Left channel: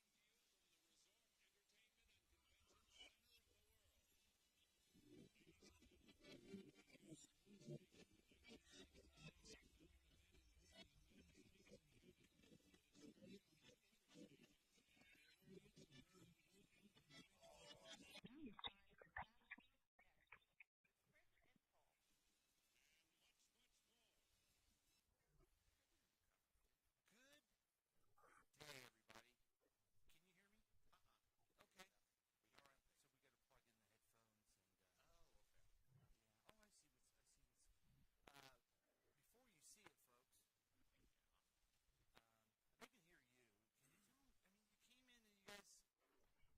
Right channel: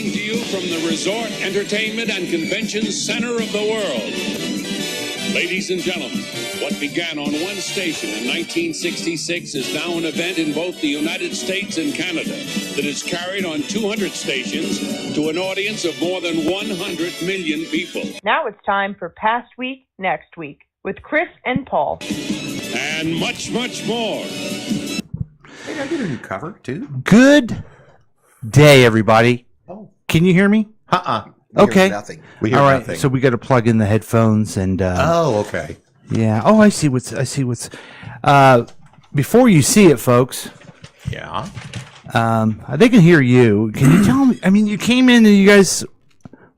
coming to you from the resort, entertainment, and convention center of the world. Ladies and gentlemen, what began on one station in 1966 is now an event in both the United States and Canada that is carried on 200 stations to an audience of more than 100 million people. Now it's time for Past Week, Next Week with Chris and Paul. And much, much more. Hey, did I get a new cover, too? Good day, everybody. Oh. Can you hear me? Okay. Nothing. We hear All right. nothing. So we got to plug in the headphones and. Okay. Yeah. Oh, I see what's. Before you see it, folks. Yeah. They can hear you. Can you tell me? I mean, you came in and you guys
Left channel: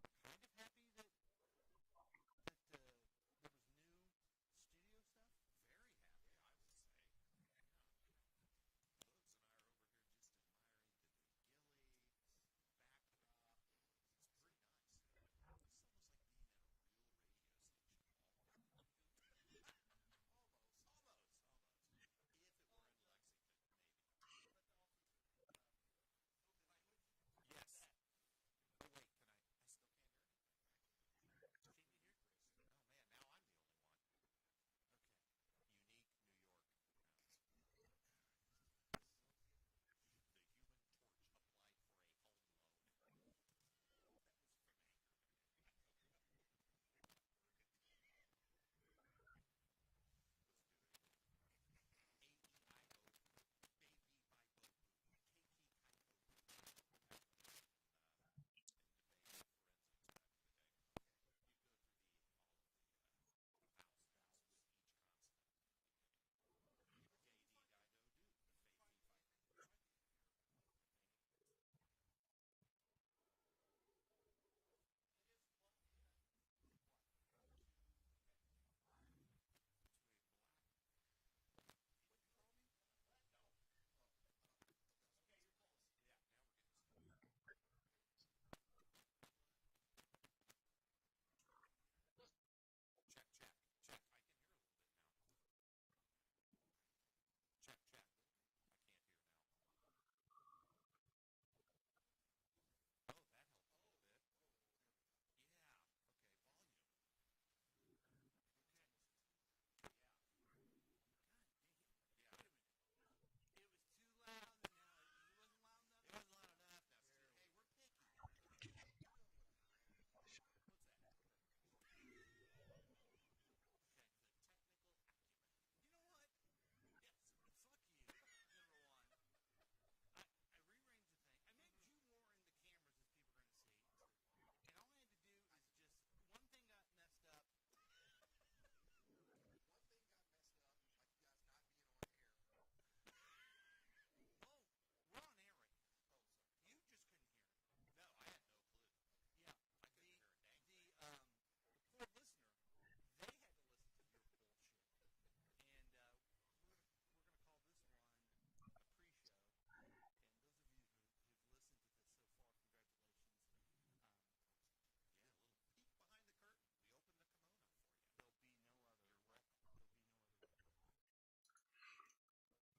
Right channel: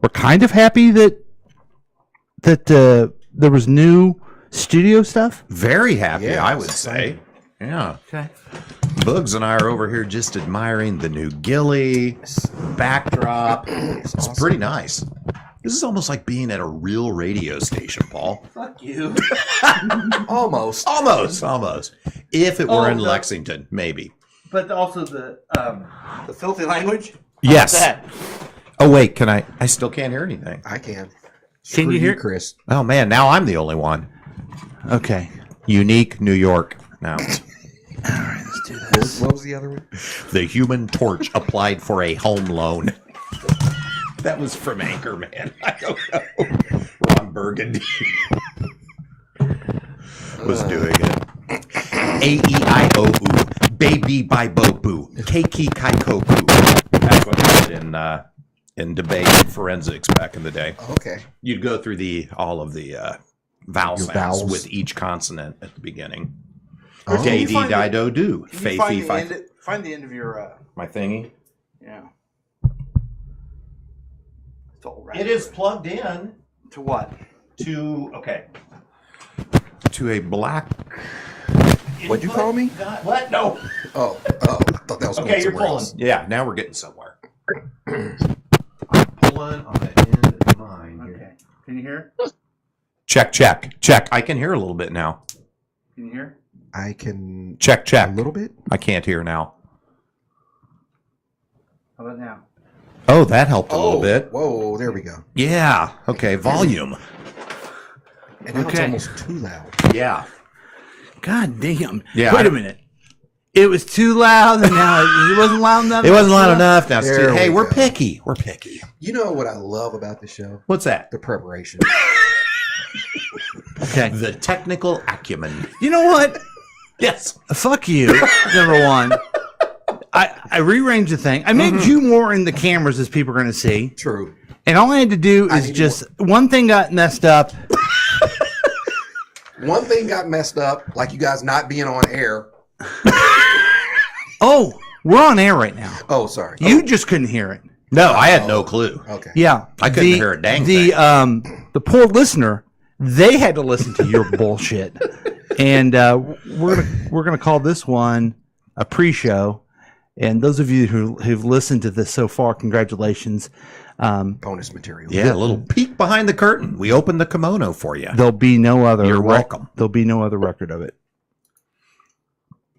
were kind of happy that there was new studio stuff. Very happy, Yeah, I would say. Yeah. Okay. Bugs and I are over here just admiring the new Gilly backdrop. It's awesome. pretty nice. This is almost like being at a real radio station, Paul. Fuck you. Almost. Almost. If it were in no. Lexington, maybe. But also the filthy language. Yes. That? Oh, wait, can I? I still can't hear anything. I can. Can Screw you hear? Chris? Oh, man, now I'm the only one. Okay. Unique New York. Now, All right. Let's do this. What was the other one? the Human Torch applied for a home loan. That was from Anchorman. I don't know. Ron Burgundy was doing it. A-E-I-O-U. Baby by Bobu. Keiki Kaikoku. That's what they did in debate and forensics back in the day. Okay. You'd go through all of the vowel Your sounds vowels. with each consonant at the begining. Oh. Can you Day, find di, it- do, do. Can Fay, you fee, find fi. find the end of your My thingy. yeah. It's all right. It is plugged in To what? to a black. What'd you call me? What? No. Oh, I thought that was going Okay, you're somewhere pulling. else. Yeah, now we're getting somewhere. I'm pulling on the end of mine. Okay. Here. Can you hear? Check. I can hear a little bit now. Can you hear? I can Check. a little bit. I can't hear now. How about now? Oh, that helped a little bit. Whoa, there we go. Yeah. Okay, volume. And now it's Okay. almost too loud. Yeah. God damn. Yeah, Wait a minute. It was too loud, and now it wasn't loud enough. It wasn't loud enough. Now, it's There hey, we we're go. picky. We're picky. You know what I love about the show? What's that? The preparation. Okay. The technical acumen. You know what? Yes. Fuck you. Number one. I rearranged the thing. I made you more in the cameras as people are going to see. True. And all I had to do I is need just one thing got messed up. One thing got messed up, like you guys not being on air. Oh, we're on air right now. Oh, sorry. You just couldn't hear it. No, I had no clue. Okay. Yeah. I couldn't hear a dang the thing. The poor listener, they had to listen to your bullshit. And we're gonna call this one a pre-show. And those of you who've listened to this so far, congratulations. Bonus material. Yeah, a little peek behind the curtain. We opened the kimono for you. There'll be no other. You're welcome. There'll be no other record of it.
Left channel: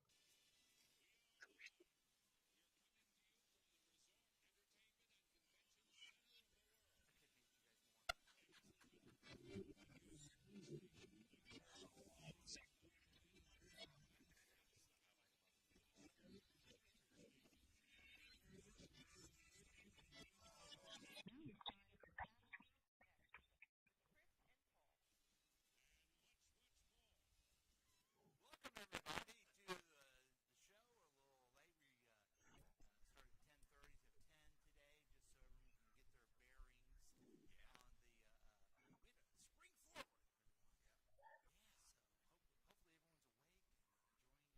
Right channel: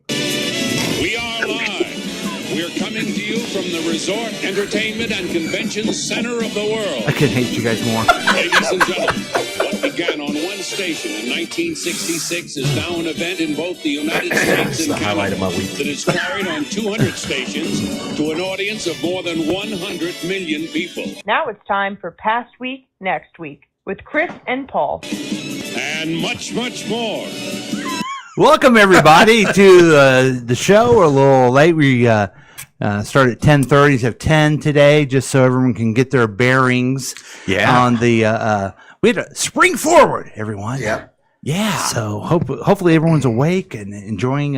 We are live. We're coming to you from the resort, entertainment, and convention center of the world. I couldn't hate you guys more. Ladies and gentlemen, what began on one station in 1966 is now an event in both the United States and the highlight Canada of my week. that is carried on 200 stations to an audience of more than 100 million people. Now it's time for Past Week, Next Week with Chris and Paul. And much, much more. Welcome everybody to the show. We're a little late. We start at 10:30. So 10 today, just so everyone can get their bearings. Yeah. On the we had to spring forward, everyone. Yeah. Yeah. So hopefully everyone's awake and enjoying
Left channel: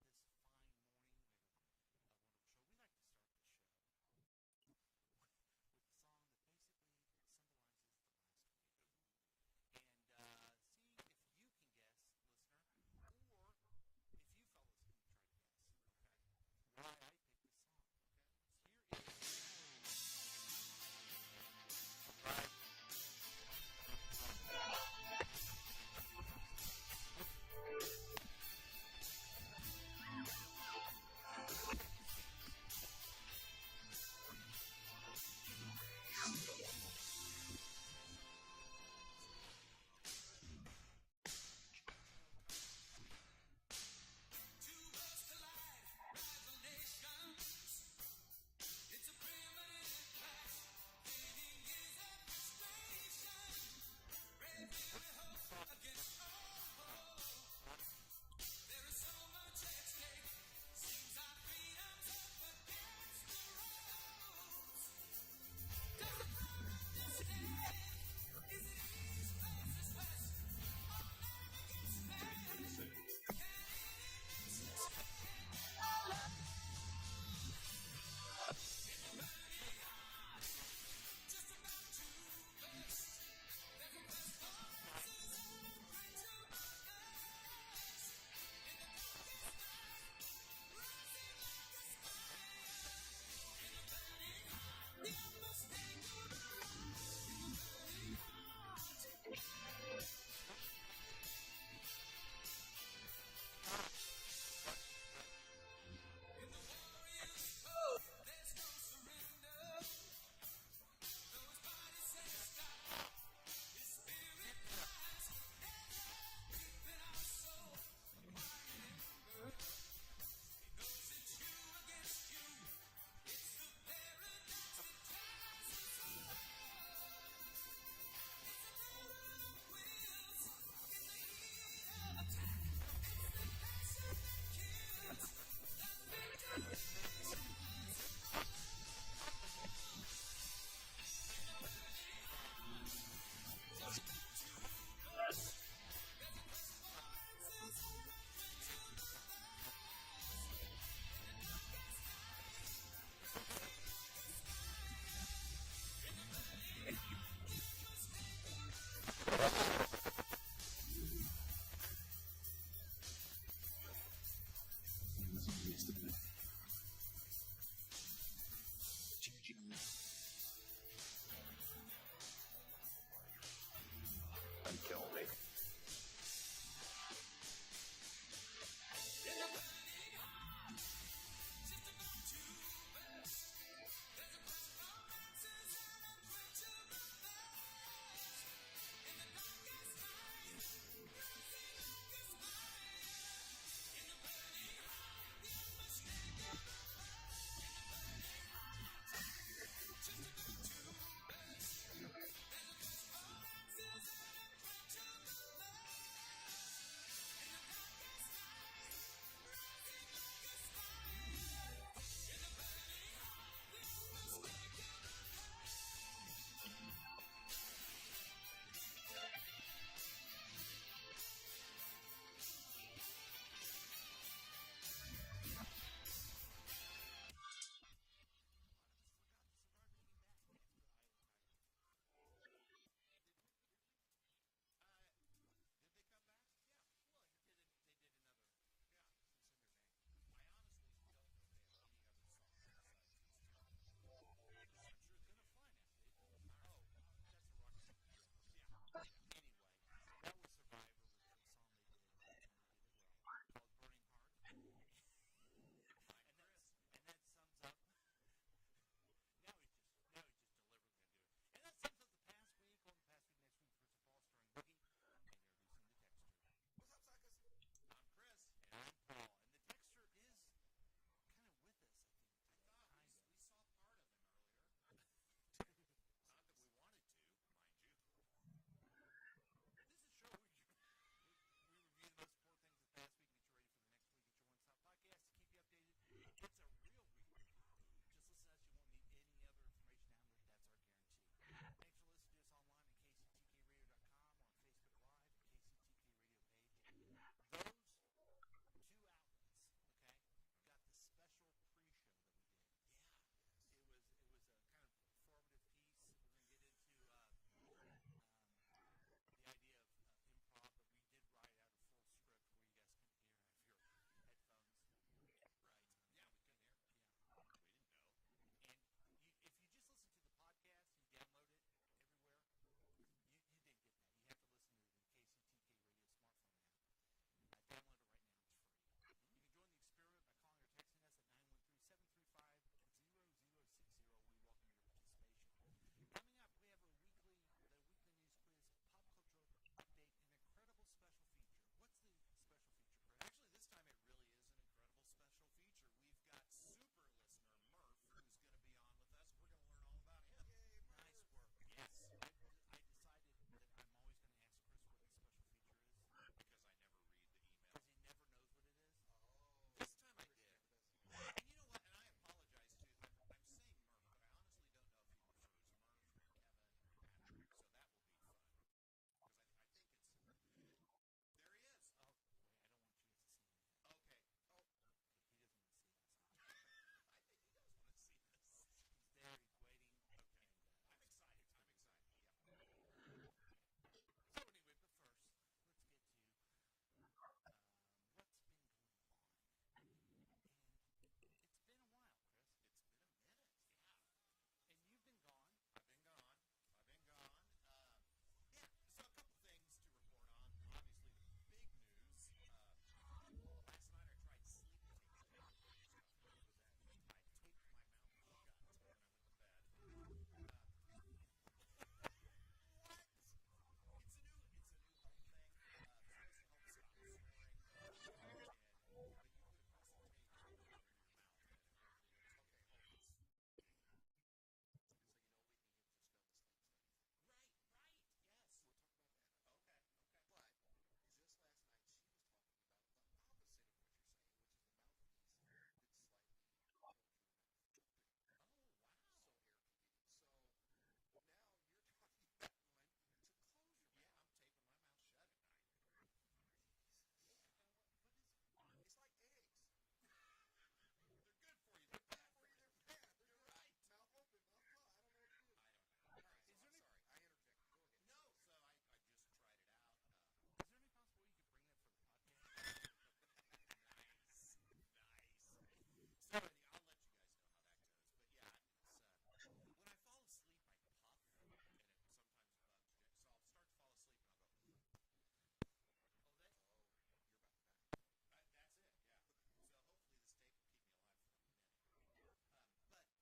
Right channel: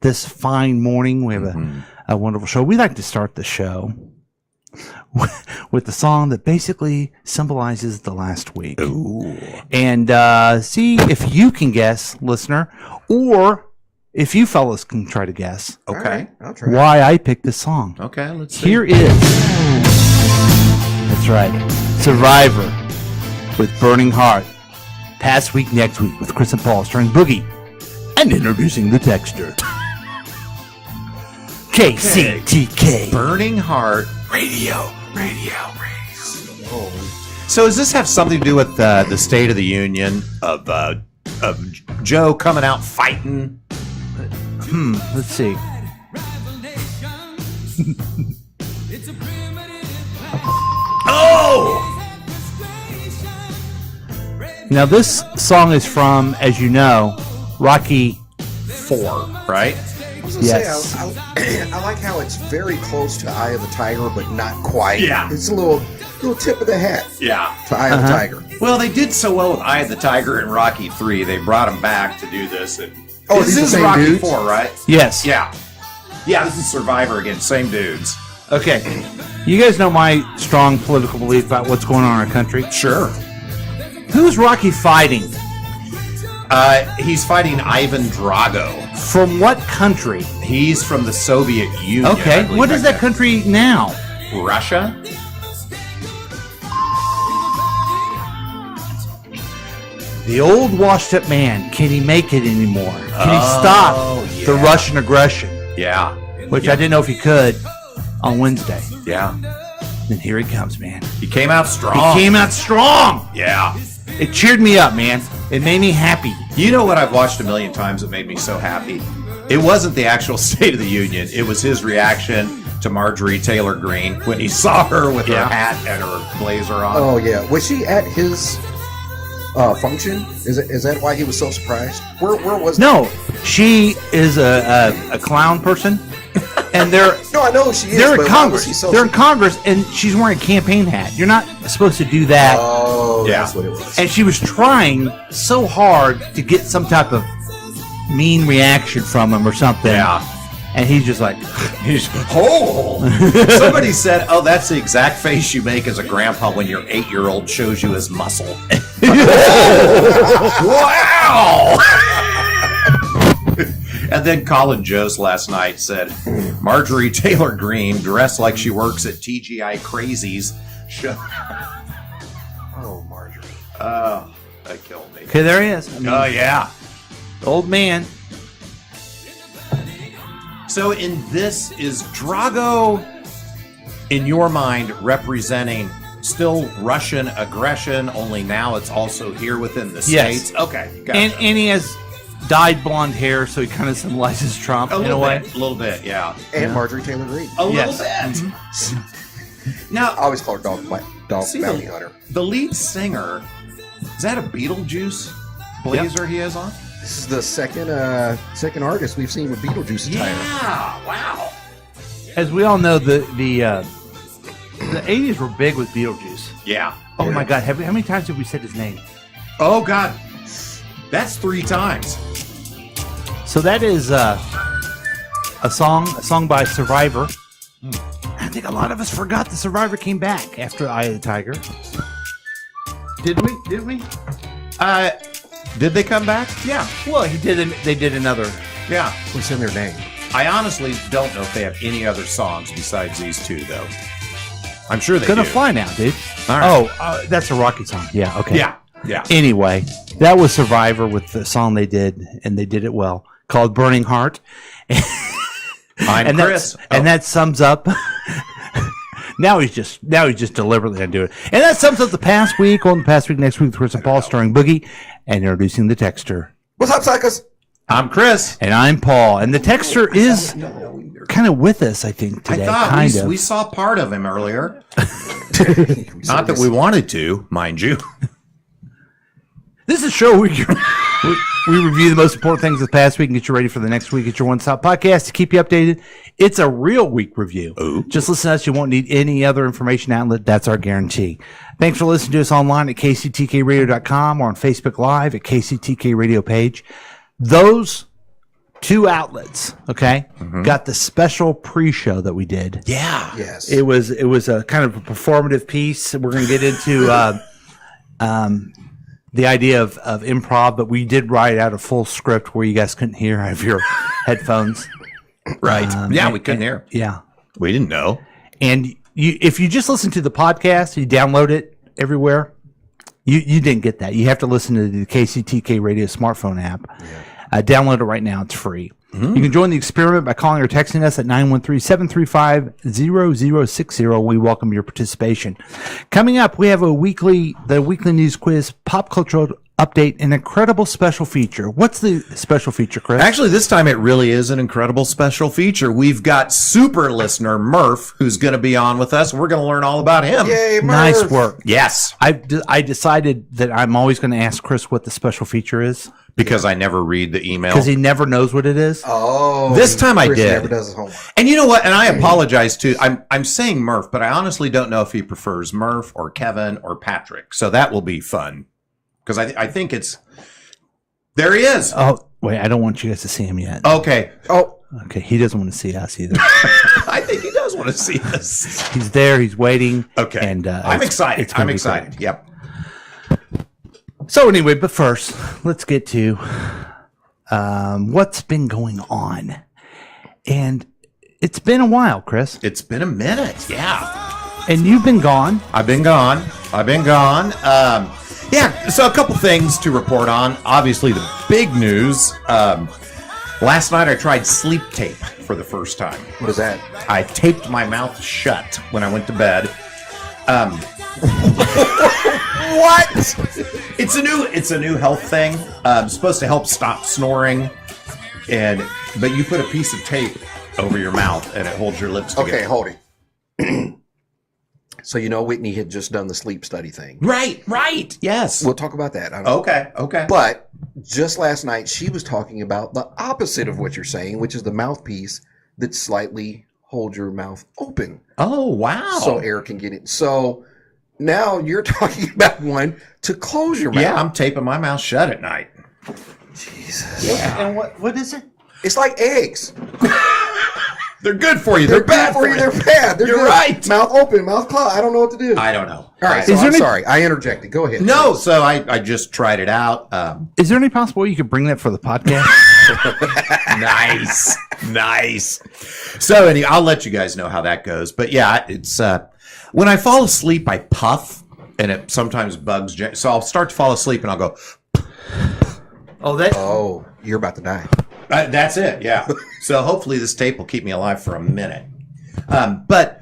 this fine morning. We have a wonderful show. We like to start the show with the song that basically symbolizes the last week. Ooh. And see if you can guess, listener, or if you fellas can try to guess All Okay. right, I'll try. why I picked this song. Okay, let's see. Here is, that's right, Survivor with Burning Heart. Past Week, Next Week with Chris and Paul starring Boogie and introducing the texture. KCTK Burning Heart Radio. Radio. So does this have something to do with the State of the Union of Joe coming out fighting? Let's see. Oh! Now this song is from, as you know, Rocky 4, right? I was gonna Yes. say, I like how it's very close to Eye of the Tiger, but not quite. Yeah. It's a little tip of the hat Yeah. to Eye of the Tiger. Well, they did so well with Eye of the Tiger and Rocky 3. They brought him back to do this. And Oh, this these are is the same Rocky dudes? 4, right? Yes. Yeah. Yeah, this is Survivor again. Same dudes. Okay. You guys know my strong political belief about what's going on in our country. Sure. Who's Rocky fighting? He's fighting Ivan Drago. From what country? He's from the Soviet Union. I Okay. believe What is back that country now? then. Russia? The old washed-up man. Can he make it anymore? Can he stop the yeah. Russian aggression? Yeah. Which I didn't know if he could on Wednesday. Yeah. And here he comes, man. He came out strong. He came out strong. Yeah. It cheered me up, man. It made me happy. You know what I've watched a million times that made me so happy? It wasn't the actual State of the Union. It was his reaction to Marjorie Taylor Greene when he saw her with her hat and her blazer on. Oh yeah, was she at his function? Is that why he was so surprised? Where was? No, she is a clown person, and they're No, I know she is. they're in but why was Congress. he so They're in Congress, and she's wearing a campaign hat. You're not supposed to do that. Oh, Yeah. that's what it was. And she was trying so hard to get some type of mean reaction from him or something. Yeah. And he's just like, He's, oh! Somebody said, oh, that's the exact face you make as a grandpa when your 8-year-old shows you his muscle. Wow! And then Colin Jost last night said, Marjorie Taylor Greene, dressed like she works at TGI Crazies, show. Oh, Marjorie. Oh, that killed me. okay, there he is. I mean, Oh, yeah. old man. So in this, is Drago, in your mind, representing still Russian aggression, only now it's also here within the Yes. States? Okay, gotcha. And he has dyed blonde hair, so he kind of symbolizes Trump in a way. A little bit, yeah. And Marjorie Taylor Greene. A Yes. little bit. I Now, always call her Dog See, Bounty Hunter. the lead singer, is that a Beetlejuice blazer he has on? This is the second artist we've seen with Beetlejuice attire. Yeah, wow. As we all know, the 80s were big with Beetlejuice. Yeah. Oh my God! How many times have we said his name? Oh, God. That's 3 times. So that is a song by Survivor. I think a lot of us forgot the Survivor came back after Eye of the Tiger. Did we? Did they come back? Yeah. Well, they did another. Yeah. What's in their name? I honestly don't know if they have any other songs besides these 2, though. I'm sure they Gonna do. Fly Now, dude. All right. Oh, that's a Rocky song. Yeah. Okay. Yeah. Yeah. Anyway, that was Survivor with the song they did, and they did it well, called "Burning Heart." I'm Chris. And that sums up. Now he's just deliberately gonna do it, and that sums up the past week. On the past week, next week, with Chris and Paul starring Boogie, and introducing the texter. What's up, suckers? I'm Chris. And I'm Paul, and the texter is kind of with us, I think, today. I thought kind of. we saw part of him earlier. Not that we wanted to, mind you. This is a show where we review the most important things of the past week and get you ready for the next week. It's your one-stop podcast to keep you updated. It's a real week review. Ooh. Just listen to us. You won't need any other information outlet. That's our guarantee. Thanks for listening to us online at kctkradio.com or on Facebook Live at KCTK Radio page. Those 2 outlets, okay, got the special pre-show that we did. Yeah. Yes. It was a kind of a performative piece. We're going to get into the idea of improv, but we did write out a full script where you guys couldn't hear out of your headphones. Right. Yeah, we couldn't hear. Yeah. We didn't know. And if you just listen to the podcast, you download it everywhere, you didn't get that. You have to listen to the KCTK Radio smartphone app. Download it right now. It's free. You can join the experiment by calling or texting us at 913-735-0060. We welcome your participation. Coming up, we have the weekly news quiz, pop cultural update, an incredible special feature. What's the special feature, Chris? Actually, this time it really is an incredible special feature. We've got super listener Murph, who's going to be on with us. We're going to learn all about him. Yay, Murph. Nice work. Yes. I decided that I'm always going to ask Chris what the special feature is. Because I never read the email. Because he never knows what it is. Oh, This time I Chris did. Never does his homework. And you know what? And I apologize too. I'm saying Murph, but I honestly don't know if he prefers Murph or Kevin or Patrick. So that will be fun. Because I think it's... There he is. Oh, wait, I don't want you guys to see him yet. Okay. Oh, Okay, he doesn't want to see us either. I think he does want to see us. He's there. He's waiting. Okay. And I'm excited. it's gonna I'm be excited. great. Yep. So anyway, but first, let's get to what's been going on. And it's been a while, Chris. It's been a minute. Yeah. And you've been gone. I've been gone. Yeah, so a couple things to report on. Obviously, the big news. Last night I tried sleep tape for the first time. what is that? I taped my mouth shut when I went to bed. What? It's a new health thing. It's supposed to help stop snoring, but you put a piece of tape over your mouth and it holds your lips together. Okay, hold it. So Whitney had just done the sleep study thing. Right. Yes. We'll talk about that. I don't know. Okay. But just last night, she was talking about the opposite of what you're saying, which is the mouthpiece that slightly holds your mouth open Oh, wow. so air can get in. So now you're talking about one to close your mouth. Yeah, I'm taping my mouth shut at night. Jesus. Yeah. And what is it? It's like eggs. They're good for you. They're bad for you. They're bad. They're You're good. right. Mouth open, mouth closed. I don't know what to do. I don't know. All right, Is so there I'm any- sorry. I interjected. Go ahead. No, so I just tried it out. Is there any possible way you could bring that for the podcast? Nice. So anyway, I'll let you guys know how that goes. But yeah, it's when I fall asleep, I puff, and it sometimes bugs. So I'll start to fall asleep, and I'll go. Oh, you're about to die. That's it. Yeah. So hopefully this tape will keep me alive for a minute. But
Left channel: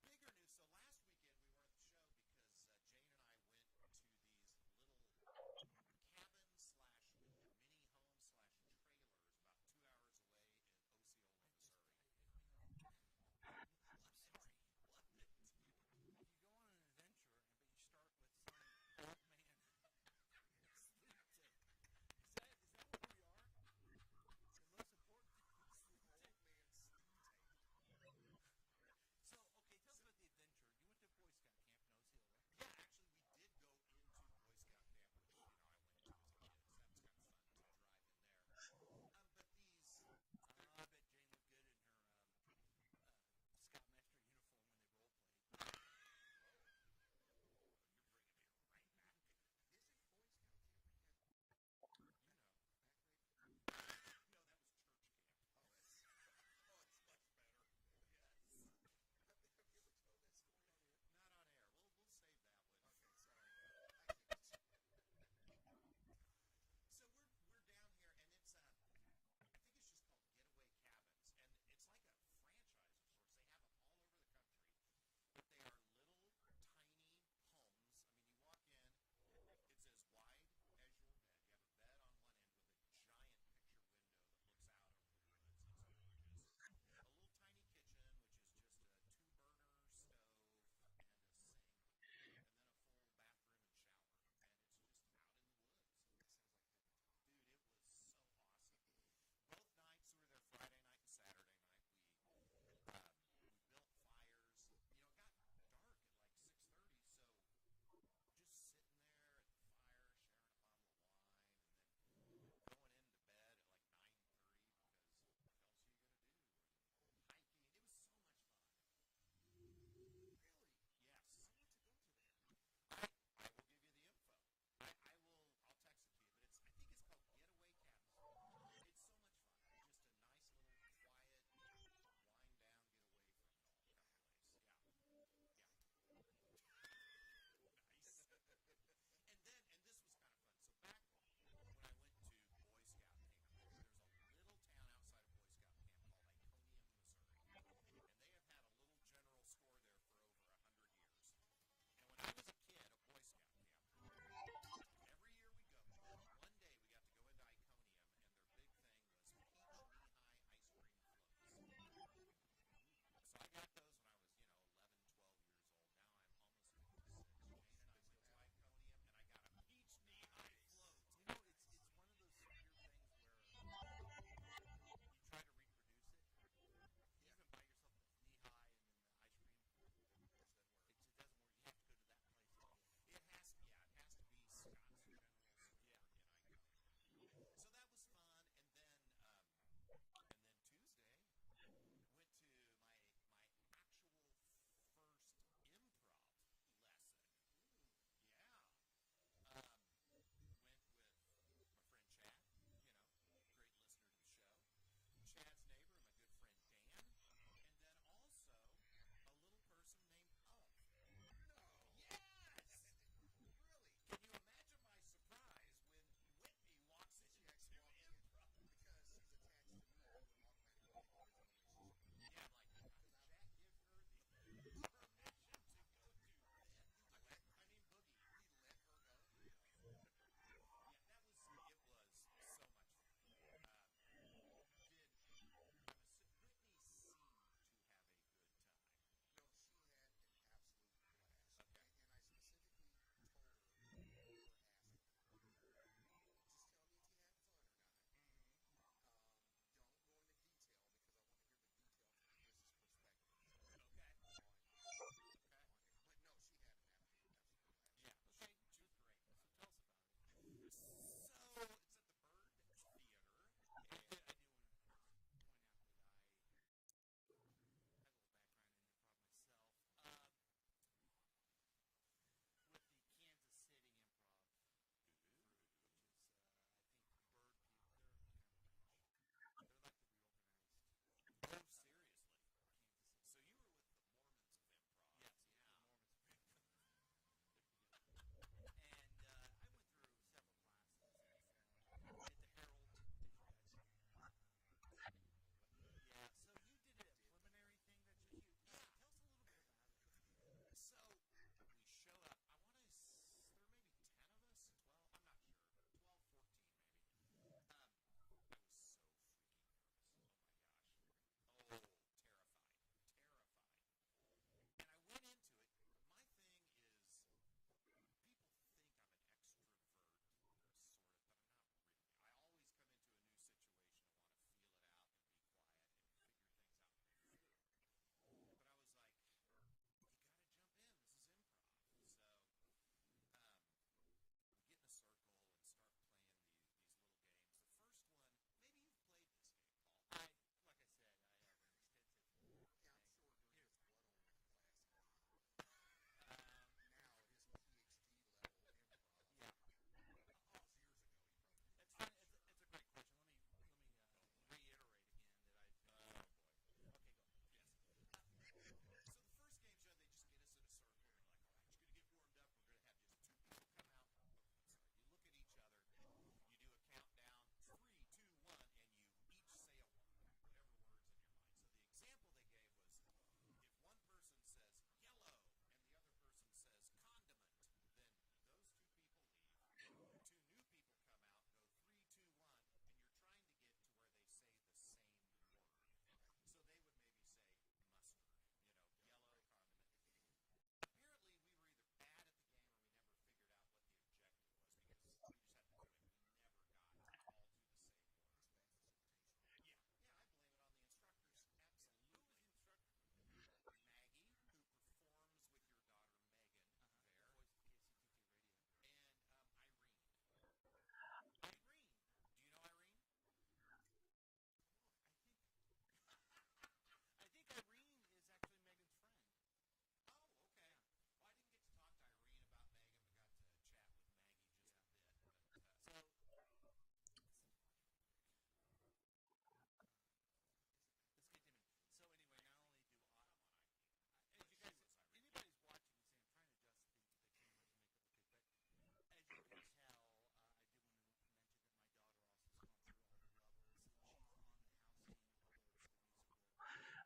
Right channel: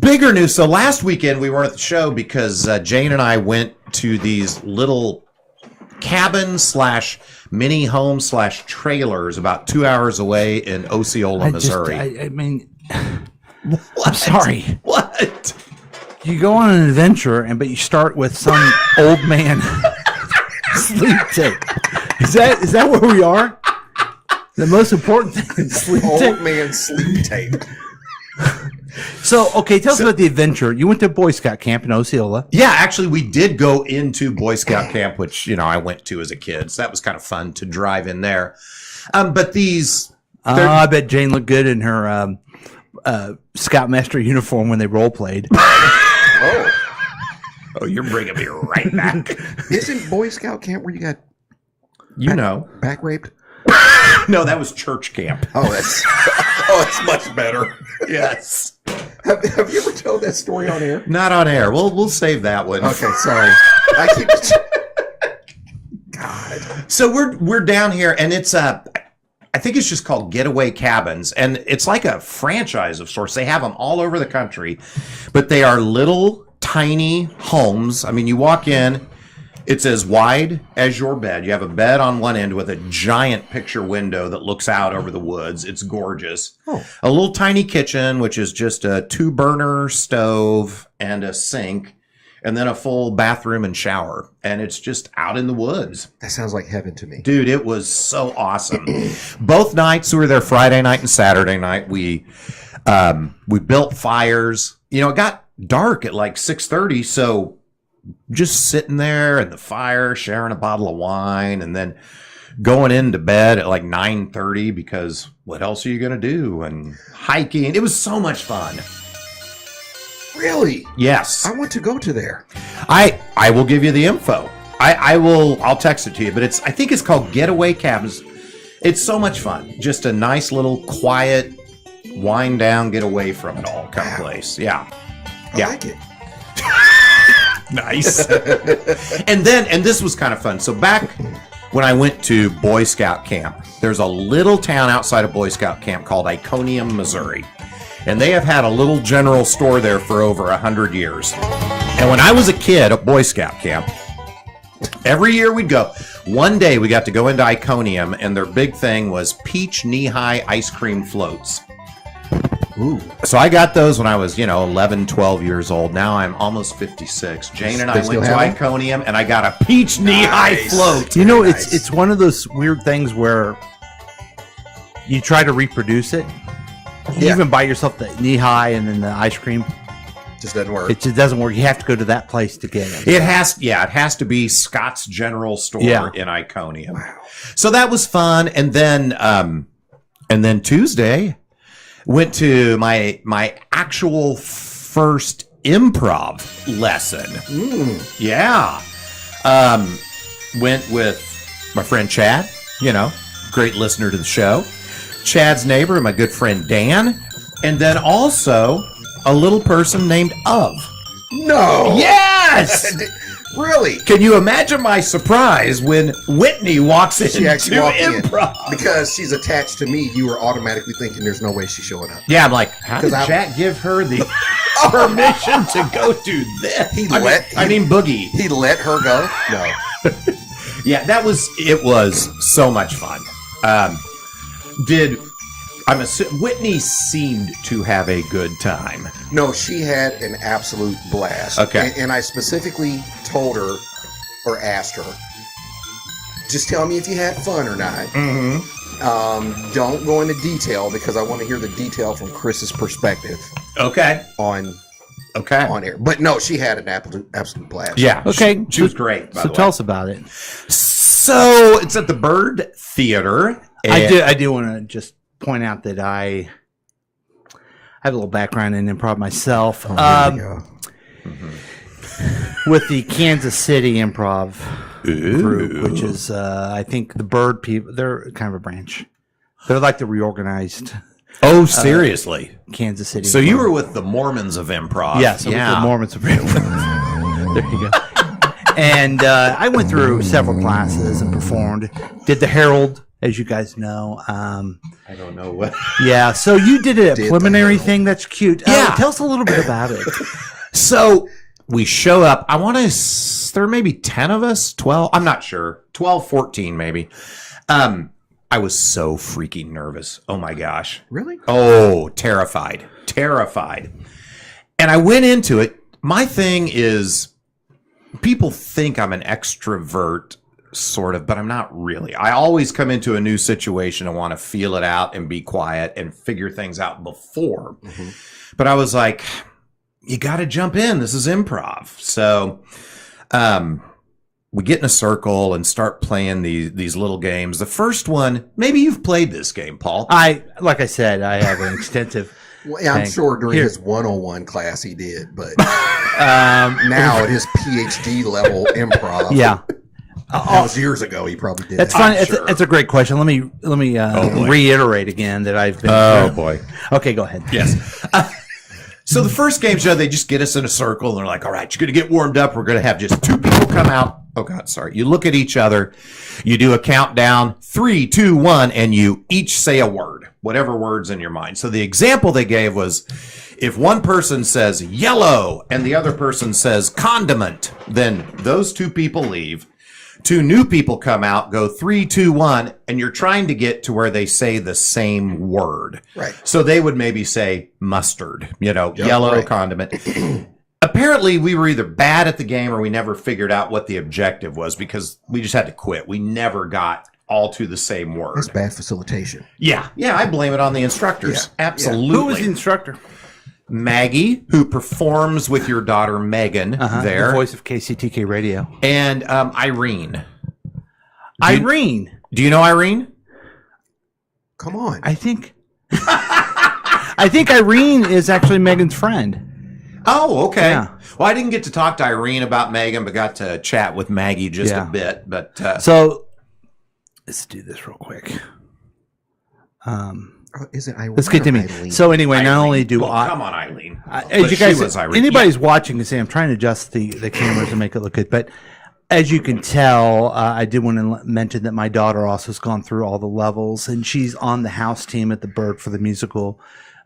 bigger news. So last weekend we weren't at the show because Jane and I went to these little cabin/mini home/trailers about 2 hours away in Osceola, Missouri. I mean, What? I'm sorry. What? You go on an adventure, but you start with some old man sleep tape. Is that where we are? The most important thing is sleep Old tape. man sleep tape. So, okay, tell us about the adventure. You went to Boy Scout camp in Osceola. Yeah, actually, we did go into Boy Scout camp, which I went to as a kid. So that was kind of fun to drive in there. But these, I bet Jane looked good in her Scoutmaster uniform when they role played. Oh, you're bringing me right back. isn't Boy Scout camp where you got back raped? No, that was church camp. Oh, it's much better. Yes. Have you ever told that story on air? Not on air. We'll save that one. Okay, sorry. I keep. God. So we're down here, and it's I think it's just called Getaway Cabins, and it's like a franchise of sorts. They have them all over the country, but they are little tiny homes. I mean, you walk in. It's as wide as your bed. You have a bed on one end with a giant picture window that looks out over the woods. It's gorgeous. Oh. A little tiny kitchen, which is just a 2-burner stove and a sink, and then a full bathroom and shower. And it's just out in the woods. That sounds like heaven to me. Dude, it was so awesome. Both nights, we were there Friday night and Saturday night. We built fires. It got dark at like 6:30, so just sitting there in the fire, sharing a bottle of wine, and then going into bed at like 9:30 because what else are you going to do? And hiking. It was so much fun. Really? Yes. I want to go to there. I will give you the info. I'll text it to you, but I think it's called Getaway Cabins. It's so much fun. Just a nice little quiet wind down, get away from it all kind of place. Yeah. I like it. Nice. and this was kind of fun. So back when I went to Boy Scout camp. There's a little town outside of Boy Scout camp called Iconium, Missouri. And they have had a little general store there for over 100 years. And when I was a kid at Boy Scout camp, every year we'd go. One day we got to go into Iconium, and their big thing was peach knee-high ice cream floats. Ooh. So I got those when I was, 11, 12 years old. Now I'm almost 56. Jane and I They went to still have Iconium, and I got a peach knee-high float. You know, Very it's nice. it's one of those weird things where you try to reproduce it. You Yeah. even buy yourself the knee high and then the ice cream. Just doesn't work. It just doesn't work. You have to go to that place to get it. It has to be Scott's General Store Yeah. in Iconium. Wow. So that was fun. And then Tuesday went to my actual first improv lesson. Yeah. Went with my friend Chad, great listener to the show. Chad's neighbor and my good friend Dan. And then also a little person named Of. No. Yes! Really? Can you imagine my surprise when Whitney walks in She actually to walked improv? in. Because she's attached to me, you were automatically thinking there's no way she's showing up. Yeah, I'm like, how did 'Cause Jack give her the permission to go do this? I mean, Boogie. He let her go? No. Yeah, it was so much fun. Whitney seemed to have a good time. No, she had an absolute blast. Okay. And I specifically told her or asked her, just tell me if you had fun or not. Mm-hmm. Don't go into detail because I want to hear the detail from Chris's perspective Okay. on Okay. air. But no, she had an absolute blast. Yeah. Okay. She was great. By So the tell way. us about it. So it's at the Bird Theater. I do want to just point out that I have a little background in improv myself. There you go. With the Kansas City Improv group, which is, I think, the Bird people. They're kind of a branch. They're like the reorganized Oh, seriously? Kansas City. So you Improv. were with the Mormons of improv? Yeah, so with the Mormons of Improv. There you go. And I went through several classes and performed. Did the Herald, as you guys know. I don't know what. Yeah, so you did a Did the preliminary Herald. thing. That's cute. Yeah. Tell us a little bit about it. So we show up. I want to. There may be 10 of us, 12. I'm not sure. 12, 14 maybe. I was so freaking nervous. Oh my gosh. Really? Oh, terrified. And I went into it. My thing is, people think I'm an extrovert, sort of, but I'm not really. I always come into a new situation and want to feel it out and be quiet and figure things out before. Mm-hmm. But I was like, you got to jump in. This is improv. So we get in a circle and start playing these little games. The first one, maybe you've played this game, Paul. Like I said, I have an extensive. Well, yeah, I'm Thank- sure during Here. his 101 class he did, but now at his PhD level improv. Yeah, That was years ago. He probably did. that's that. fine. I'm It's, sure. it's a great question. Let me boy. reiterate again that I've been. Oh, boy. Okay, go ahead. Yes. So the first game show, they just get us in a circle and they're like, all right, you're going to get warmed up. We're going to have just two people come out. Oh, God, sorry. You look at each other. You do a countdown, 3, 2, 1, and you each say a word, whatever word's in your mind. So the example they gave was if one person says yellow and the other person says condiment, then those two people leave. Two new people come out, go 3, 2, 1, and you're trying to get to where they say the same word. Right. So they would maybe say mustard, Yep, yellow right. condiment. Apparently, we were either bad at the game or we never figured out what the objective was because we just had to quit. We never got all to the same word. That's bad facilitation. Yeah, I blame it on the instructors. Yeah, Absolutely. Who was the instructor? Maggie, who performs with your daughter Megan there, The voice of KCTK Radio. and Irene. Irene. Do you know Irene? Come on. I think Irene is actually Megan's friend. Oh, okay. Yeah. Well, I didn't get to talk to Irene about Megan, but got to chat with Maggie just Yeah. a bit. But So let's do this real quick. Oh, is it Irene? Let's get to or me. Eileen? So anyway, not Irene. only do Well, I, come on, Eileen. as But you she guys, was Irene. anybody's watching can see I'm trying to adjust the cameras to make it look good. But as you can tell, I did want to mention that my daughter also has gone through all the levels, and she's on the house team at the Bird for the musical.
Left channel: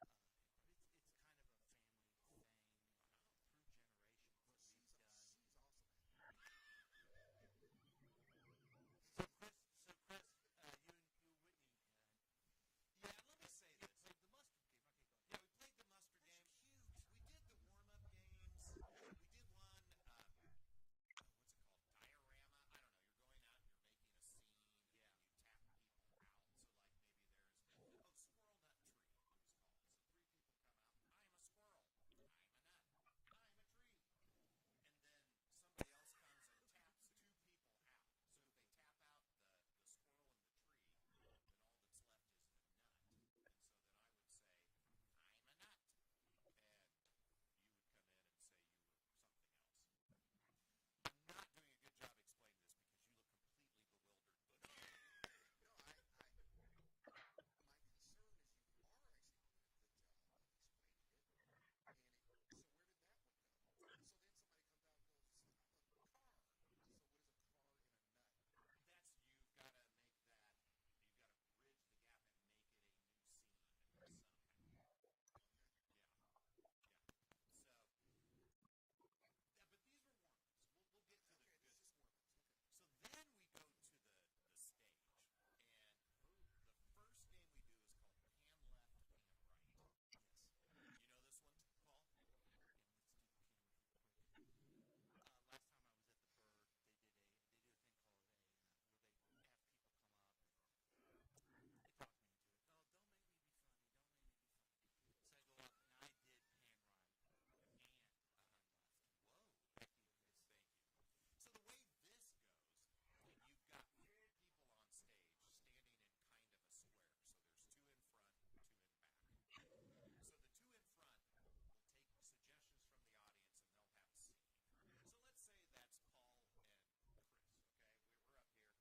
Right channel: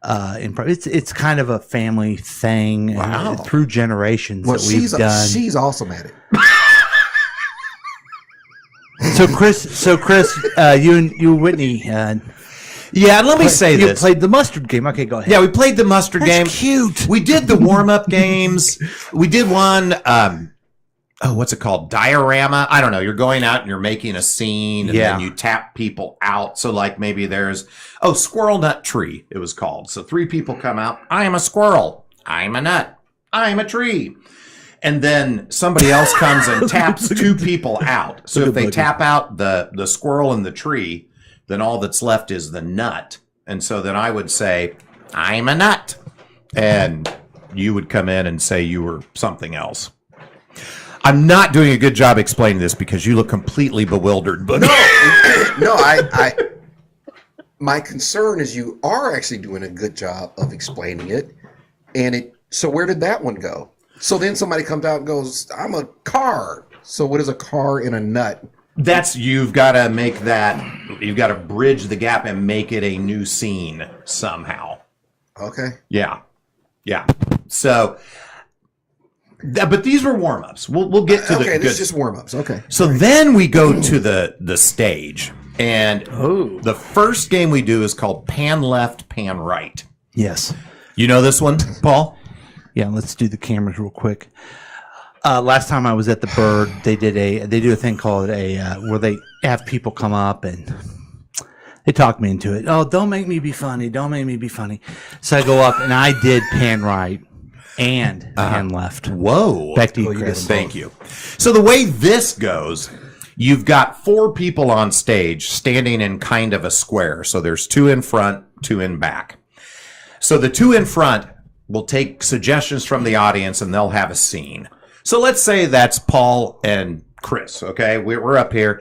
It's kind of a family thing. Wow. And through generations Well, that we've done. she's awesome at it. So Chris, you and Whitney. Yeah, and let me say you this. played the mustard game. Okay, go ahead. Yeah, we played the mustard That's game. cute. We did the warm-up games. We did one, what's it called? Diorama. I don't know. You're going out and you're making a scene, and then you tap people out. So, like, maybe there's, Squirrel Nut Tree, it was called. So 3 people come out. I am a squirrel. I'm a nut. I'm a tree. And then somebody else comes and taps 2 people out. So if they tap out the squirrel and the tree, then all that's left is the nut. And so then I would say, I'm a nut. And you would come in and say you were something else. I'm not doing a good job explaining this because you look completely bewildered. But No, my concern is you are actually doing a good job of explaining it. So where did that one go? So then somebody comes out and goes, I'm a car. So what is a car in a nut? you've got to make that, you've got to bridge the gap and make it a new scene somehow. Okay. Yeah. So, but these were warm-ups. We'll get to the Okay, good. this is just warm-ups. Okay. So then we go to the stage. And the first game we do is called Pan Left, Pan Right. Yes. You know this one, Paul? Yeah, let's do the cameras real quick. Last time I was at the Bird, they do a thing called where they have people come up and they talk me into it. Oh, don't make me be funny. Don't make me be funny. So I go up and I did pan right and pan left. Whoa. Back to you, Chris. Thank you. So the way this goes, you've got 4 people on stage standing in kind of a square. So there's 2 in front, 2 in back. So the 2 in front will take suggestions from the audience and they'll have a scene. So let's say that's Paul and Chris, okay? We're up here.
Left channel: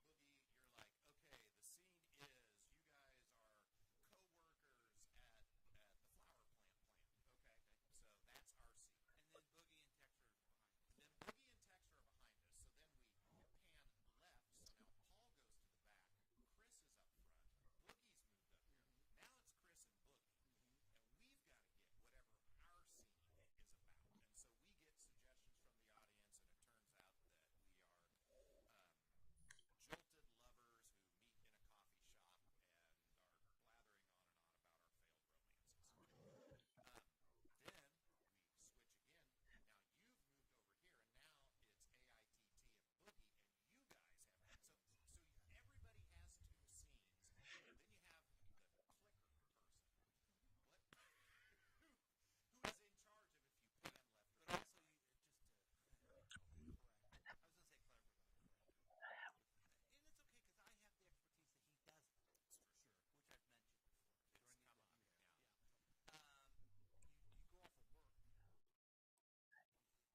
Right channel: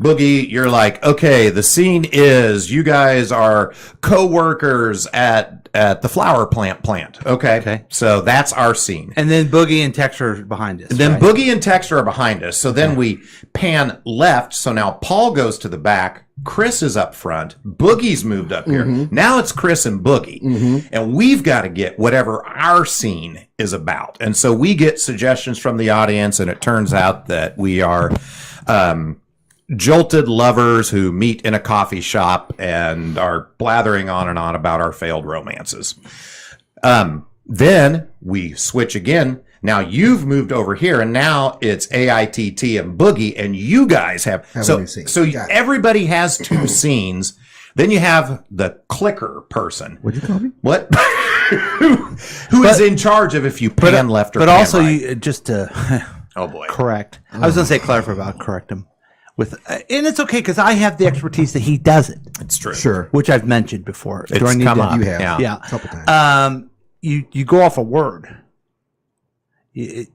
Boogie, you're like, okay, the scene is you guys are co-workers at the flower plant. Okay. So that's our scene. And then Boogie and Tex are behind us. And then right? Boogie and Tex are behind us. So then we pan left. So now Paul goes to the back. Chris is up front. Boogie's moved up here. Now it's Chris and Boogie. And we've got to get whatever our scene is about. And so we get suggestions from the audience, and it turns out that we are jolted lovers who meet in a coffee shop and are blathering on and on about our failed romances. Then we switch again. Now you've moved over here, and now it's AITT and Boogie, and you guys have a so new scene. so Got it. everybody has 2 scenes. Then you have the clicker person. What'd you call me? What? who is in charge of if you pan left or but pan also, right? you, just to Oh boy. correct. I was going to say clarify, but I'll correct him. And it's okay because I have the expertise that he doesn't, It's true. Sure. which I've mentioned before. It's Do I need come to- up. You have. Yeah. A couple times. You go off a word. You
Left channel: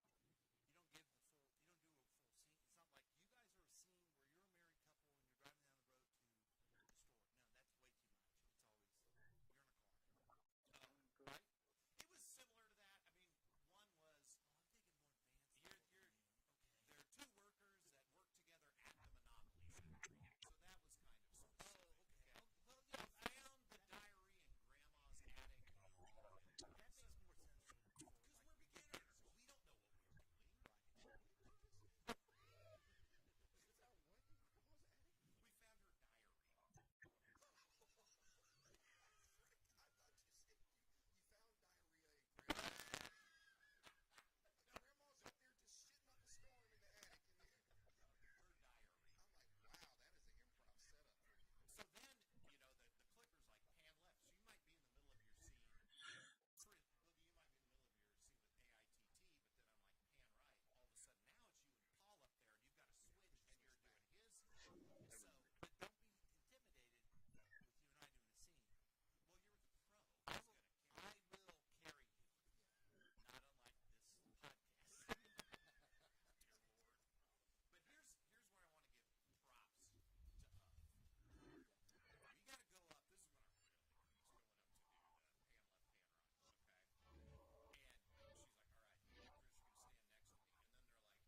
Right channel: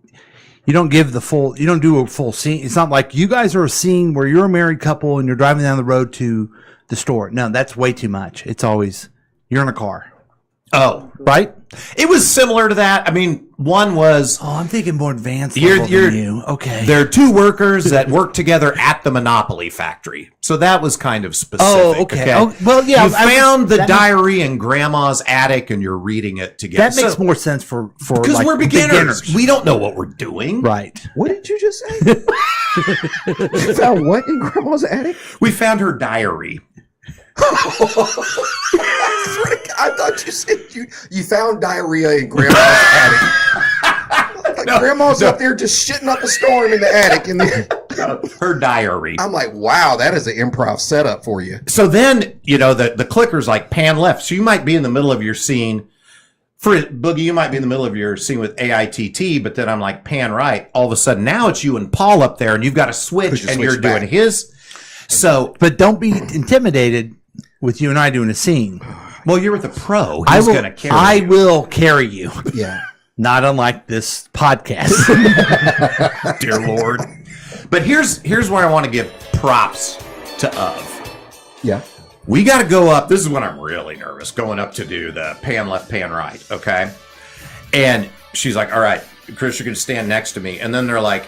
don't give the full. You don't do a full scene. It's not like you guys are a scene where you're a married couple and you're driving down the road to the store. No, that's way too much. It's always you're in a car, Oh, right? it was similar to that. I mean, one was Oh, I'm thinking more advanced You're- level you're- than you. Okay. there are 2 workers that work together at the Monopoly factory. So that was kind of specific. Oh, okay. Oh, well, yeah. You found the that diary in Grandma's attic and you're reading it together. That makes more sense for because like we're beginners. We don't know what we're doing. Right. What did you just say? You found what in Grandma's attic? We found her diary. I thought you said you found diarrhea in Grandma's attic. Like Grandma's up there just shitting up a storm in the attic. Her diary. I'm like, wow, that is an improv setup for you. So then, the clicker's like pan left. So you might be in the middle of your scene. For Boogie, you might be in the middle of your scene with AITT, but then I'm like pan right. All of a sudden, now it's you and Paul up there, and you've got to switch, and you're doing his. So, But don't be intimidated with you and I doing a scene. well, you're with a pro. I He's will. going to carry I you. will carry you. Yeah. Not unlike this podcast. Dear Lord. But here's where I want to give props to Of. Yeah. We got to go up. This is when I'm really nervous, going up to do the pan left, pan right. Okay. And she's like, all right, Chris, you're going to stand next to me. And then they're like,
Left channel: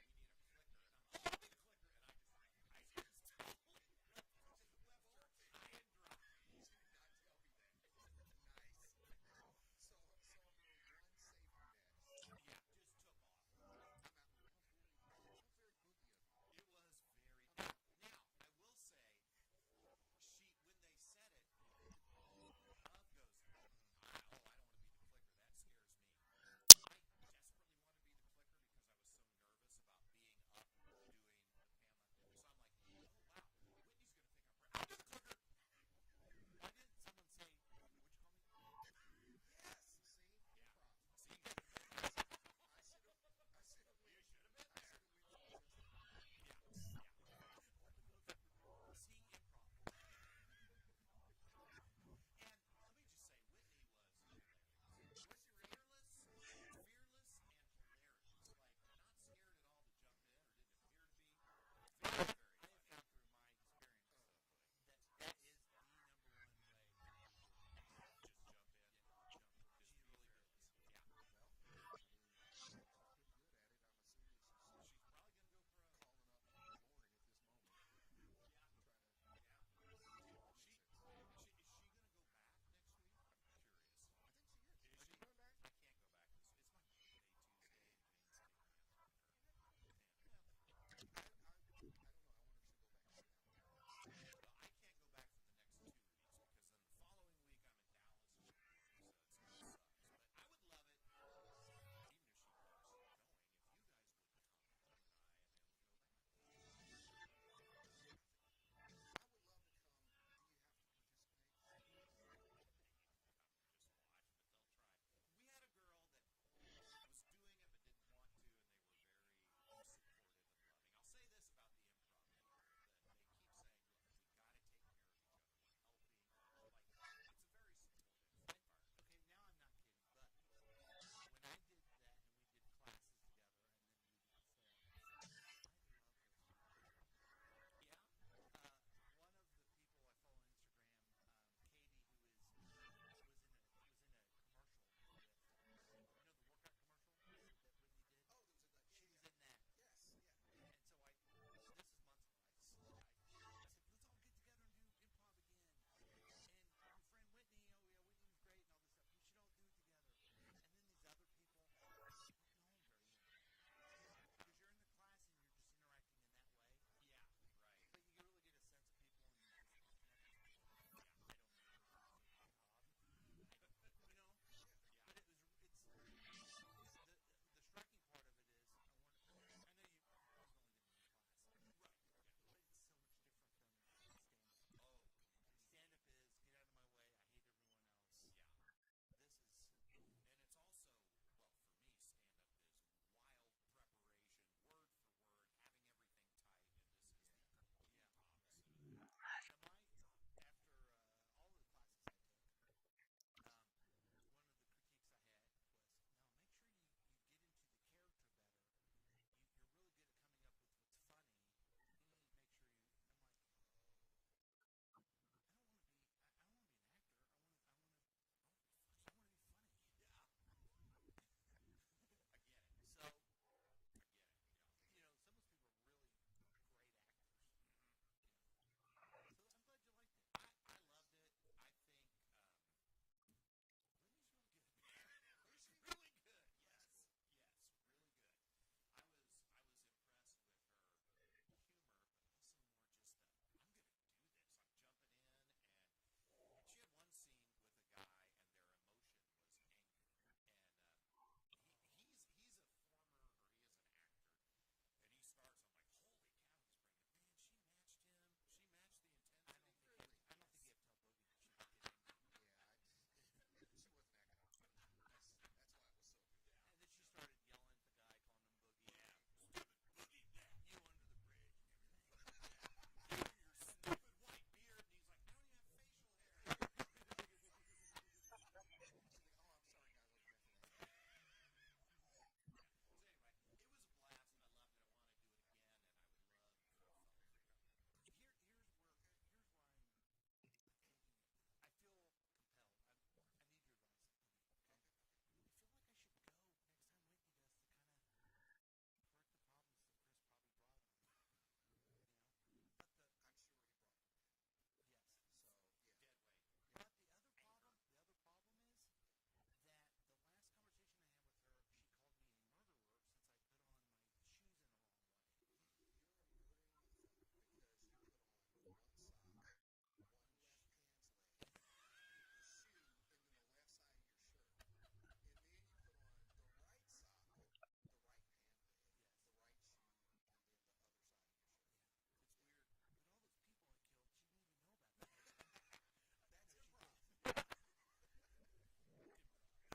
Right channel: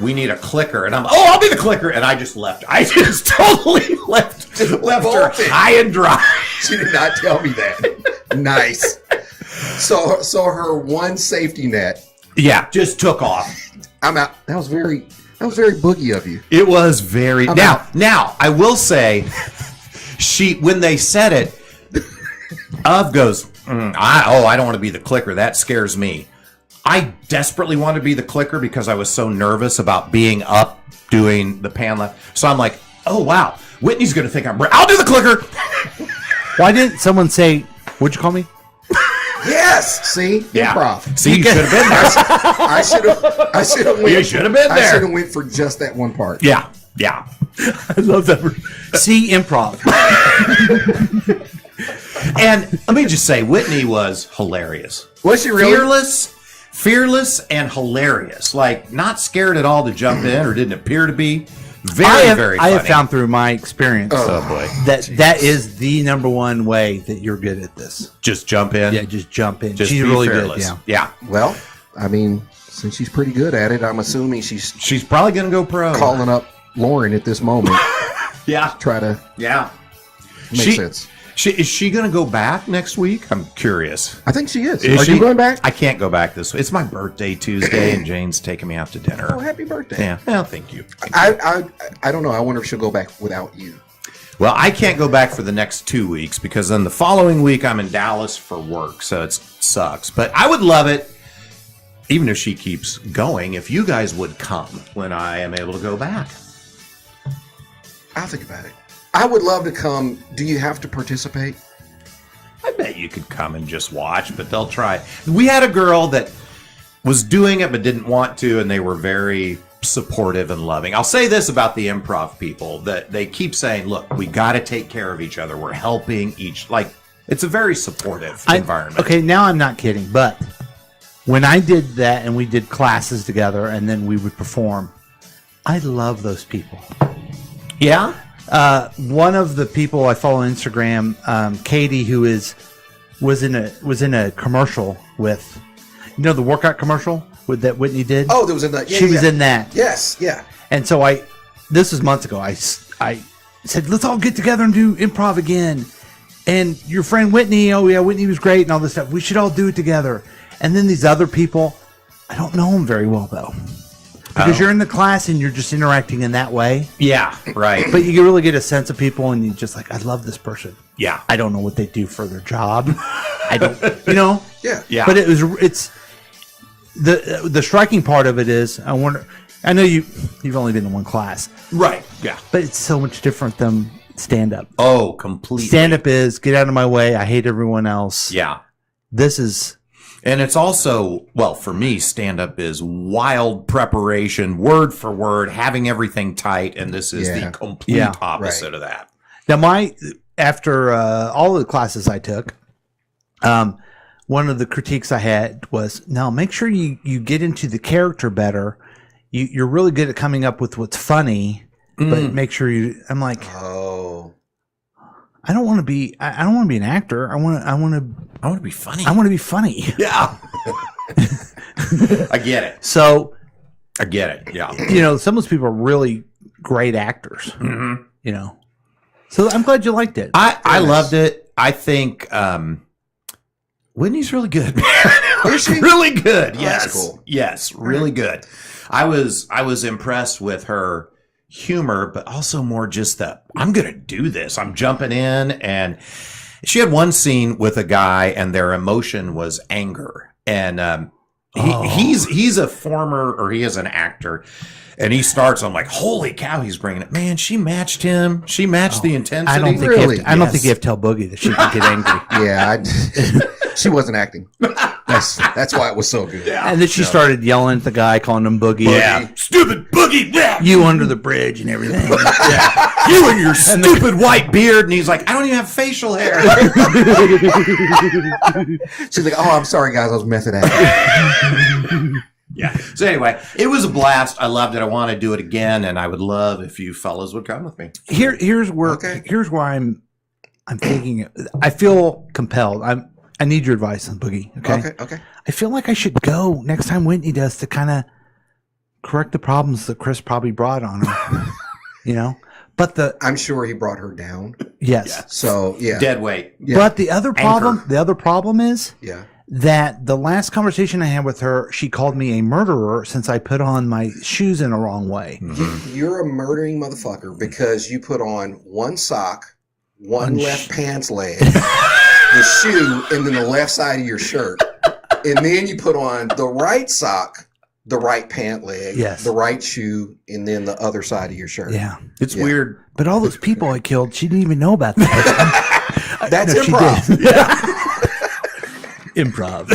we need a clicker. And I'm, oh, I'll be the clicker. And I just left. I just totally left her bolted. high and dry. She did not tell me that. Nice. So her one safety net. Yeah, just took off. I'm out. That was very boogie of you. It was very. I'm Now, out. now, I will say, when they said it, Of goes, I don't want to be the clicker. That scares me. I desperately wanted to be the clicker because I was so nervous about being up doing the pan left. So I'm like, oh, wow. Whitney's going to think I'll do the clicker. Why didn't someone say, what'd you call me? Yes. See? Yeah. Improv. See, you should have been there. I should have went. You should have been I should there. have went for just that one part. Yeah. I love that. See, improv. And let me just say, Whitney was hilarious. Was she really? Fearless and hilarious. Like, not scared at all to jump in or didn't appear to be. Very funny. I have found through my experience Oh, boy. that is the number one way that you're good at this. Just jump in. Yeah, just jump in. Just She's be really fearless. good. Yeah. Well, I mean, since she's pretty good at it, I'm assuming she's Probably going to go pro. calling up Lauren at this moment. Yeah. Try to make sense. Is she going to go back next week? I'm curious. I think she is. Is Are she you going back? I can't go back this week. It's my birthday Tuesday, and Jane's taking me out to dinner. Oh, happy birthday. Yeah. Well, thank you. I don't know. I wonder if she'll go back without you. Well, I can't go back for the next 2 weeks because then the following week I'm in Dallas for work, so it sucks. But I would love it, even if she keeps going, if you guys would come when I am able to go back. I'll think about it. I would love to come. Do you have to participate? I bet you could come and just watch, but they'll try. We had a girl that was doing it but didn't want to, and they were very supportive and loving. I'll say this about the improv people, that they keep saying, look, we got to take care of each other. We're helping it's a very supportive environment. Okay, now I'm not kidding, but when I did that and we did classes together and then we would perform, I love those people. Yeah? One of the people I follow on Instagram, Katie, who was in a commercial with, the workout commercial that Whitney did. Oh, there was in that. Yeah, she was in that. Yes, yeah. And so this was months ago. I said, let's all get together and do improv again. And your friend Whitney, oh yeah, Whitney was great and all this stuff. We should all do it together. And then these other people, I don't know them very well though. Because you're in the class and you're just interacting in that way. Yeah, right. But you can really get a sense of people and you just like, I love this person. Yeah. I don't know what they do for their job. I don't, Yeah. Yeah. But it's the striking part of it is, I know you've only been in one class. Right. Yeah. But it's so much different than stand-up. Oh, completely. Stand-up is, get out of my way, I hate everyone else. Yeah. This is... And it's also, well, for me, stand-up is wild preparation, word for word, having everything tight, and this is the complete opposite of that. Now, after all of the classes I took, one of the critiques I had was, no, make sure you get into the character better. You're really good at coming up with what's funny, but make sure I'm like, I don't want to be. I don't want to be an actor. I want to be funny. I want to be funny. Yeah. I get it. So I get it. Yeah. Some of those people are really great actors. Mm-hmm. So I'm glad you liked it. I loved it. I think Whitney's really good. Is she? Really good. Oh, Yes. that's cool. Yes. Really good. I was impressed with her humor, but also more just I'm going to do this. I'm jumping in. And she had one scene with a guy and their emotion was anger. And he's a former, or he is an actor. And he starts, I'm like, holy cow, he's bringing it. Man, she matched him. She matched the intensity. I don't think you have to tell Boogie that she can get angry. Yeah, she wasn't acting. That's why it was so good. Yeah. And then she started yelling at the guy, calling him Boogie. Yeah. Stupid Boogie. Yeah. You under the bridge and everything. Yeah. You and your stupid white beard. And he's like, I don't even have facial hair. She's like, oh, I'm sorry, guys. I was method acting. Yeah. So anyway, it was a blast. I loved it. I want to do it again. And I would love if you fellas would come with me. Here's where I'm thinking. I feel compelled. I need your advice on Boogie. Okay. Okay. I feel like I should go next time Whitney does to kind of correct the problems that Chris probably brought on her. You know, but I'm sure he brought her down. yes. So yeah, Dead weight. Yeah. But the other problem is yeah. that the last conversation I had with her, she called me a murderer since I put on my shoes in the wrong way. You're a murdering motherfucker because you put on one sock, one left pants leg, the shoe, and then the left side of your shirt. And then you put on the right sock, the right pant leg, the right shoe, and then the other side of your shirt. Yeah. It's weird. But all those people I killed, she didn't even know about that. That's No, improv. she did. Improv.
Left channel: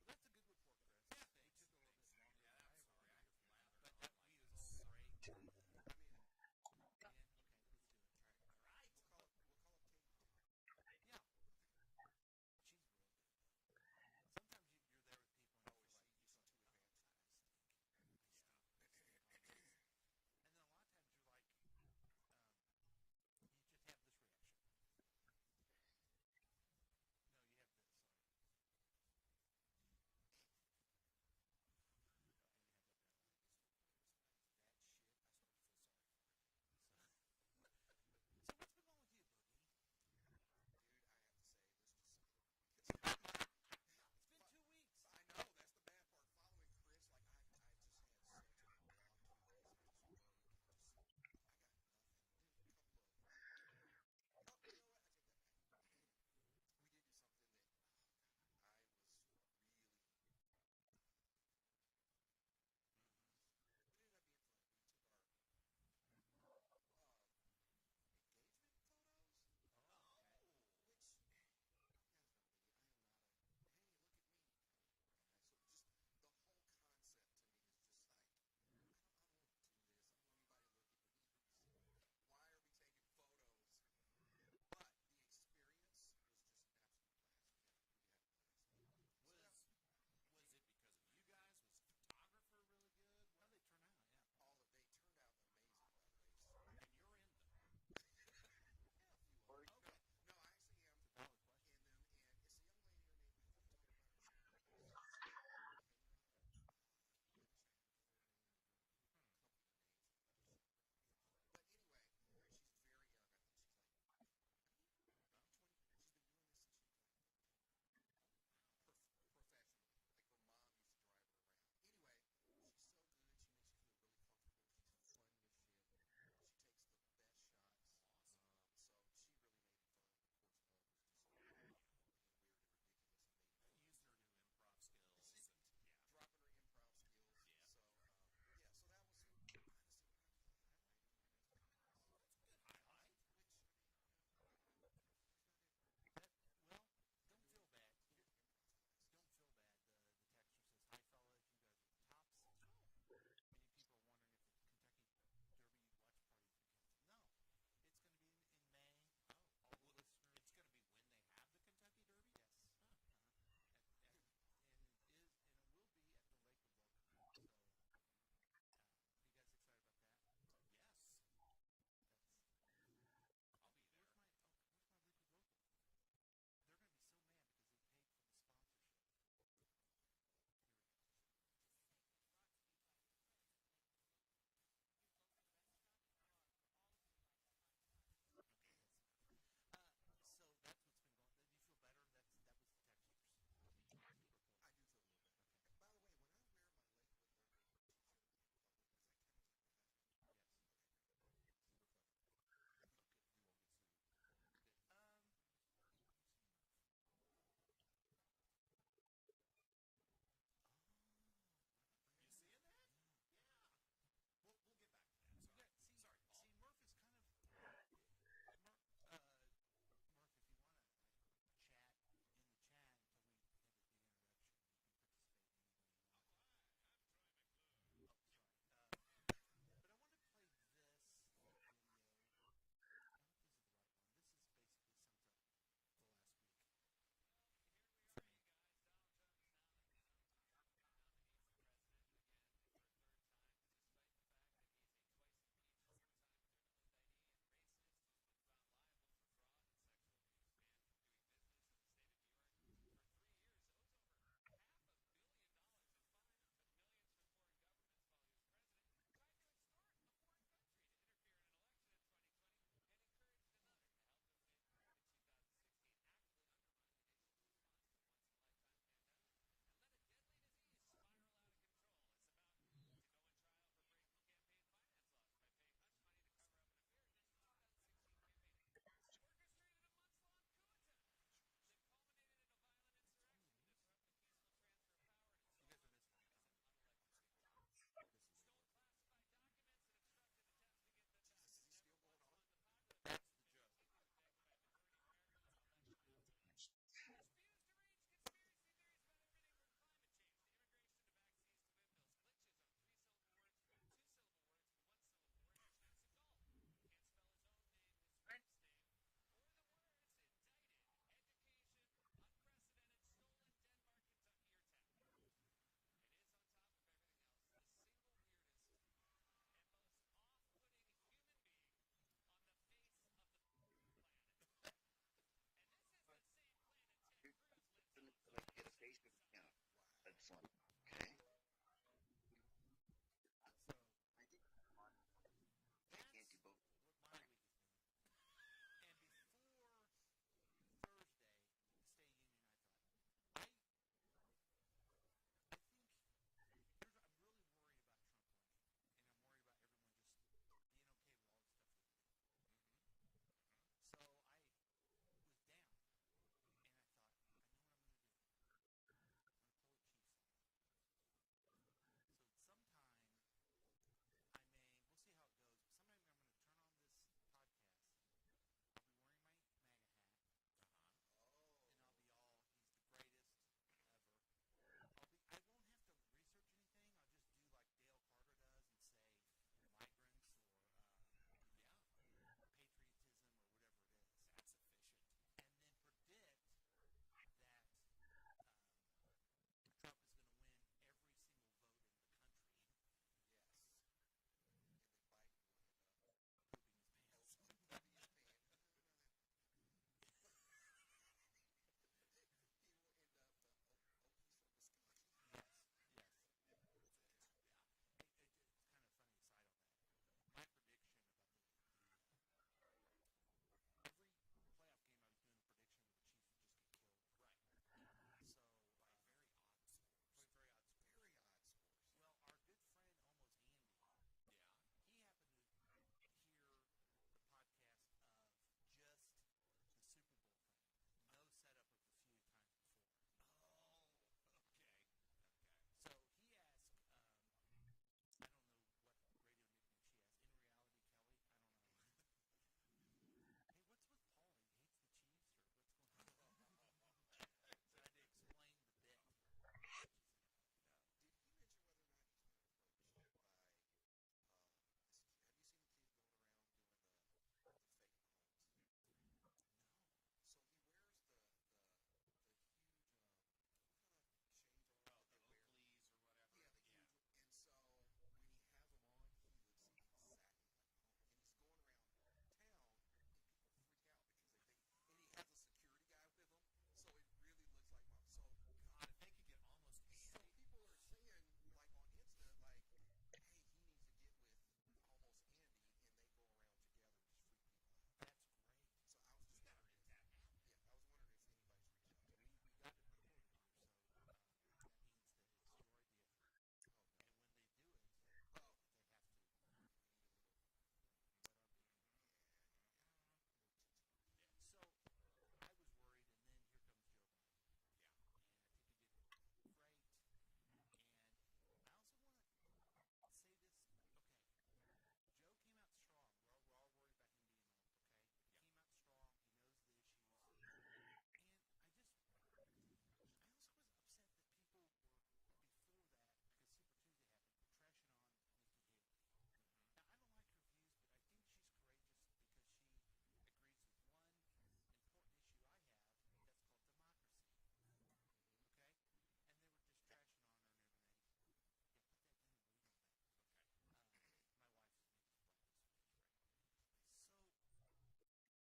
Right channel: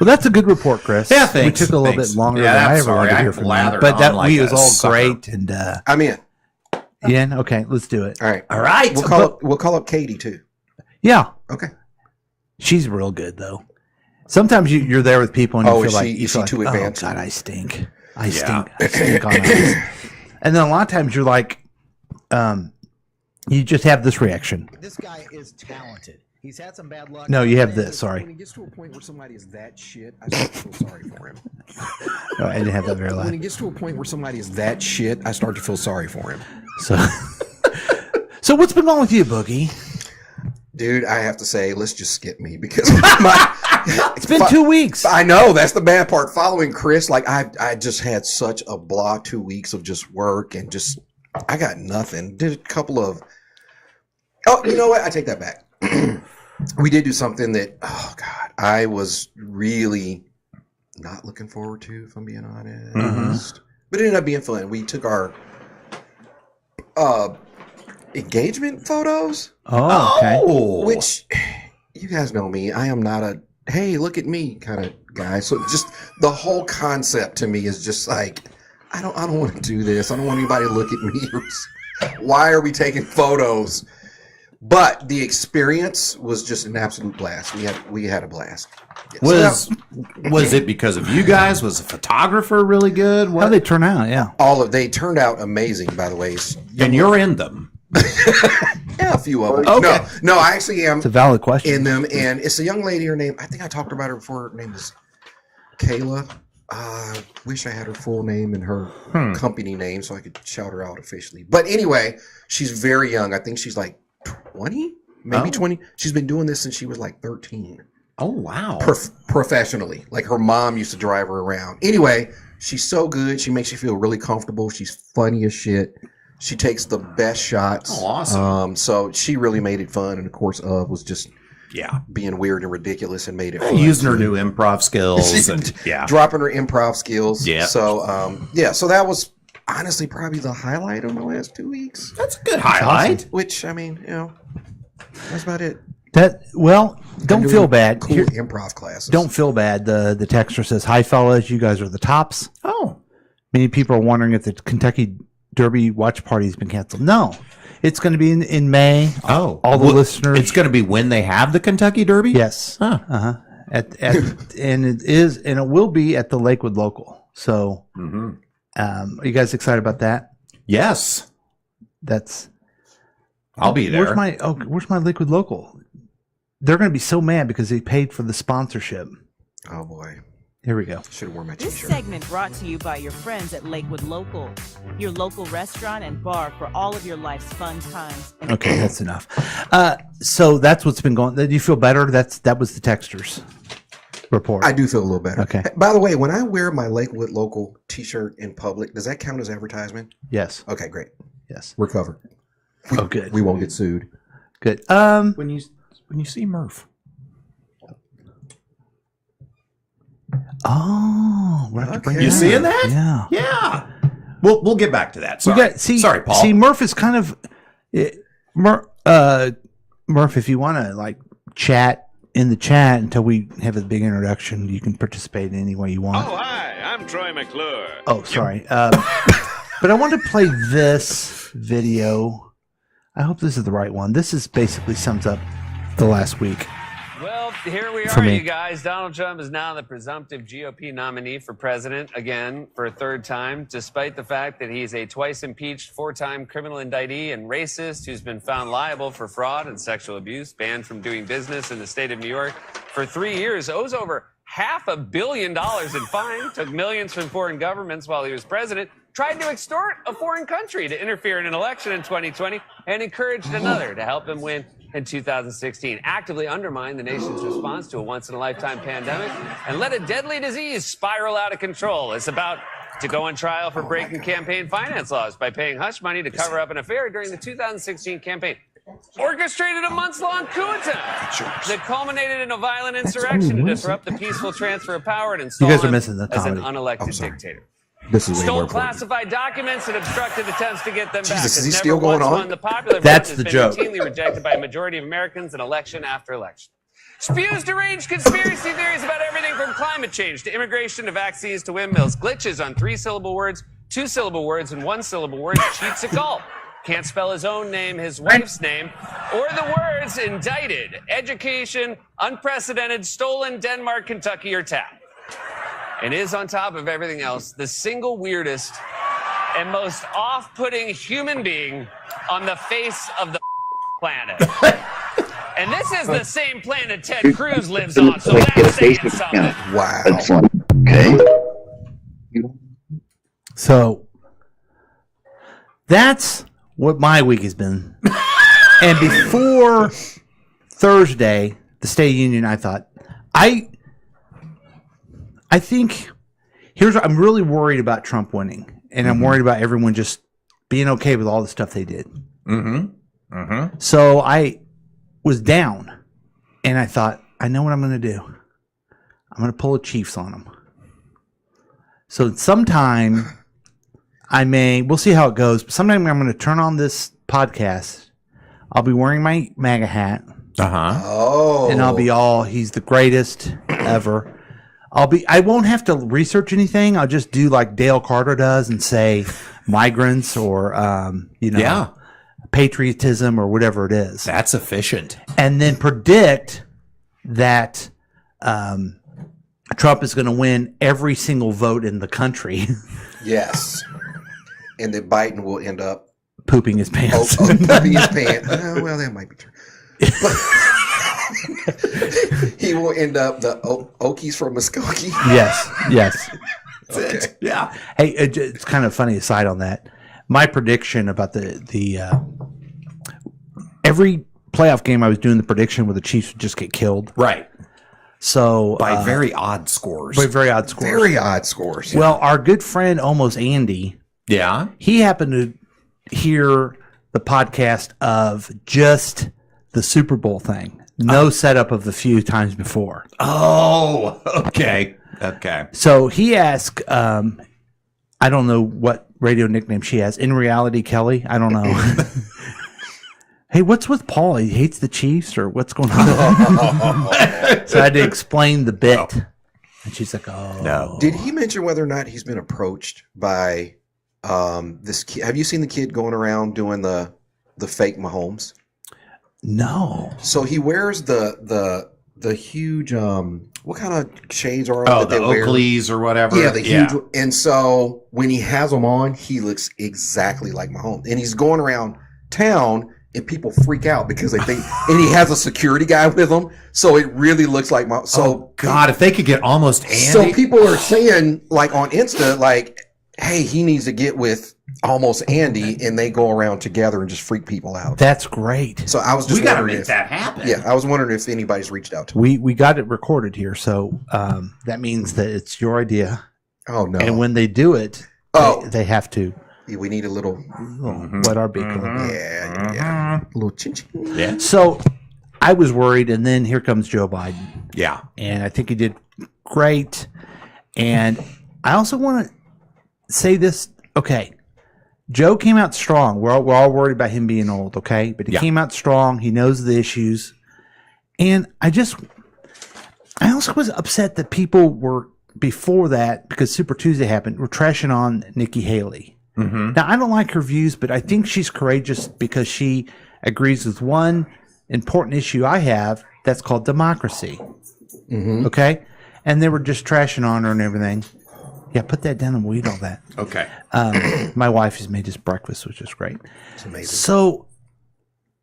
Well, that's a good report, Chris. Yeah, thanks. We took a little Thanks. bit longer Yeah, than I I'm ever sorry. wanted to I hear from you. blathered But on that like we a was all sucker. great. And I'm in. Ian, okay, let's do it. All right. All right. We'll call up Katie too. Yeah. Okay. She's real good, though. Sometimes you're there with people and you Oh, feel is like, she- you is feel she like, too advanced? oh, God, I stink. I stink on ice. And then a lot of times you're like, you just have this reaction. This guy is talented. He's had some bad luck. No, you have this. Sorry. When he gets to a point where somebody is that shit, I start to feel sorry for him. Oh, I didn't have that very When loud. he gets to a point where somebody is that shit, I start to feel sorry for him. So what's been wrong with you, Boogie? Dude, I have to say, let's just skip me because It's been 2 weeks. I know that's the bad part. Following Chris, like I just had such a blah 2 weeks of just work and just I got nothing. Did a couple of. Oh, you know what? I take that back. We did do something that, oh God, I was really not looking forward to, if I'm being honest. But it ended up being fun. We took our engagement photos. Oh, okay. Which, you guys know me. I am not a, hey, look at me kind of guy. So just the whole concept to me is just like, I don't want to do this. I don't want anybody to look at me. Why are we taking photos? But the experience was just an absolute blast. We had a blast. Yeah, Was it because of you guys? Was the photographer really good? How they turn out? Yeah. they turned out amazing, by the way. And you're in them. Yeah, a few of them. Okay. No, I actually am It's a valid question. in them, and it's a young lady. Her name, I think I talked about her before. Her name is Kayla. Wish I had her full name and her company name so I could shout her out officially. But anyway, she's very young. I think she's like 20, maybe 20. She's been doing this since she was like 13. Oh, wow. Professionally. Like her mom used to drive her around. Anyway, she's so good. She makes you feel really comfortable. She's funny as shit. She takes the best shots. Oh, awesome. So she really made it fun. And of course, was just being weird and ridiculous and made it fun. Using her new improv skills. And, dropping her improv skills. Yeah. So, so that was honestly probably the highlight of the last 2 weeks. That's a good highlight. Which, I mean, that's about it. Don't feel bad. Cool improv classes. Don't feel bad. The texter says, "Hi, fellas. You guys are the tops." Oh. Many people are wondering if the Kentucky Derby watch party has been canceled. No. It's going to be in May. Oh. All the listeners. It's going to be when they have the Kentucky Derby? Yes. Huh. And it will be at the Lakewood Local. So, are you guys excited about that? Yes. I'll be there. Where's my Lakewood Local? They're going to be so mad because they paid for the sponsorship. Oh boy. Here we go. Should have worn my This t-shirt. segment brought to you by your friends at Lakewood Local, your local restaurant and bar for all of your life's fun times. Okay, that's enough. So that's what's been going. Do you feel better? That was the texters report. I do feel a little better. Okay. By the way, when I wear my Lakewood Local t-shirt in public, does that count as advertisement? Yes. Okay, great. Yes. We're covered. Oh, good. We won't get sued. Good. When you see Murph. Oh, we'll have to bring Okay. You that seeing up. that? Yeah. Yeah. We'll get back to that. Sorry. Sorry, Paul. See, Murph is kind of Murph. If you want to chat in the chat until we have a big introduction, you can participate in any way you want. Oh, hi, I'm Troy McClure. Oh, sorry. But I want to play this video. I hope this is the right one. This is basically sums up the last week. Well, here we For are, me. you guys. Donald Trump is now the presumptive GOP nominee for president again for a third time, despite the fact that he's a twice impeached, four-time criminal indictee and racist who's been found liable for fraud and sexual abuse, banned from doing business in the state of New York for 3 years, owes over $500 million in fine, took millions from foreign governments while he was president, tried to extort a foreign country to interfere in an election in 2020, and encouraged another to help him win in 2016, actively undermined the nation's response to a once-in-a-lifetime pandemic, and let a deadly disease spiral out of control. It's about to go on trial for breaking campaign finance laws by paying hush money to cover up an affair during the 2016 campaign. Orchestrated a months-long coup attempt that culminated in a violent insurrection to disrupt the peaceful transfer of power and install You guys are him missing the as an comedy. unelected dictator. This is way Stole more important. classified documents and obstructed attempts to get them back. Jesus, is Has he never still going once on? won the popular vote, That's has the been joke. routinely rejected by a majority of Americans in election after election. Spews deranged conspiracy theories about everything from climate change to immigration to vaccines to windmills. Glitches on 3-syllable words, 2-syllable words, and 1-syllable words. Cheats at golf. Can't spell his own name, his wife's name, or the words indicted, education, unprecedented, stolen, Denmark, Kentucky, or tap. And is, on top of everything else, the single weirdest and most off-putting human being on the face of the planet. And this is the same planet Ted Cruz lives on, so that's saying something. Wow. Okay. So that's what my week has been. And before Thursday, the State of the Union, I thought, I think here's what I'm really worried about Trump winning. And I'm worried about everyone just being okay with all the stuff they did. So I was down and I thought, I know what I'm going to do. I'm going to pull a Chiefs on them. So sometime we'll see how it goes, but sometime I'm going to turn on this podcast. I'll be wearing my MAGA hat. Oh. And I'll be all, he's the greatest ever. I won't have to research anything. I'll just do like Dale Carter does and say migrants or, patriotism or whatever it is. That's efficient. And then predict that Trump is going to win every single vote in the country. Yes. And then Biden will end up pooping his pants. Pooping his pants. Well, that might be true. He will end up the Okies from Muskogee. Yes. Okay. Yeah. Hey, it's kind of funny aside on that. My prediction about the every playoff game I was doing the prediction where the Chiefs would just get killed. Right. So By very odd scores. Very odd scores. Well, our good friend almost Andy. Yeah. He happened to hear the podcast of just the Super Bowl thing. No setup of the few times before. Oh, okay. So he asked, I don't know what radio nickname she has. In reality, Kelly? I don't know. Hey, what's with Paul? He hates the Chiefs or what's going on? So I had to explain the bit. Oh. And she's like, oh. No. Did he mention whether or not he's been approached by this kid? Have you seen the kid going around doing the fake Mahomes? No. So he wears the huge what kind of shades are that the Oakleys or whatever. Yeah, the huge. And so when he has them on, he looks exactly like Mahomes, and he's going around town, and people freak out because they think, and he has a security guy with him, so it really looks like Mahomes. So God, if they could get almost Andy. So people are saying, like on Insta, like, hey, he needs to get with almost Andy, and they go around together and just freak people out. That's great. So I was just we got to wondering make that happen. Yeah, I was wondering if anybody's reached out to him. We got it recorded here, so that means that it's your idea. Oh no! And when they do it, they have to. Yeah, we need a little wet our beak a little bit. Yeah, a little chin chin. Yeah. So I was worried, and then here comes Joe Biden. Yeah, and I think he did great. And I also want to say this. Okay, Joe came out strong. We're all worried about him being old. Okay, but he came out strong. He knows the issues, and I also was upset that people were before that because Super Tuesday happened. Were trashing on Nikki Haley. Mm-hmm. Now, I don't like her views, but I think she's courageous because she agrees with one important issue I have that's called democracy. Mm-hmm. Okay? And they were just trashing on her and everything. Yeah, put that down and we'll eat all that. Okay. My wife has made us breakfast, which is great. It's amazing. So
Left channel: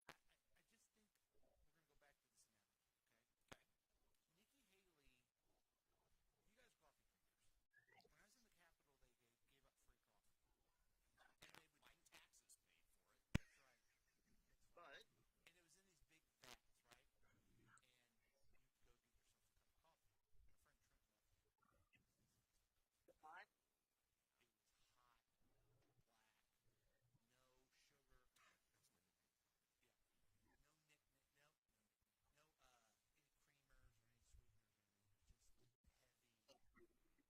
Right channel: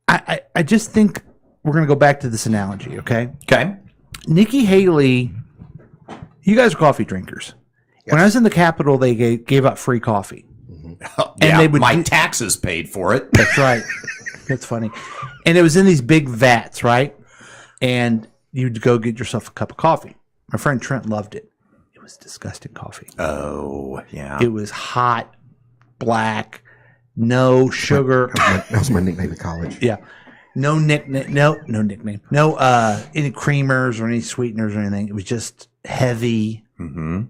I just think we're going to go back to this analogy, okay? Okay. Nikki Haley You guys are coffee drinkers. Yes. When I was in the Capitol, they gave out free coffee. And they would my do- taxes paid for it. That's right. That's funny. And it was in these big vats, right? And you'd go get yourself a cup of coffee. My friend Trent loved it. It was disgusting coffee. Oh, yeah. It was hot, black, no sugar. That was my nickname in college. Yeah. No nickname. No nickname. No any creamers or any sweeteners or anything. It was just heavy. Mm-hmm.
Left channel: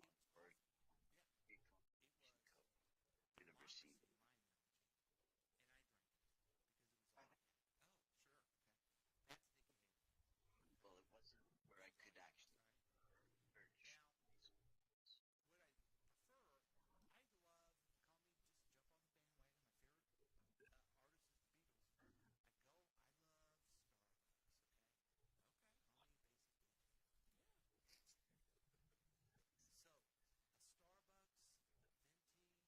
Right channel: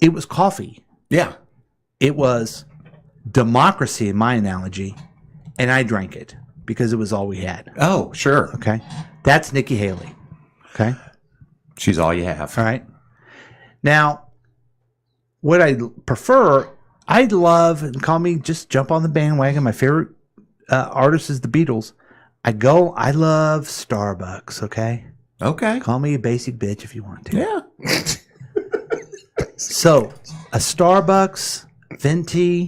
It was coffee. Yeah. It was democracy in my analogy, and I drank it because it was all we had. Oh, sure. Okay. That's Nikki Haley. Okay. She's all you have. All right. Now, what I prefer, I love, and call me, just jump on the bandwagon. My favorite artist is the Beatles. I love Starbucks, okay? Okay. Call me a basic bitch if you want to. Yeah. So, a Starbucks venti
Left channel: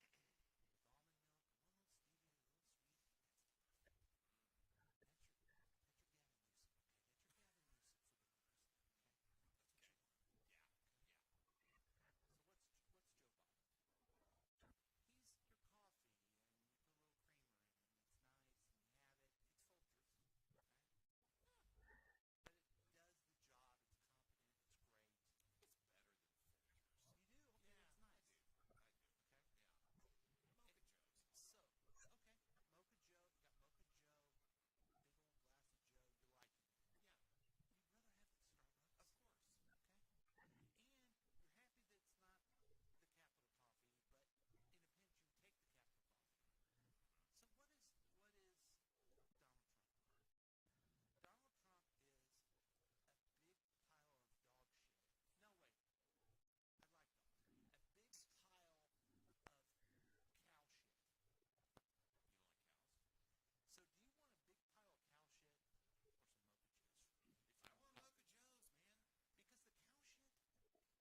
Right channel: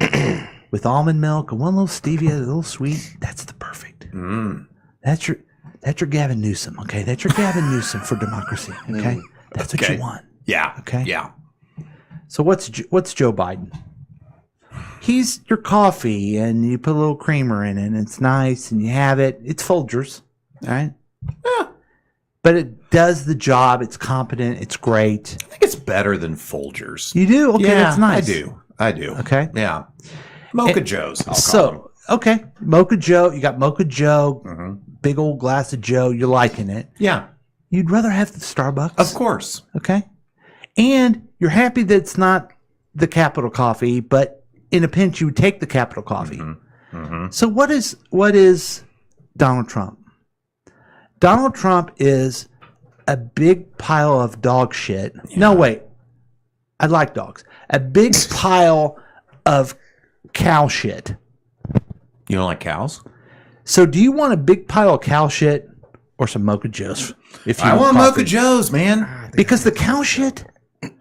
with almond milk and one little stevia, a little sweet, that's the perfect. Mm. That's your Gavin Newsom, okay? That's your Gavin Newsom for democracy, okay? That's what Okay. you want. Yeah. Okay. Yeah. So what's Joe Biden? He's your coffee, and you put a little creamer in it, and it's nice, and you have it. It's Folgers, all right? Yeah. But it does the job. It's competent. It's great. I think it's better than Folgers. You do? Okay, yeah, that's nice. I do. Okay. Yeah. Mocha Joe's, I'll call them. So, okay, Mocha Joe. You got Mocha Joe, Mm-hmm. big old glass of Joe. You're liking it. Yeah. You'd rather have the Starbucks? Of course. Okay. And you're happy that it's not the Capital Coffee, but in a pinch, you would take the Capital Coffee. Mm-hmm. Mm-hmm. So what is Donald Trump? Donald Trump is a big pile of dog shit. Yeah. No, wait. I like dogs. A big pile of cow shit. You don't like cows? So do you want a big pile of cow shit or some Mocha Joe's? If you I want coffee? Mocha Joe's, man. Because the cow shit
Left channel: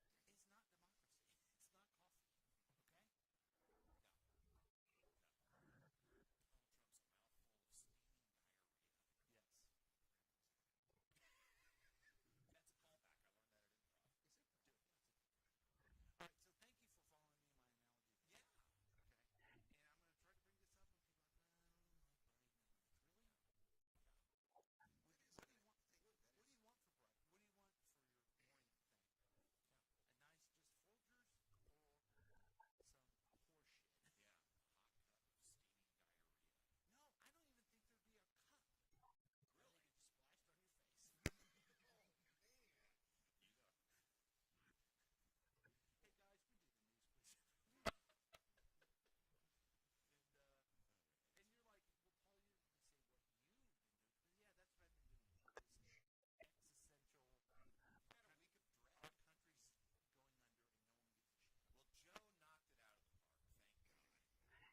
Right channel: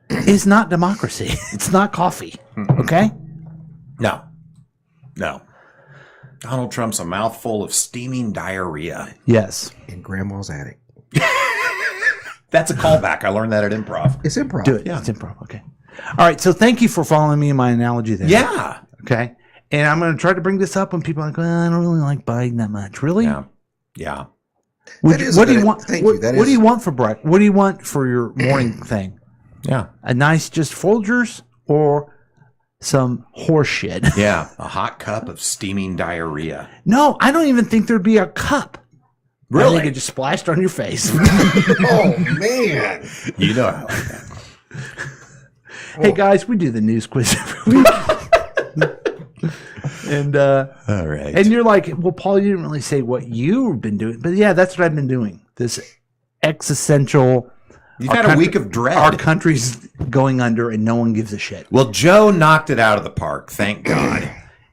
is not democracy. It's not coffee. Okay? No. No. Donald Trump's a mouthful of steaming diarrhea. Yes. In Grandma's attic. That's a callback. I learned that at improv. It's improv. Do it. Yeah. It's improv. Okay. All right. So thank you for following me in my analogy there. Yeah. Okay. And I'm going to try to bring this up when people are like, well, I don't really like Biden that much. Really? Yeah. Yeah. What That do is you a good- want? thank What, you. That what do is- you want for breakfast? What do you want for your morning thing? Yeah. A nice just Folgers or some horse shit? Yeah. A hot cup of steaming diarrhea. No, I don't even think there'd be a cup. I Really? think it just splashed on your face. Oh, man. You know how I like that. Hey guys, we do the news quiz every week. And All right. and you're like, well, Paul, you didn't really say what you've been doing, but yeah, that's what I've been doing. This existential. You've our had a country- week of dread. Our country's going under, and no one gives a shit. Well, Joe knocked it out of the park. Thank God.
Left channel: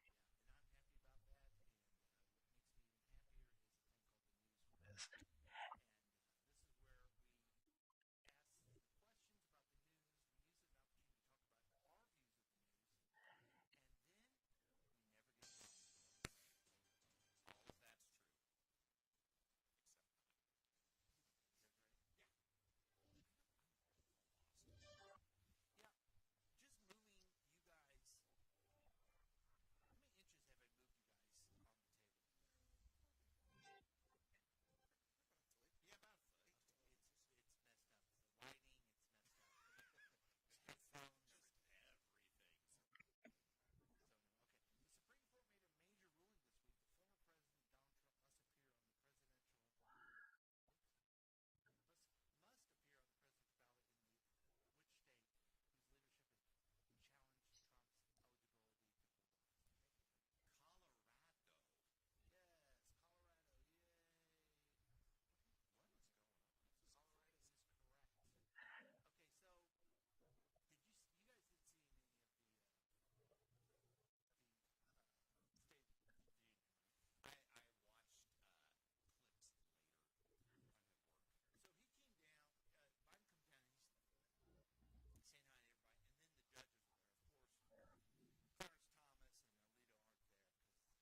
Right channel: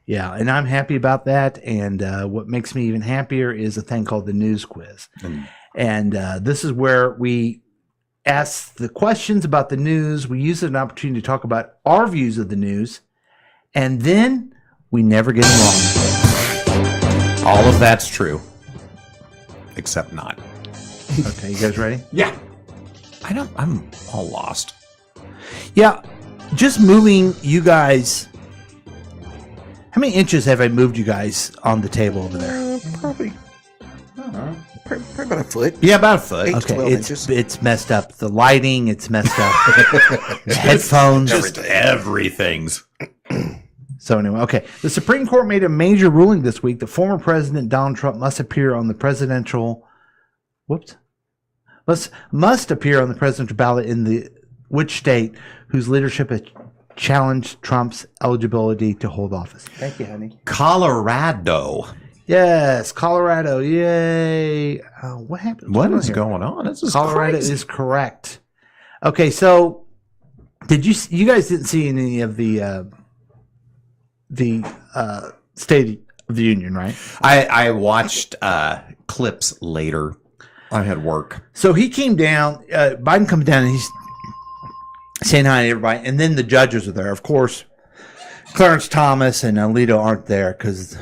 Yeah, and I'm happy about that. And what makes me even happier is a thing called the news quiz. And this is where we ask the questions about the news. We use it as an opportunity to talk about our views of the news, and then we never get them wrong. All of that's true. Except not. Okay, you guys ready? Yeah. I'm all lost. Yeah, just moving you guys. How many inches have I moved you guys on the table over there? Probably about a foot. Yeah, about a foot. 8 to Okay, 12 it's inches. it's messed up. The lighting, it's messed up. The headphones. Just everything's. So anyway, okay. The Supreme Court made a major ruling this week that former President Donald Trump must appear on the presidential must appear on the presidential ballot in the which state whose leadership has challenged Trump's eligibility to hold office. Thank you, honey. Colorado. Yes, Colorado. Yay. What happened? What What's is going on going on? This is Colorado crazy. is correct. Okay, so did you guys didn't see any of the State of the Union, right? I watched clips later. I had work. So he came down, Biden comes down and he's saying hi to everybody. And then the judges are there. Of course, Clarence Thomas and Alito aren't there because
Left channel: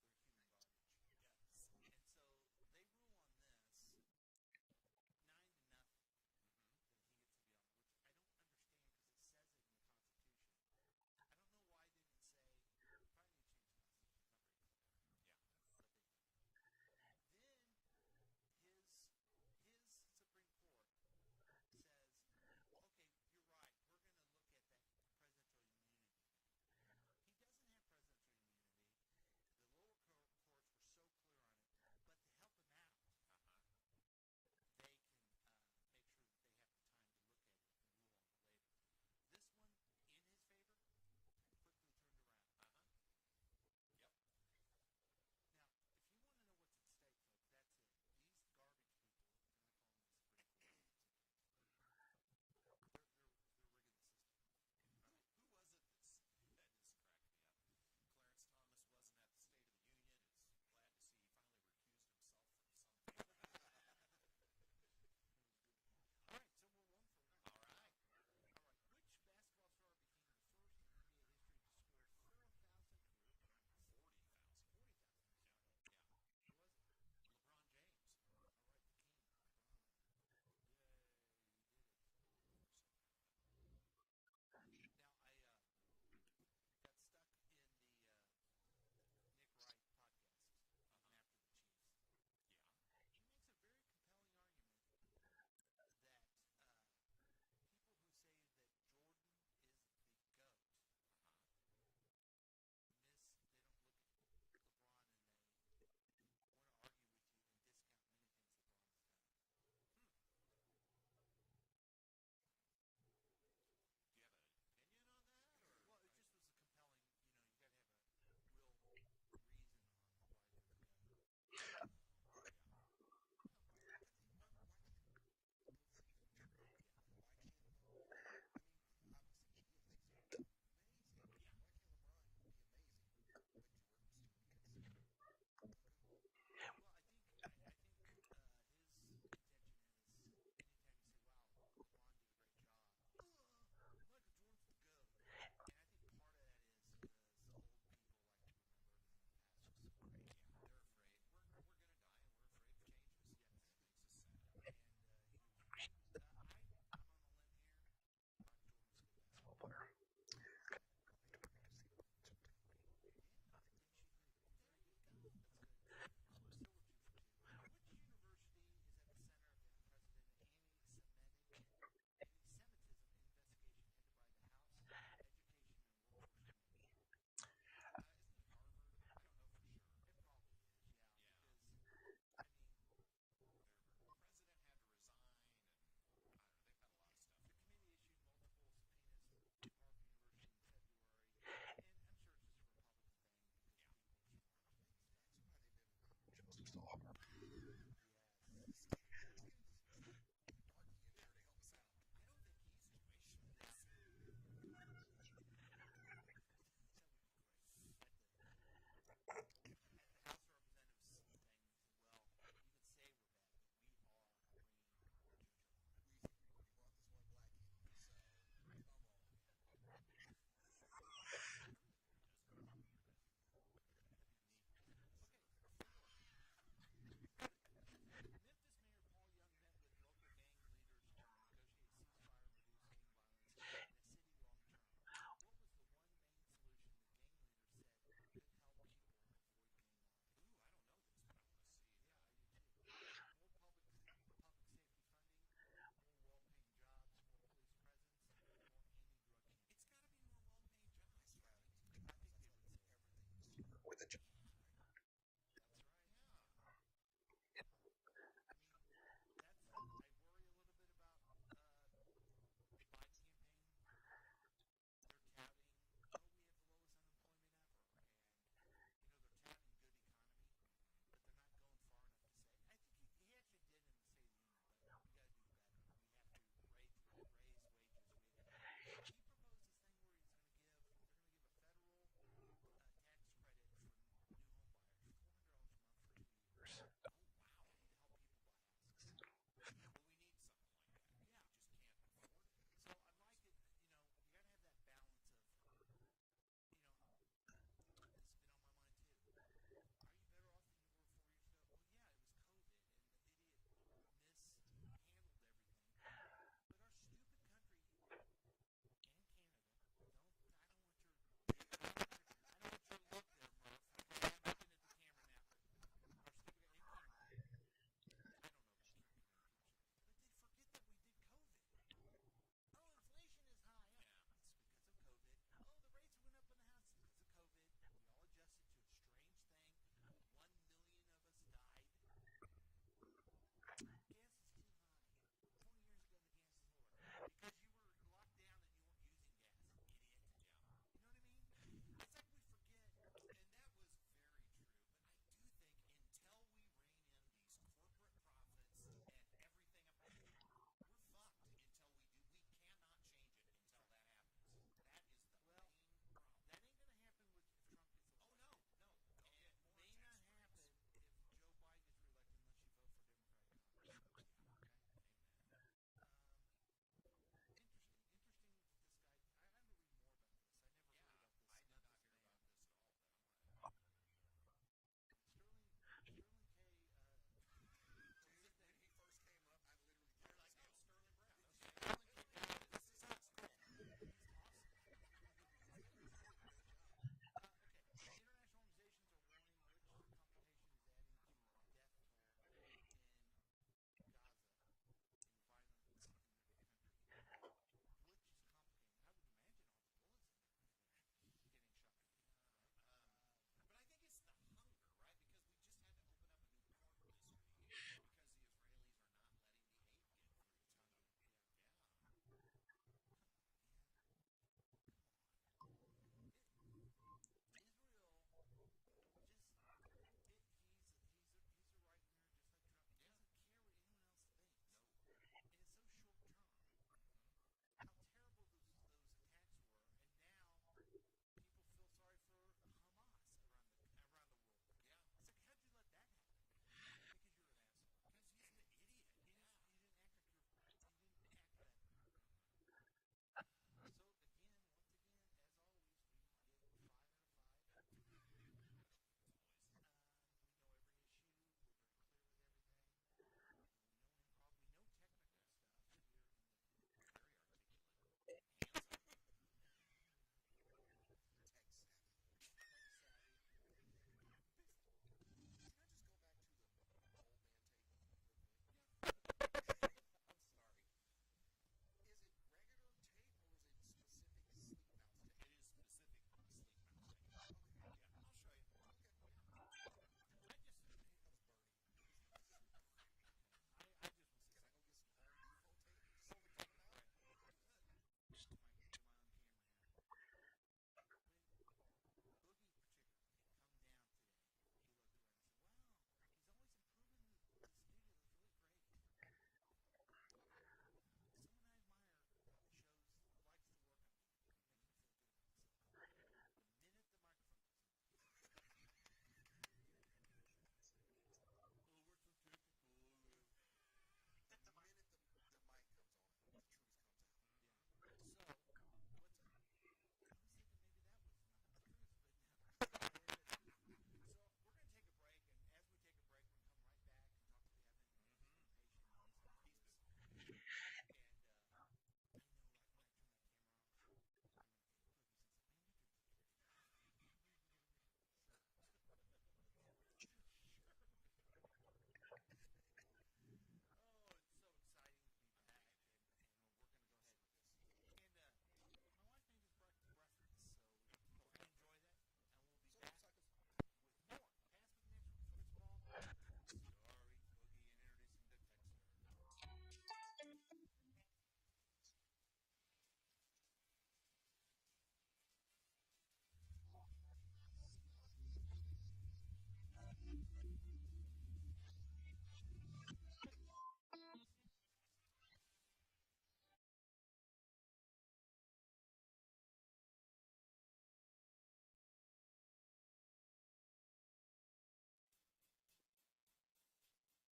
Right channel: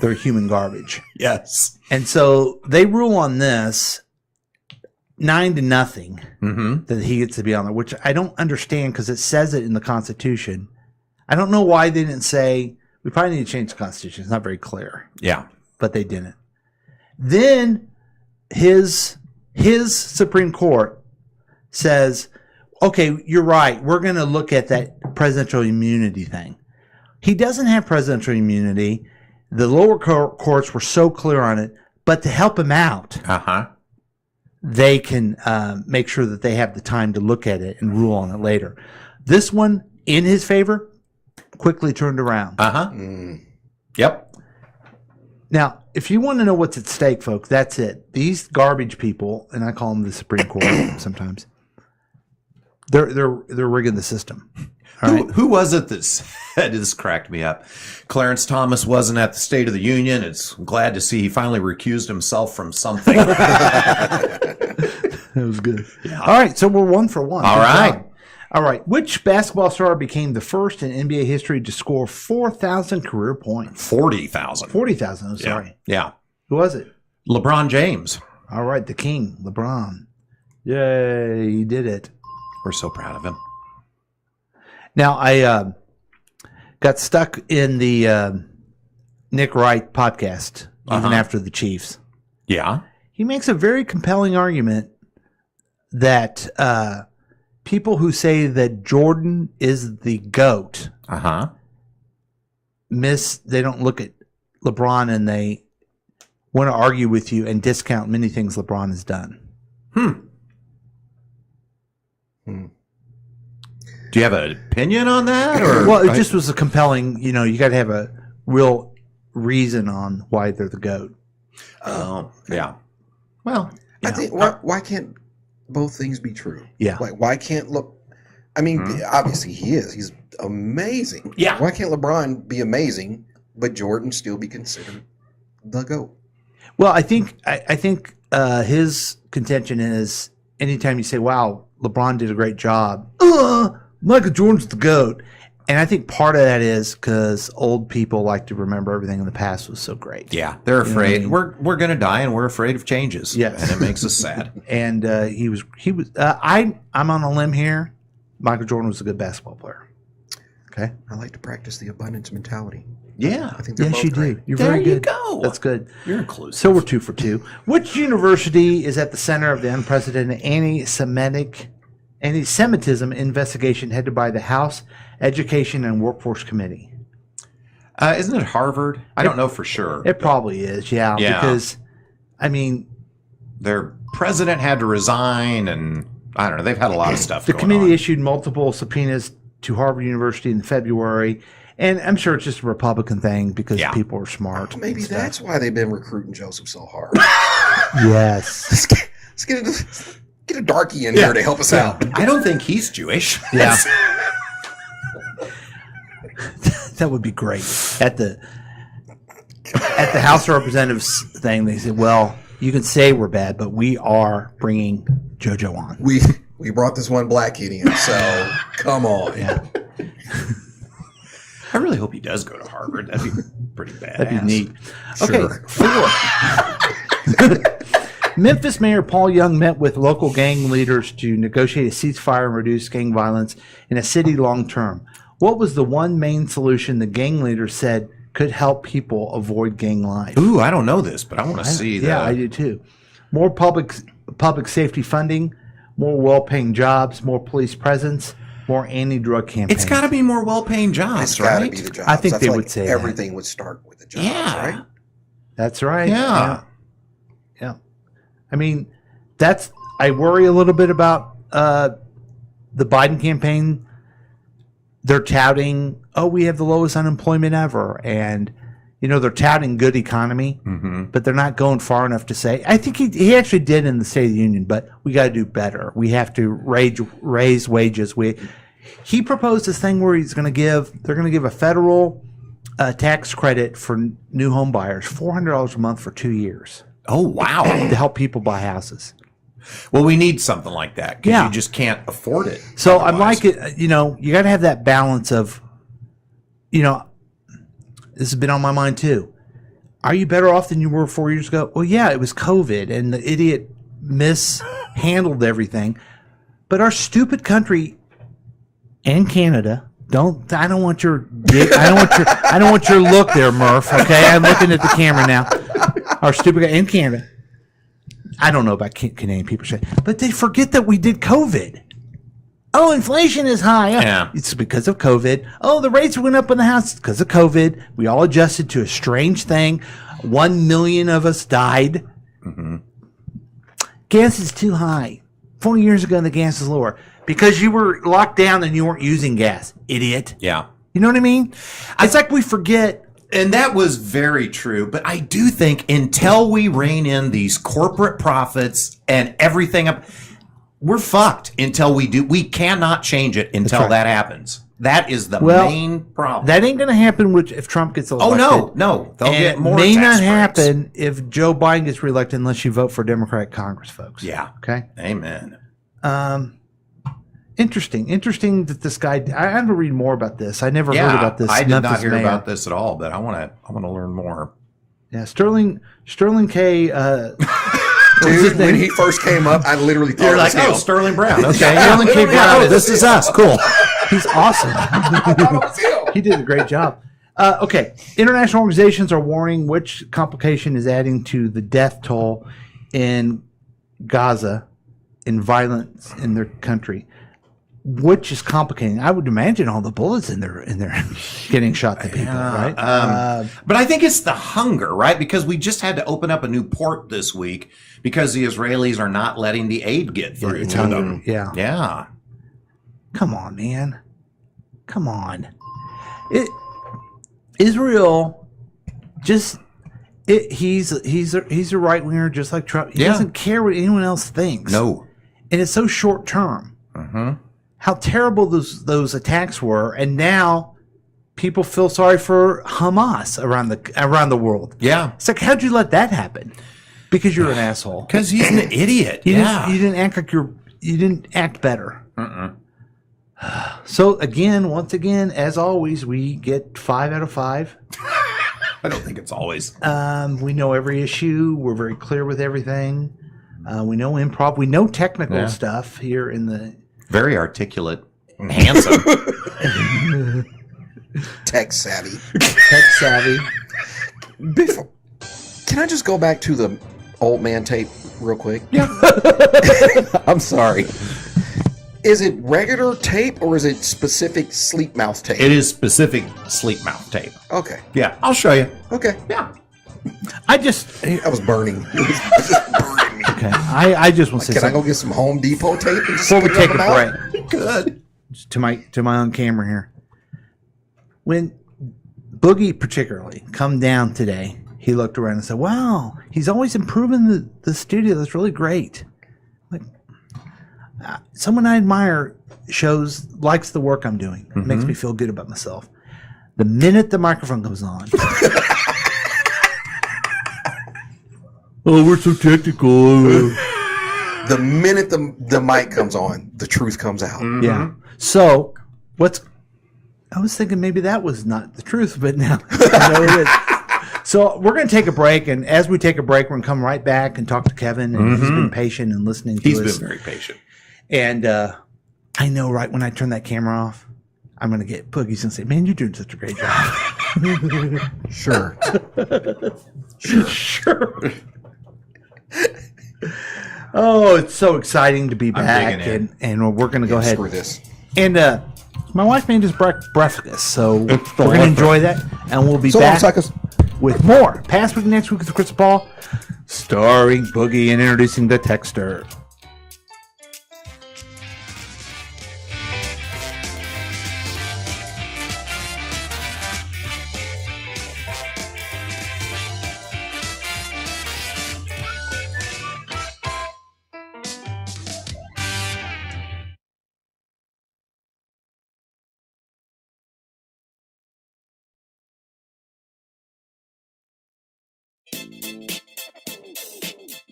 they're human garbage. Yes. And so they rule on this. 9-0 that he gets to be on there, which I don't understand because it says it in the Constitution. I don't know why they didn't say, we probably need to change the Constitution. It's not very clear. Yeah. But they didn't. Then his Supreme Court says, okay, you're right. We're going to look at that presidential immunity thing. He doesn't have presidential immunity. The lower courts were so clear on it, but to help him out, they can make sure that they have the time to look at it and rule on it later. This one, in his favor, quickly turned around. Yep. Now, if you want to know what's at stake, folks, that's it. These garbage people, and I call them the Supreme Court sometimes, they're rigging the system. Who was it that said, this cracked me up, Clarence Thomas wasn't at the State of the Union? I'm glad to see he finally recused himself from something. That was good. Yeah. All right, so we're 1 for 1. All Good right. job. All right, which basketball star became the first in NBA history to score 4,000 career points? 40,000. 40,000, I'm sorry. Yeah. Who was it? LeBron James. All right, the king, LeBron. Yay, he did it. We're so proud of him. Now, I got stuck in the Nick Wright podcast, even after the Chiefs. Yeah. He makes a very compelling argument that people who say that Jordan is the GOAT they don't look at LeBron and they want to argue with you and discount many things LeBron has done. Do you have an opinion on that? Or? Well, it just was a compelling, you got to have a real reason on why they're the GOAT. Oh, yeah. Well, I think why can't both things be true? Yeah. Like why can't I mean, obviously he is. He's amazing. Yeah. Why can't LeBron be amazing, but Jordan still be considered the GOAT? Well, I think his contention is anytime you say, "Wow, LeBron did a great job," Michael Jordan's the GOAT. And I think part of that is because old people like to remember everything in the past was so great. Yeah, they're afraid. You know what I mean? We're going to die, and we're afraid of changes. Yes. And it makes us sad. And he was. I'm on a limb here. Michael Jordan was a good basketball player. Okay. I like to practice the abundance mentality. Yeah. I think they're Yes, both you great. do. You're There very you good. go. That's good. You're inclusive. So we're 2 for 2. Which university is at the center of the unprecedented anti-Semitism investigation headed by the House Education and Workforce Committee? Isn't it Harvard? I don't know for sure. It probably is, yeah. Because, I mean, their president had to resign, and I don't know. They've had a lot of stuff the going committee on. issued multiple subpoenas to Harvard University in February, and I'm sure it's just a Republican thing because people are smart. Maybe that's why they've been recruiting Joseph so hard. Yes. Let's get a darkie in here to help us out. I don't think he's Jewish. Yeah. That would be great. At the House of Representatives thing, they said, well, you can say we're bad, but we are bringing JoJo on. We brought this one black kid in, so come on. Yeah. I really hope he does go to Harvard. That'd be pretty bad. That'd be neat. Sure. Okay, 4. Memphis Mayor Paul Young met with local gang leaders to negotiate a ceasefire and reduce gang violence in a city long term. What was the one main solution the gang leaders said could help people avoid gang life? Ooh, I don't know this, but I want to see that. Yeah, I do too. More public safety funding, more well-paying jobs, more police presence, more anti-drug campaigns. It's got to be more well-paying jobs, It's got to right? be the jobs. I think they feel would like say that. everything would start with the jobs, right? That's right. Yeah. I mean, I worry a little bit about the Biden campaign. They're touting, we have the lowest unemployment ever. And, they're touting good economy, but they're not going far enough to say, I think he actually did in the State of the Union, but we got to do better. We have to raise wages. He proposed this thing where they're going to give a federal tax credit for new home buyers, $400 a month for 2 years. Oh, wow. To help people buy houses. Well, we need something like that because you just can't afford it. So otherwise. I'm like it, you got to have that balance of, this has been on my mind too. Are you better off than you were 4 years ago? Well, yeah, it was COVID and the idiot handled everything. But our stupid country and Canada I don't want your look there, Murph. Okay, I'm looking at the camera now. Our stupid in Canada. I don't know about Canadian people, but they forget that we did COVID. Oh, inflation is high. Yeah. It's because of COVID. Oh, the rates went up in the house. It's because of COVID. We all adjusted to a strange thing. 1 million of us died. Mm-hmm. Gas is too high. 40 years ago, the gas is lower. Because you were locked down and you weren't using gas. Idiot. Yeah. You know what I mean? It's like we forget. And that was very true. But I do think until we rein in these corporate profits and everything up, we're fucked until we do. We cannot change it until that happens. That is the main problem. That ain't going to happen if Trump gets elected. Oh, no. They'll get more tax breaks. It may not happen if Joe Biden gets reelected unless you vote for Democratic Congress, folks. Yeah. Okay? Amen. Interesting that this guy. I had to read more about this. I never heard about this. I did Memphis not hear mayor. about this at all, but I want to learn more. Yeah, Sterling K. Dude, when he first came up, I literally thought You're it was like, him. oh, Sterling Brown. Okay, Sterling K. Brown. this is us. Cool. He's awesome. He did a great job. Okay, international organizations are warning which complication is adding to the death toll in Gaza in violence in their country. Which is complicating. I would imagine all the bullets in there getting shot to people, right? But I think it's the hunger, right? Because we just had to open up a new port this week because the Israelis are not letting the aid get through to them. Yeah. Yeah. Come on, man. Come on. Israel just he's a right winger just like Trump. He doesn't care what anyone else thinks. No. And it's so short term. Mm-hmm. How terrible those attacks were, and now people feel sorry for Hamas around the world. Yeah. It's like, how'd you let that happen? Because you're an asshole. Because he's an idiot. You didn't act like you didn't act better. So once again, as always, we get 5 out of 5. I don't think it's always. We know every issue. We're very clear with everything. We know improv. We know technical stuff here in the. Very articulate and handsome. Tech savvy. Can I just go back to the old man tape real quick? Yeah. I'm sorry. Is it regular tape or is it specific sleep mouth tape? It is specific sleep mouth tape. Okay. Yeah, I'll show you. Okay. Yeah. I was burning. It was just burning me. Okay. I just want to say Can I something. go get some Home Depot tape and just Before we stick it take up a my mouth? break, Good. to my own camera here. When Boogie particularly come down today, he looked around and said, "Wow, he's always improving the studio. That's really great." Like someone I admire likes the work I'm doing. It makes me feel good about myself. The minute the microphone comes on. Oh, we're so technical. The minute the mic comes on, the truth comes out. Yeah. So, I was thinking maybe that was not the truth, but now I know it is. So we're going to take a break, and as we take a break, we're going to come right back and talk to Kevin, and he's been patient and listening to us. He's been very patient. And I know right when I turn that camera off, I'm going to get Boogie's and say, "Man, you're doing such a great job." Sure. Sure. Oh, it's so exciting to be back, and we're going to go ahead. Screw this. And my wife made us breakfast, so we're going to enjoy that, and we'll be back with more Past Week, Next Week with Chris Paul, starring Boogie and introducing the Texter.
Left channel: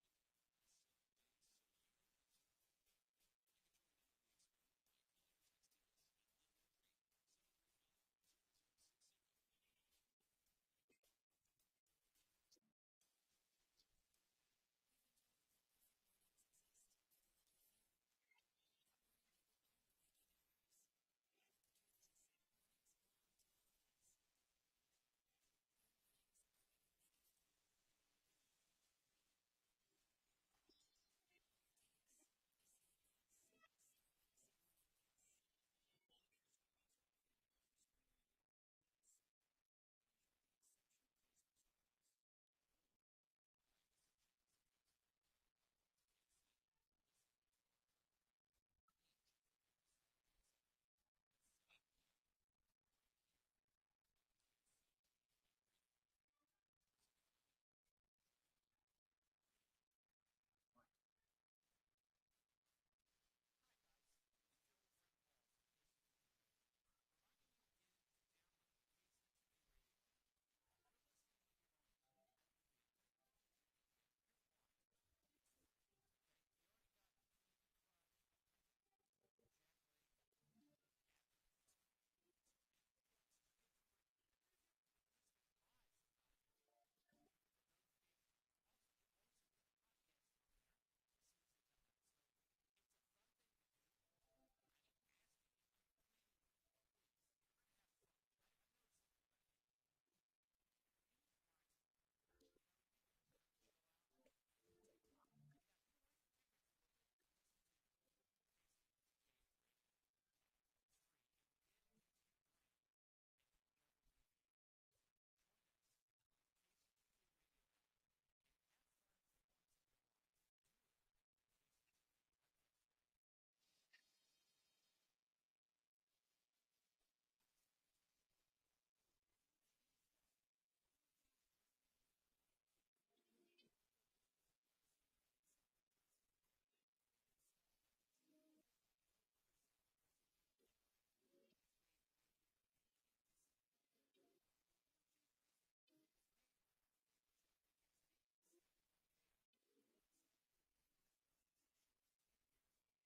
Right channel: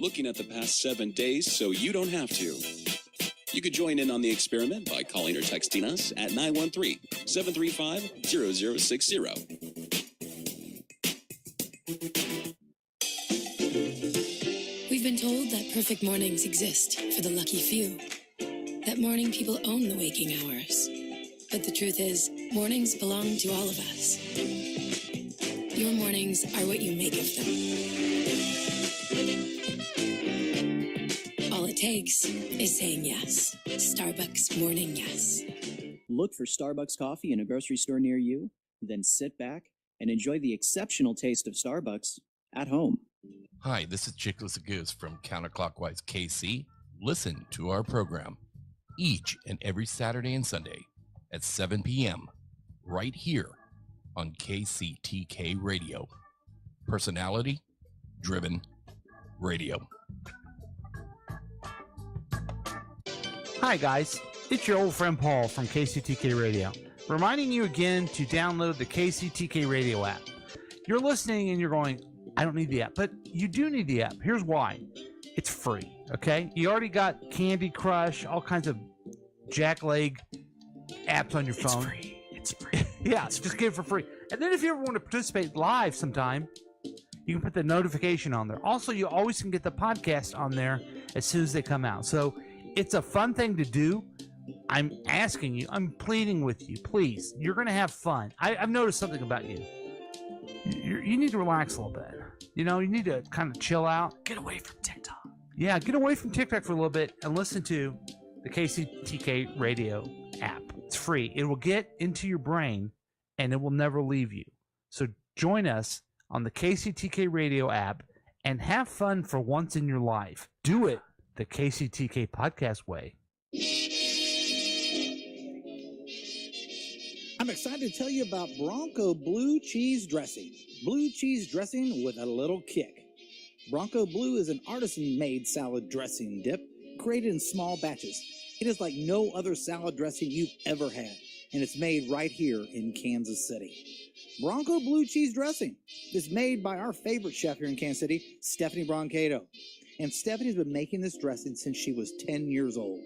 Looking at the past 7 days so you don't have to. You could join in on the experiment by calling or texting us at 913-735-0060. We've been told that perfect mornings exist for the lucky few. That morning people own the waking hours. But the truth is, mornings belong to all of us. Your mornings are what you make of them. All it takes is saying yes. Starbucks Morning Yes. Look for Starbucks coffee in a grocery store near you, then sit back and enjoy the exceptional taste of Starbucks at home. Hi, this is Chickless Goose from Counterclockwise KC. Listen to our program each and every Saturday and Sunday at 7 p.m. right here on KCTK Radio. Personality-driven radio. Hi, guys. It's your old friend Paul from KCTK Radio, reminding you again to download the KCTK Radio app. You're listening and you're going, I don't need the app, but you do need the app. Here's why. It's free, okay? You already got Candy Crush, all kinds of jackleg apps on your phone. It's free. Yeah, just get it for free. And then if you ever want to participate live sometime, you can put the notification on there. Also, you always can get the podcast on there as soon as they come out. So it's a fun thing to do. I'm asking you, I'm pleading with you, please. You're going to have fun. I've noticed something about you. You need to relax a little bit. You know, you need to kind of chill out. Get away from TikTok. Yeah, get away from TikTok for a little bit and listen to the KCTK Radio app. It's free. It will get into your brain and it will never leave you. So join us on the KCTK Radio app and have fun for once in your life. Do it the KCTK podcast way. I'm excited to tell you about Bronco Blue Cheese Dressing. Blue cheese dressing with a little kick. Bronco Blue is an artisan-made salad dressing dip created in small batches. It is like no other salad dressing you've ever had, and it's made right here in Kansas City. Bronco Blue Cheese Dressing is made by our favorite chef here in Kansas City, Stephanie Broncato. And Stephanie's been making this dressing since she was 10 years old.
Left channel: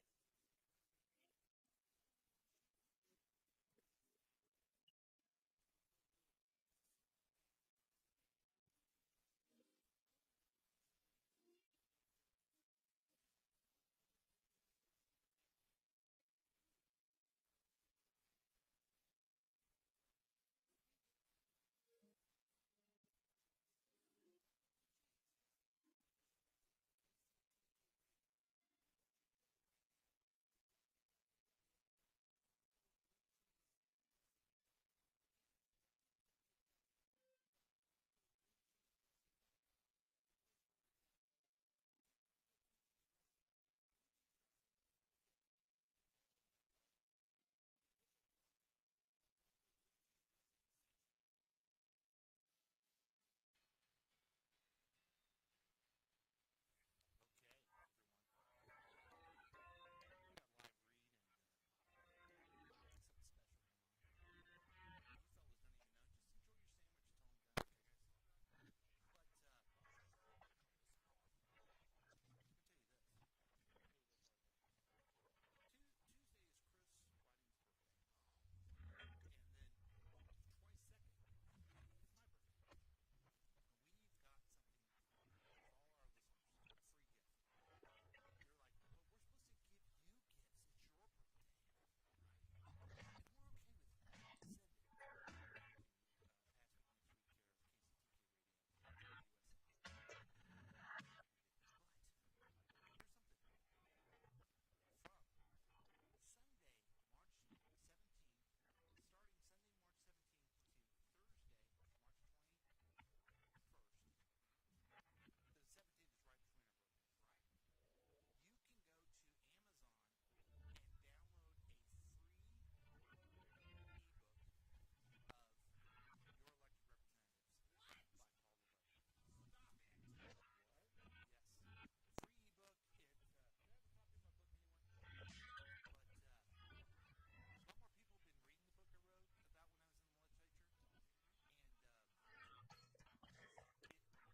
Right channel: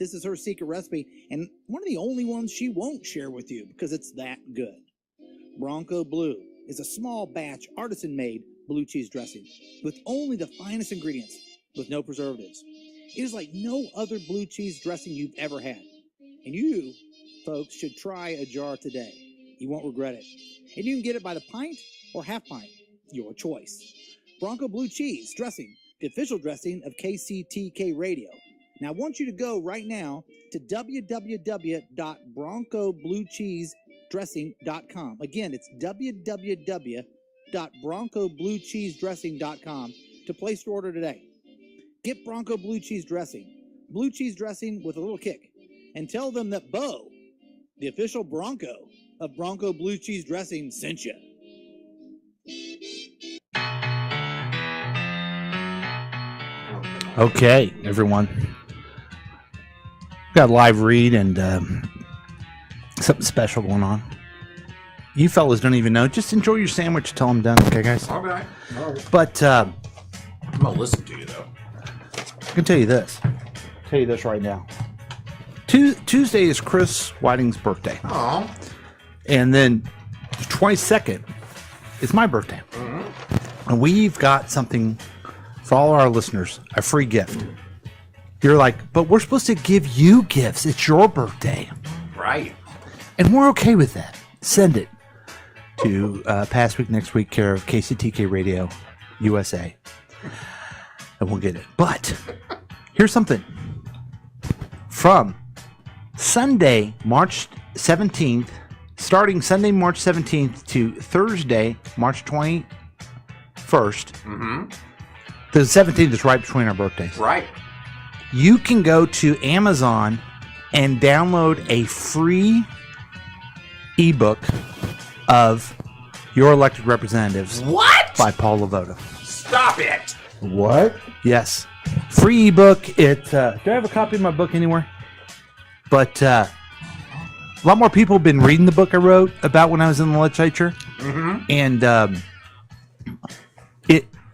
This is her secret recipe, and one of the only ones she won't share with you because it's that good. Bronco Blue is a small batch, artisan-made blue cheese dressing with only the finest ingredients, with no preservatives. It is like no other blue cheese dressing you've ever had. And you, folks, should try a jar today. You won't regret it. And you can get it by the pint or half pint, your choice. Bronco Blue Cheese Dressing, the official dressing of KCTK Radio. Now, I want you to go right now to www.broncobluecheesedressing.com. Again, it's www.broncobluecheesedressing.com to place your order today. Get Bronco Blue Cheese Dressing with a little kick, and tell them that Bo, the official Bronco of Bronco Blue Cheese Dressing, sent you. Okay, everyone. Got a live read and something special going on. You fellas don't even know. Just enjoy your sandwich until I'm done, okay, guys? All right. But I'm going to listen to you, though. I can tell you this. Right now. Tuesday is Chris Whiting's birthday. Oh. And then the 22nd is my birthday. Mm-hmm. And we've got something for all our listeners, a free gift. You're like, but we're supposed to give you gifts. It's your birthday. Right. And we're okay with that. Send it to Past Week, Next Week, care of KCTK Radio, USA. And we'll get it. But here's something. From Sunday, March 17th, starting Sunday, March 17th to Thursday, March 21st. Mm-hmm. The 17th is right between our birthdays. Right. You can go to Amazon and download a free ebook of Your Elected Representatives. What? By Paul Lavoda. Stop it. What? Yes. Free ebook. Do I have a copy of my book anywhere? But a lot more people have been reading the book I wrote about when I was in the legislature. Mm-hmm. And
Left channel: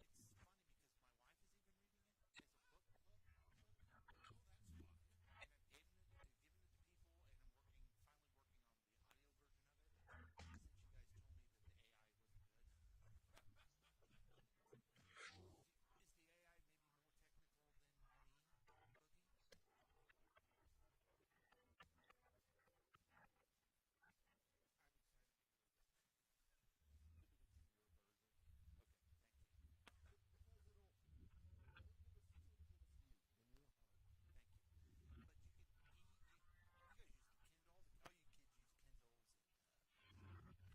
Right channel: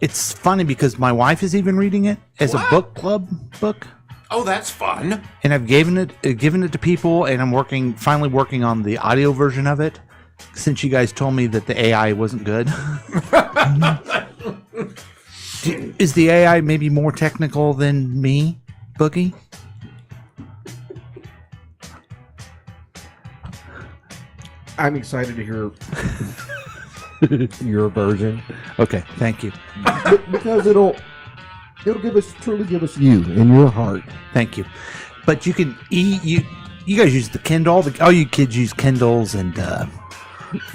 it's funny because my wife is even reading it as a book club book. Oh, that's fun. And I've given it to people, and I'm finally working on the audio version of it, since you guys told me that the AI wasn't good. Is the AI maybe more technical than me, Boogie? I'm excited to hear your version. Okay, thank you. Because it'll truly give us you in your heart. Thank you. But you can you guys use the Kindle. All you kids use Kindles and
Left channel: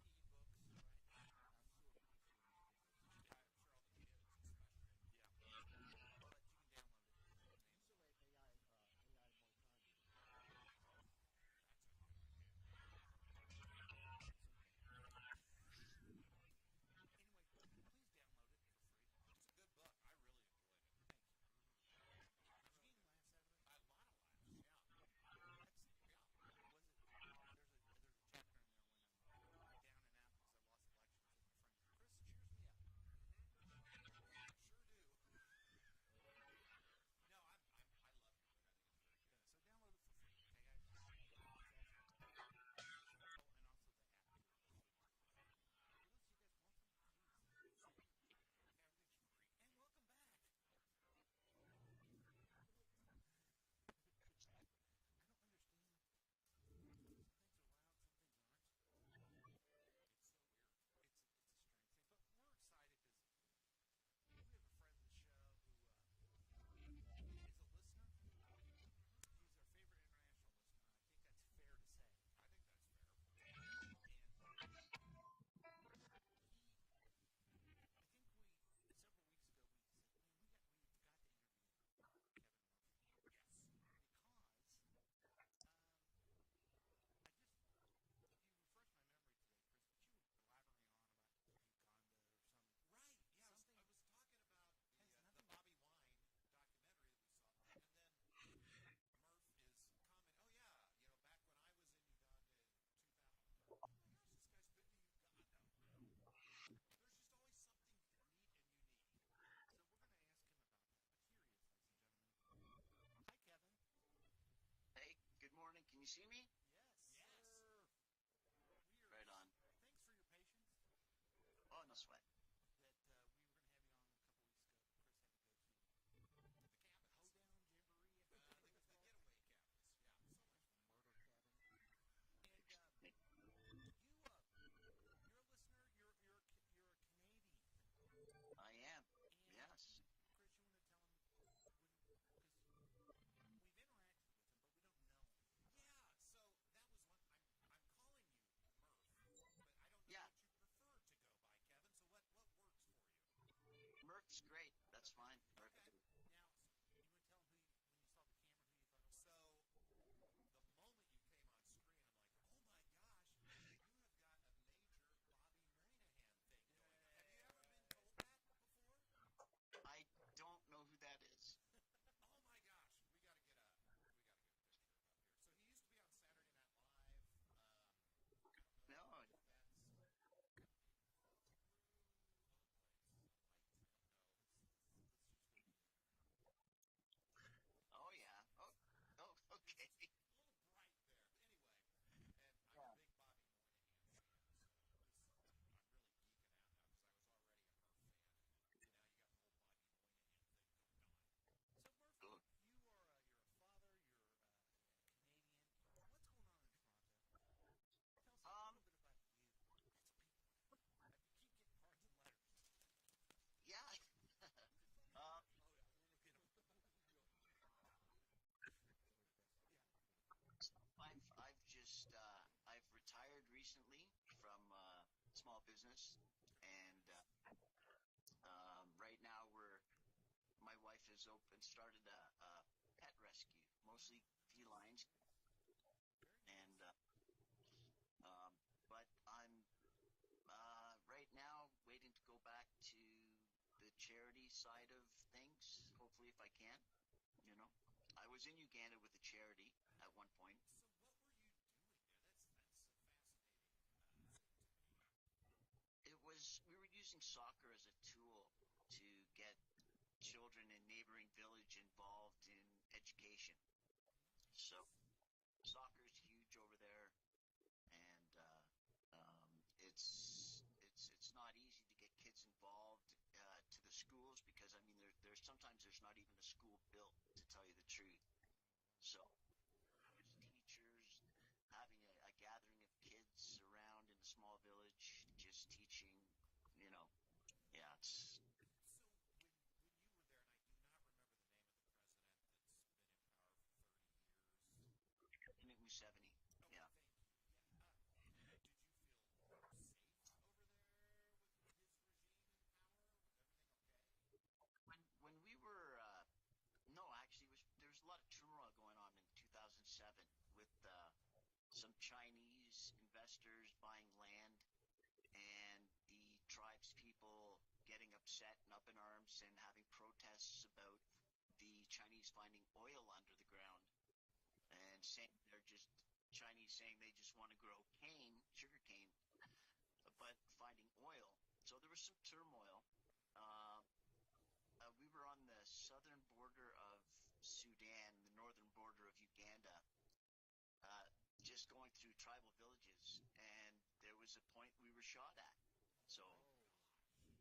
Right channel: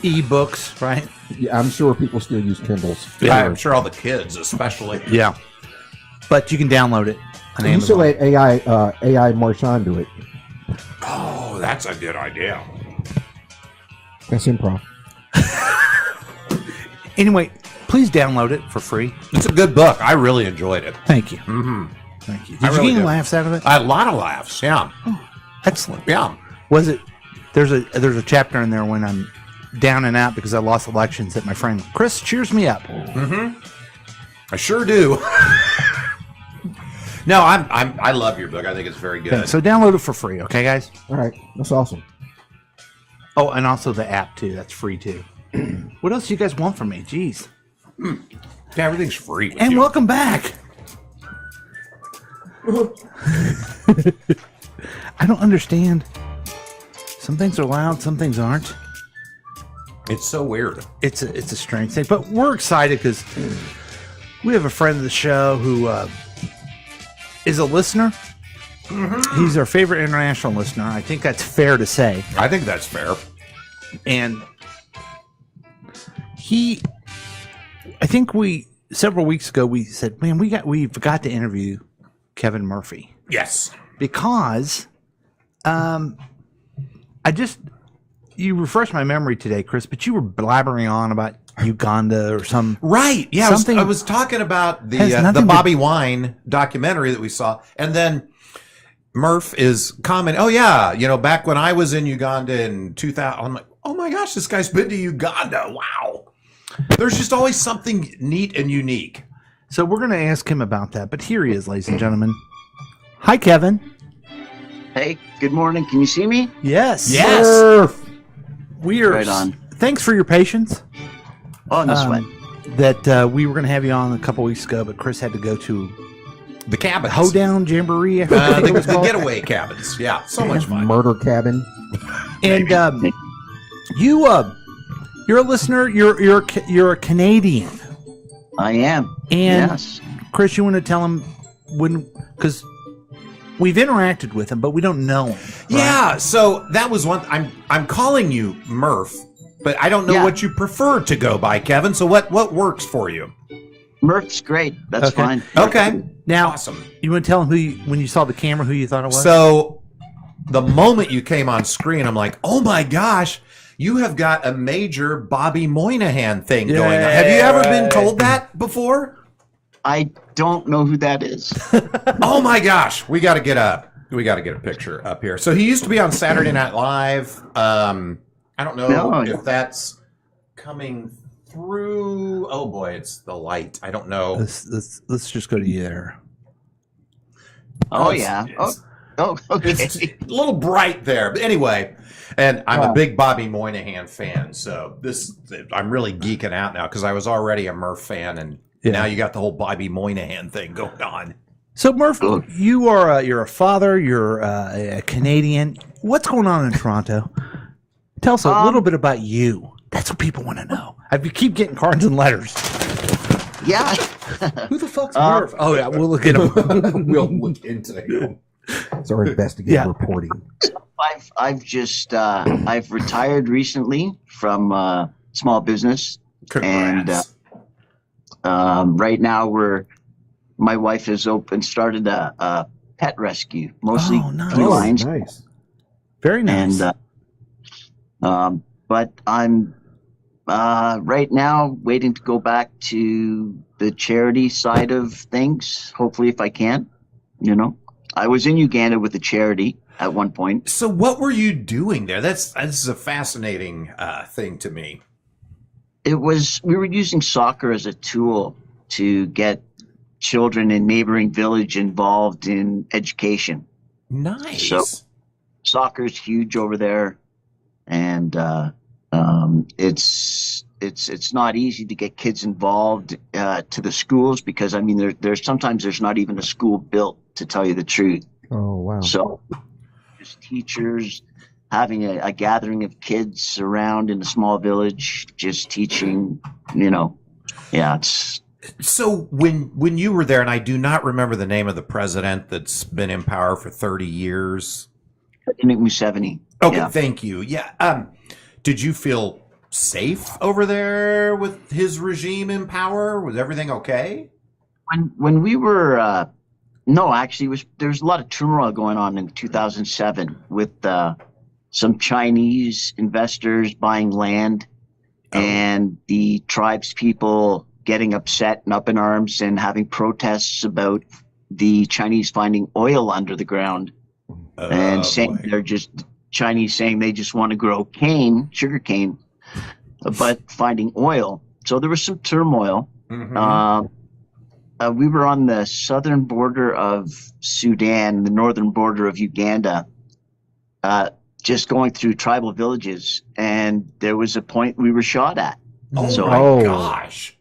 e-books, right? Yeah, I'm sure people still use Kindles. Yeah, I'm sure all the kids, especially. Yeah. But you can download it on You Amazon. should let AI Marshawn do it. Oh, that's a good idea. That's improv. Anyway, please download it for free. It's a good book. I really enjoyed it. Thank you. Mm-hmm. Thank you. Did you get any laughs out of it? A lot of laughs. Yeah. Oh, excellent. Yeah. Was it? There's a chapter in there when I'm down and out because I lost elections that my friend Chris cheers me up. Mm-hmm. I sure do. No, I love your book. I think it's very good. Okay, so download it for free, okay, guys? All right, that's awesome. Oh, and also the app too. That's free too. What else do you guys want from me? Jeez. Yeah, everything's free. With And you. welcome back. I don't understand. Some things are loud, some things aren't. It's so weird. It's a strange thing, but we're excited because we have a friend of the show who is a listener. Mm-hmm. He's our favorite international listener. I think that's fair to say. I think that's fair. And I think several weeks ago we said, man, we forgot to interview Kevin Murphy. Yes. Because you refreshed my memory today, Chris, but you were blabbering on about Uganda or some right. Yeah, something. I was talking about the Bobby Wine documentary that we saw, and then Murph is commenting, "Oh yeah, back when I was in Uganda in 2000." I'm like, "Oh my gosh, this guy's been to Uganda! Wow." There's just always something neat and unique. So we're going to ask him about that. But here he is, ladies and gentlemen. Hi, Kevin. Hey, good morning. Can you see me? Yes. Yes. Murph. We are. Right on. Thanks for your patience. Oh, no sweat. That we were going to have you on a couple weeks ago, but Chris had to go to the cabins. Hoedown Jamboree. The getaway cabins. Yeah, so much fun. Murder cabin. And you're a listener. You're a Canadian. I am. And yes. Chris, you want to tell him because we've interacted with him, but we don't know him. Right? Yeah. So that was one. I'm calling you Murph, but I don't know what you prefer to go by, Kevin. So what works for you? Murph's great. That's fine. Okay. Now, awesome. You want to tell him when you saw the camera, who you thought it was? So the moment you came on screen, I'm like, oh my gosh, you have got a major Bobby Moynihan thing going on. Have you ever been told that before? I don't know who that is. Oh my gosh, we got to get a picture up here. So he used to be on Saturday Night Live. I don't know if that's coming through. Oh boy, it's the light. I don't know. Let's just go to you there. Oh yeah. Okay. It's a little bright there, but anyway. And I'm a big Bobby Moynihan fan, so I'm really geeking out now because I was already a Murph fan, and now you got the whole Bobby Moynihan thing going on. So Murph, you're a father, you're a Canadian. What's going on in Toronto? Tell us a little bit about you. That's what people want to know. You keep getting cards and letters. Yeah. Who the fuck's Murph? Oh yeah, we'll look at him. We'll look into him. It's our investigative reporting. I've just I've retired recently from small business. Congrats. And right now my wife has started a pet rescue, mostly felines. Nice. Very nice. And but I'm right now waiting to go back to the charity side of things. Hopefully, if I can, I was in Uganda with a charity at one point. So what were you doing there? This is a fascinating thing to me. We were using soccer as a tool to get children in neighboring village involved in education. Nice. So soccer's huge over there. And It's not easy to get kids involved to the schools because I mean there's sometimes there's not even a school built, to tell you the truth. Oh wow! So just teachers having a gathering of kids around in a small village, just teaching. It's. So when you were there, and I do not remember the name of the president that's been in power for 30 years. President Museveni. Okay, Yeah. thank you. Yeah. Did you feel safe over there with his regime in power? Was everything okay? When we were no, actually, there was a lot of turmoil going on in 2007 with some Chinese investors buying land, and the tribes people getting upset and up in arms and having protests about the Chinese finding oil under the ground, and saying Chinese saying they just want to grow sugar cane, but finding oil. So there was some turmoil. Mm-hmm. We were on the southern border of Sudan, the northern border of Uganda, just going through tribal villages, and there was a point we were shot at. Oh my gosh.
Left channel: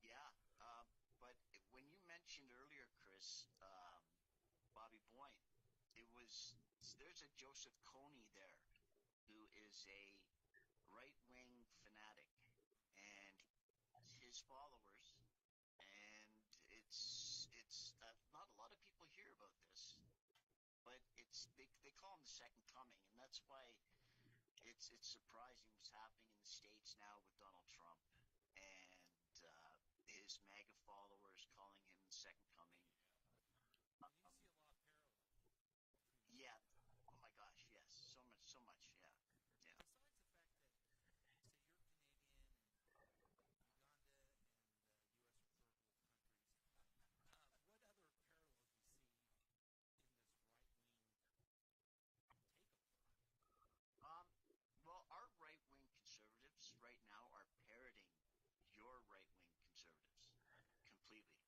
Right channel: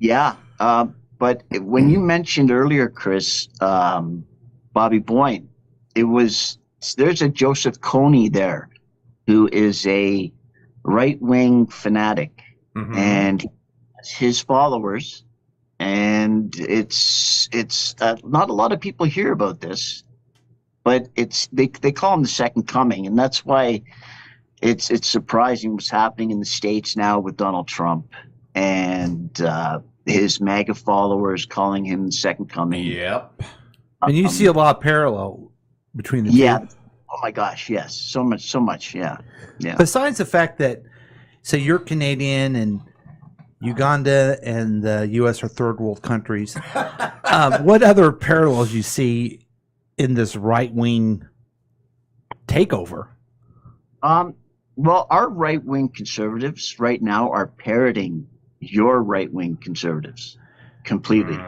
Yeah. But when you mentioned earlier, Chris, Bobby Boyne, there's a Joseph Kony there who is a right-wing fanatic, and his followers, and it's not a lot of people hear about this, but they call him the second coming, and that's why it's surprising what's happening in the States now with Donald Trump and his MAGA followers calling him the second coming. Yep. And you see a lot of parallel between the yeah. two. Oh my gosh, yes. So much, yeah. Yeah. Besides the fact that, say, you're Canadian and Uganda and the U.S. are third world countries, what other parallels you see in this right-wing takeover? Well, our right-wing conservatives right now are parroting your right-wing conservatives completely.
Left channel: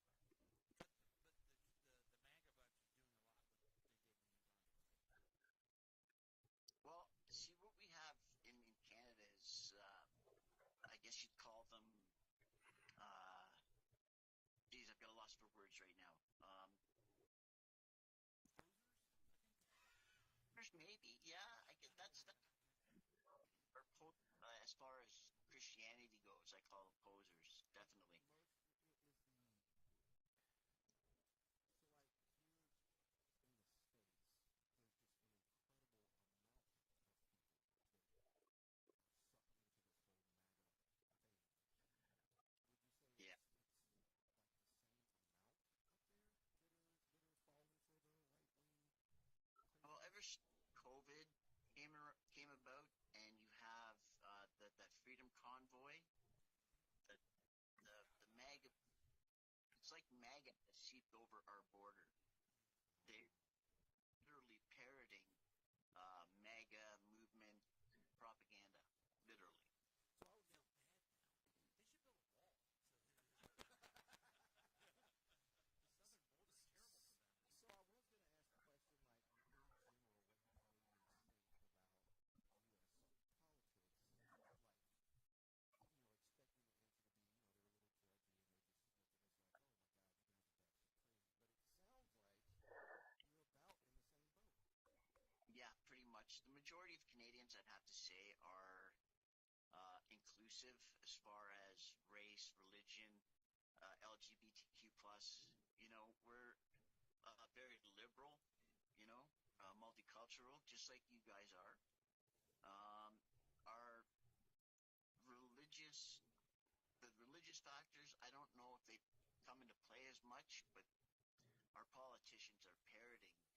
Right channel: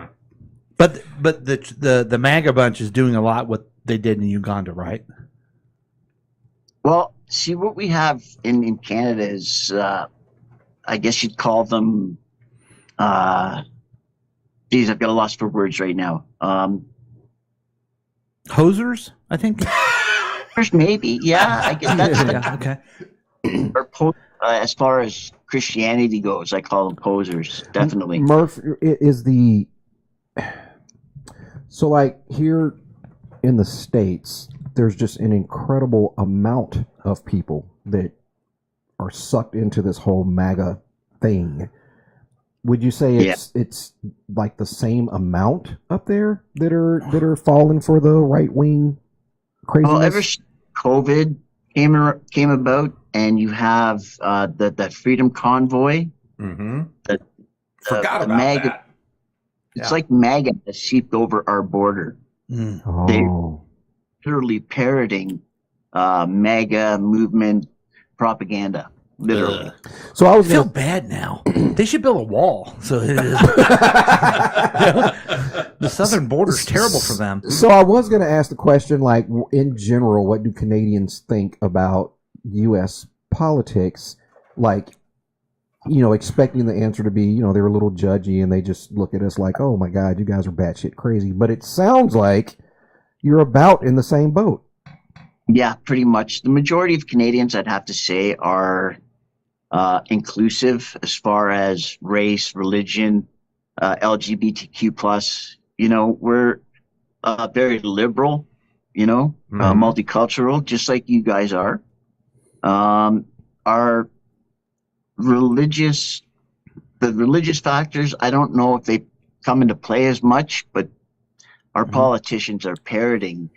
But the MAGA bunch is doing a lot what they did in Uganda, right? Well, see, what we have in Canada is, I guess you'd call them, geez, I've got a loss for words right now. Hosers, I think. Maybe, yeah. I guess that's yeah, okay. Or as far as Christianity goes, I call them posers, definitely. Murph is so like here in the States, there's just an incredible amount of people that are sucked into this whole MAGA thing. Would you say it's like the same amount up there that are falling for the right wing craziness? Well, ever since COVID came about, and you have that Freedom Convoy. Mm-hmm. Forgot about MAGA. that. It's like MAGA has seeped over our border. They're literally parroting MAGA movement propaganda. Literally. So I feel bad now. They should build a wall. So it is. The southern border is terrible for them. So I was going to ask the question, like, in general, what do Canadians think about U.S. politics? Like, expecting the answer to be, they're a little judgy and they just look at us like, oh my God, you guys are batshit crazy. But it sounds like you're about in the same boat. Yeah, pretty much. The majority of Canadians, I'd have to say, are inclusive as far as race, religion, LGBTQ+. We're very liberal, multicultural, just like you guys are. Our religious factors, I don't know if they come into play as much, but our politicians are parroting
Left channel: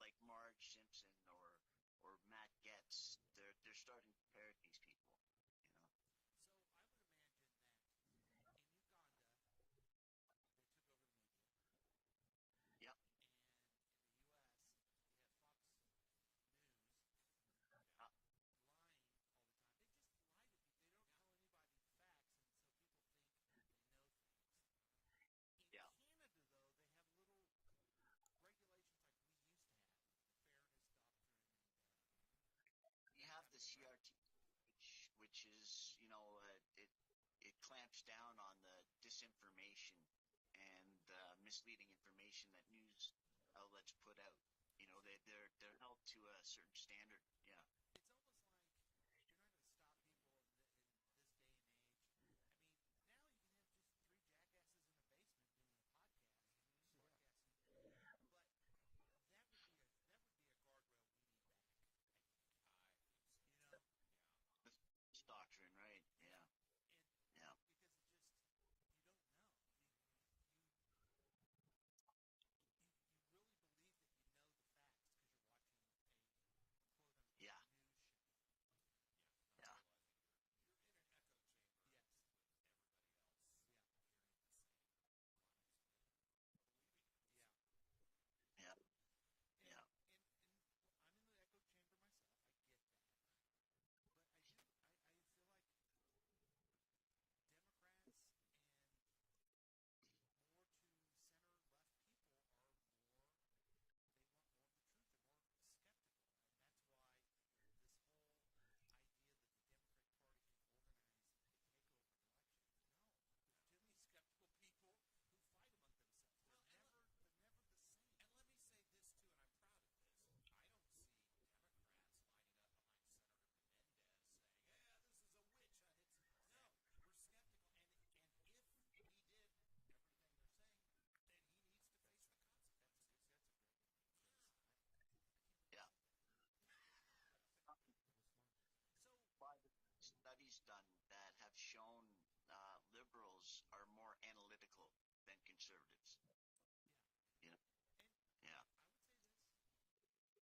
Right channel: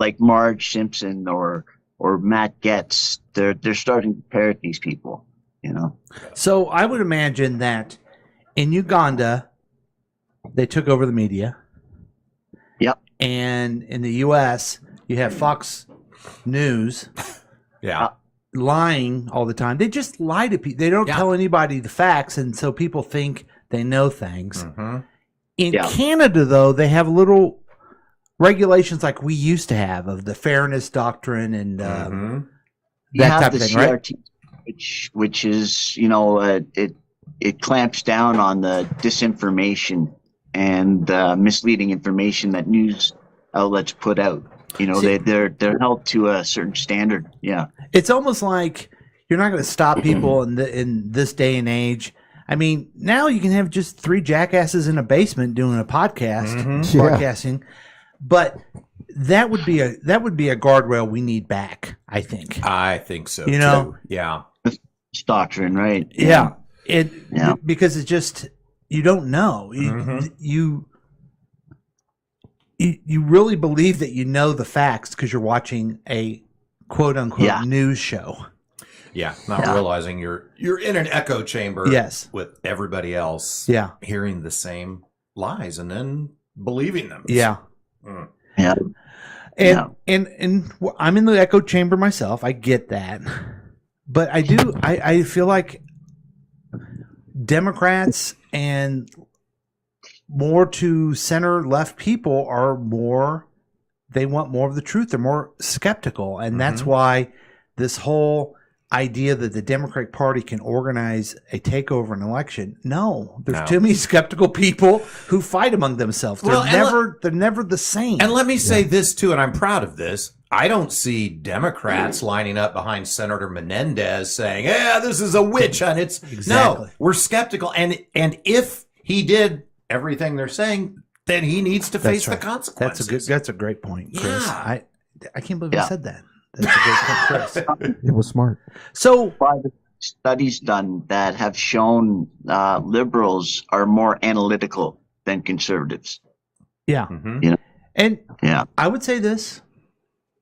like Marge Simpson or Matt Getz. They're starting to parrot these people, So I would imagine that in Uganda, they took over the media. Yep. And in the U.S., you have Fox News. Yeah. Lying all the time. They just lie to people. They don't tell anybody the facts, and so people think they know things. In Canada, though, they have little regulations like we used to have of the fairness doctrine and you That have type the of thing, right? CRT, which is, it clamps down on the disinformation and misleading information that news outlets put out. They're held to a certain standard. Yeah. It's almost like you're not going to stop people in this day and age. I mean, now you can have just three jackasses in a basement doing a podcast, broadcasting, but that would be a guardrail we need back. I think. I think so. Too. Yeah. It's doctrine, right? Yeah. Because it's just you don't know. You really believe that you know the facts because you're watching a quote unquote news show. Yeah, not realizing you're in an echo chamber. Yes. With everybody else. Yeah. Hearing the same lies and then believing them. Yeah. Yeah. And I'm in the echo chamber myself. I get that, but I feel like Democrats and more to center left people they want more of the truth. They're more skeptical. And that's why this whole idea that the Democratic Party can organize a takeover an election. No, there's too many skeptical people who fight among themselves. They're never the same. And let me say this too, and I'm proud of this. I don't see Democrats lining up behind Senator Menendez saying, "Yeah, this is a witch hunt." No, we're skeptical, and if he did everything they're saying, then he needs to face the consequences. That's a great point, Chris. Yeah. I can't believe I said that. That's a great point, Chris. It was smart. So, studies done that have shown liberals are more analytical than conservatives. Yeah. And I would say this.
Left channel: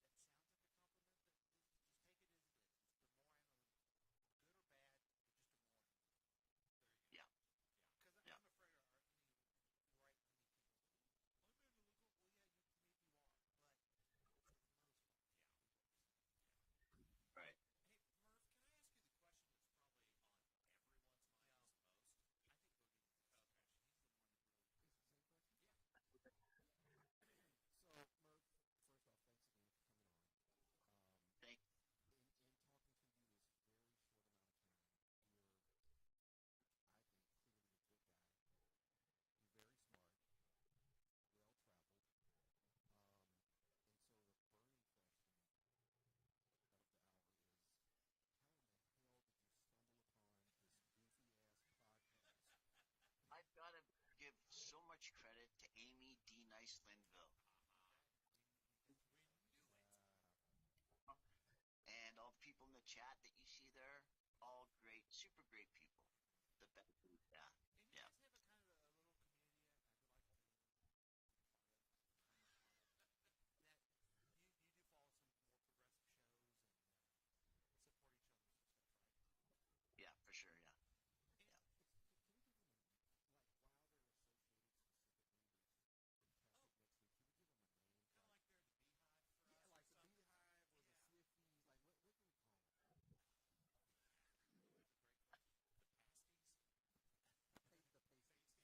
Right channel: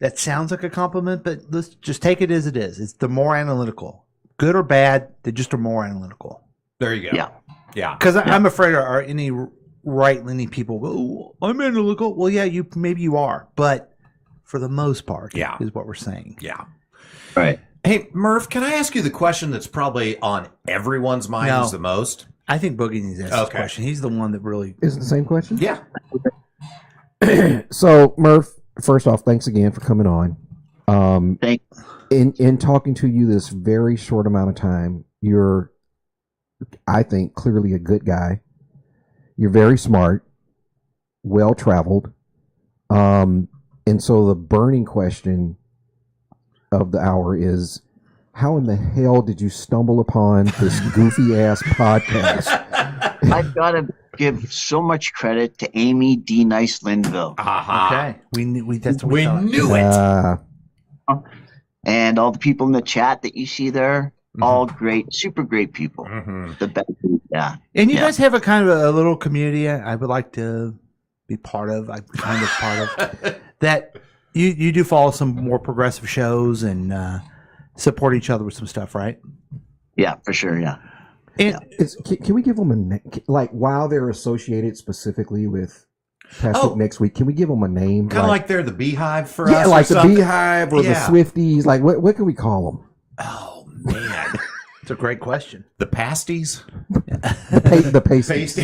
That sounds like a compliment, but let's just take it as it is. It's the more analytical. Good or bad, they just are more analytical. There you go. Yeah. Because I'm afraid are any right-leaning people go, "Oh, I'm analytical." Well, yeah, maybe you are, but for the most part, is what we're saying. Yeah. Right. Hey, Murph, can I ask you the question that's probably on everyone's minds the most? I think Boogie needs to ask this question. He's the one that really... Is it the same question? Yeah. So, Murph, first off, thanks again for coming on. In talking to you this very short amount of time, you're, I think, clearly a good guy. You're very smart, well-traveled. And so the burning question of the hour is, how in the hell did you stumble upon this goofy-ass podcast? I've got to give so much credit to Amy D. Nice Linville. Okay. We knew it. And all the people in the chat that you see there, all great, super great people. The best. Yeah. And you guys have a kind of a little community I would like to be part of. I'm kind of part of that. You do follow some more progressive shows and support each other with some stuff, right? Yeah, for sure. Yeah. And can we give them a name? Like, while they're associated specifically with Past Next Week, can we give them a name? Kind of like they're the Beehive for us. Yeah, like the something? Beehive or the Swifties. Like, what can we call them? Oh, man. It's a great question. The Pasties? The Pasties.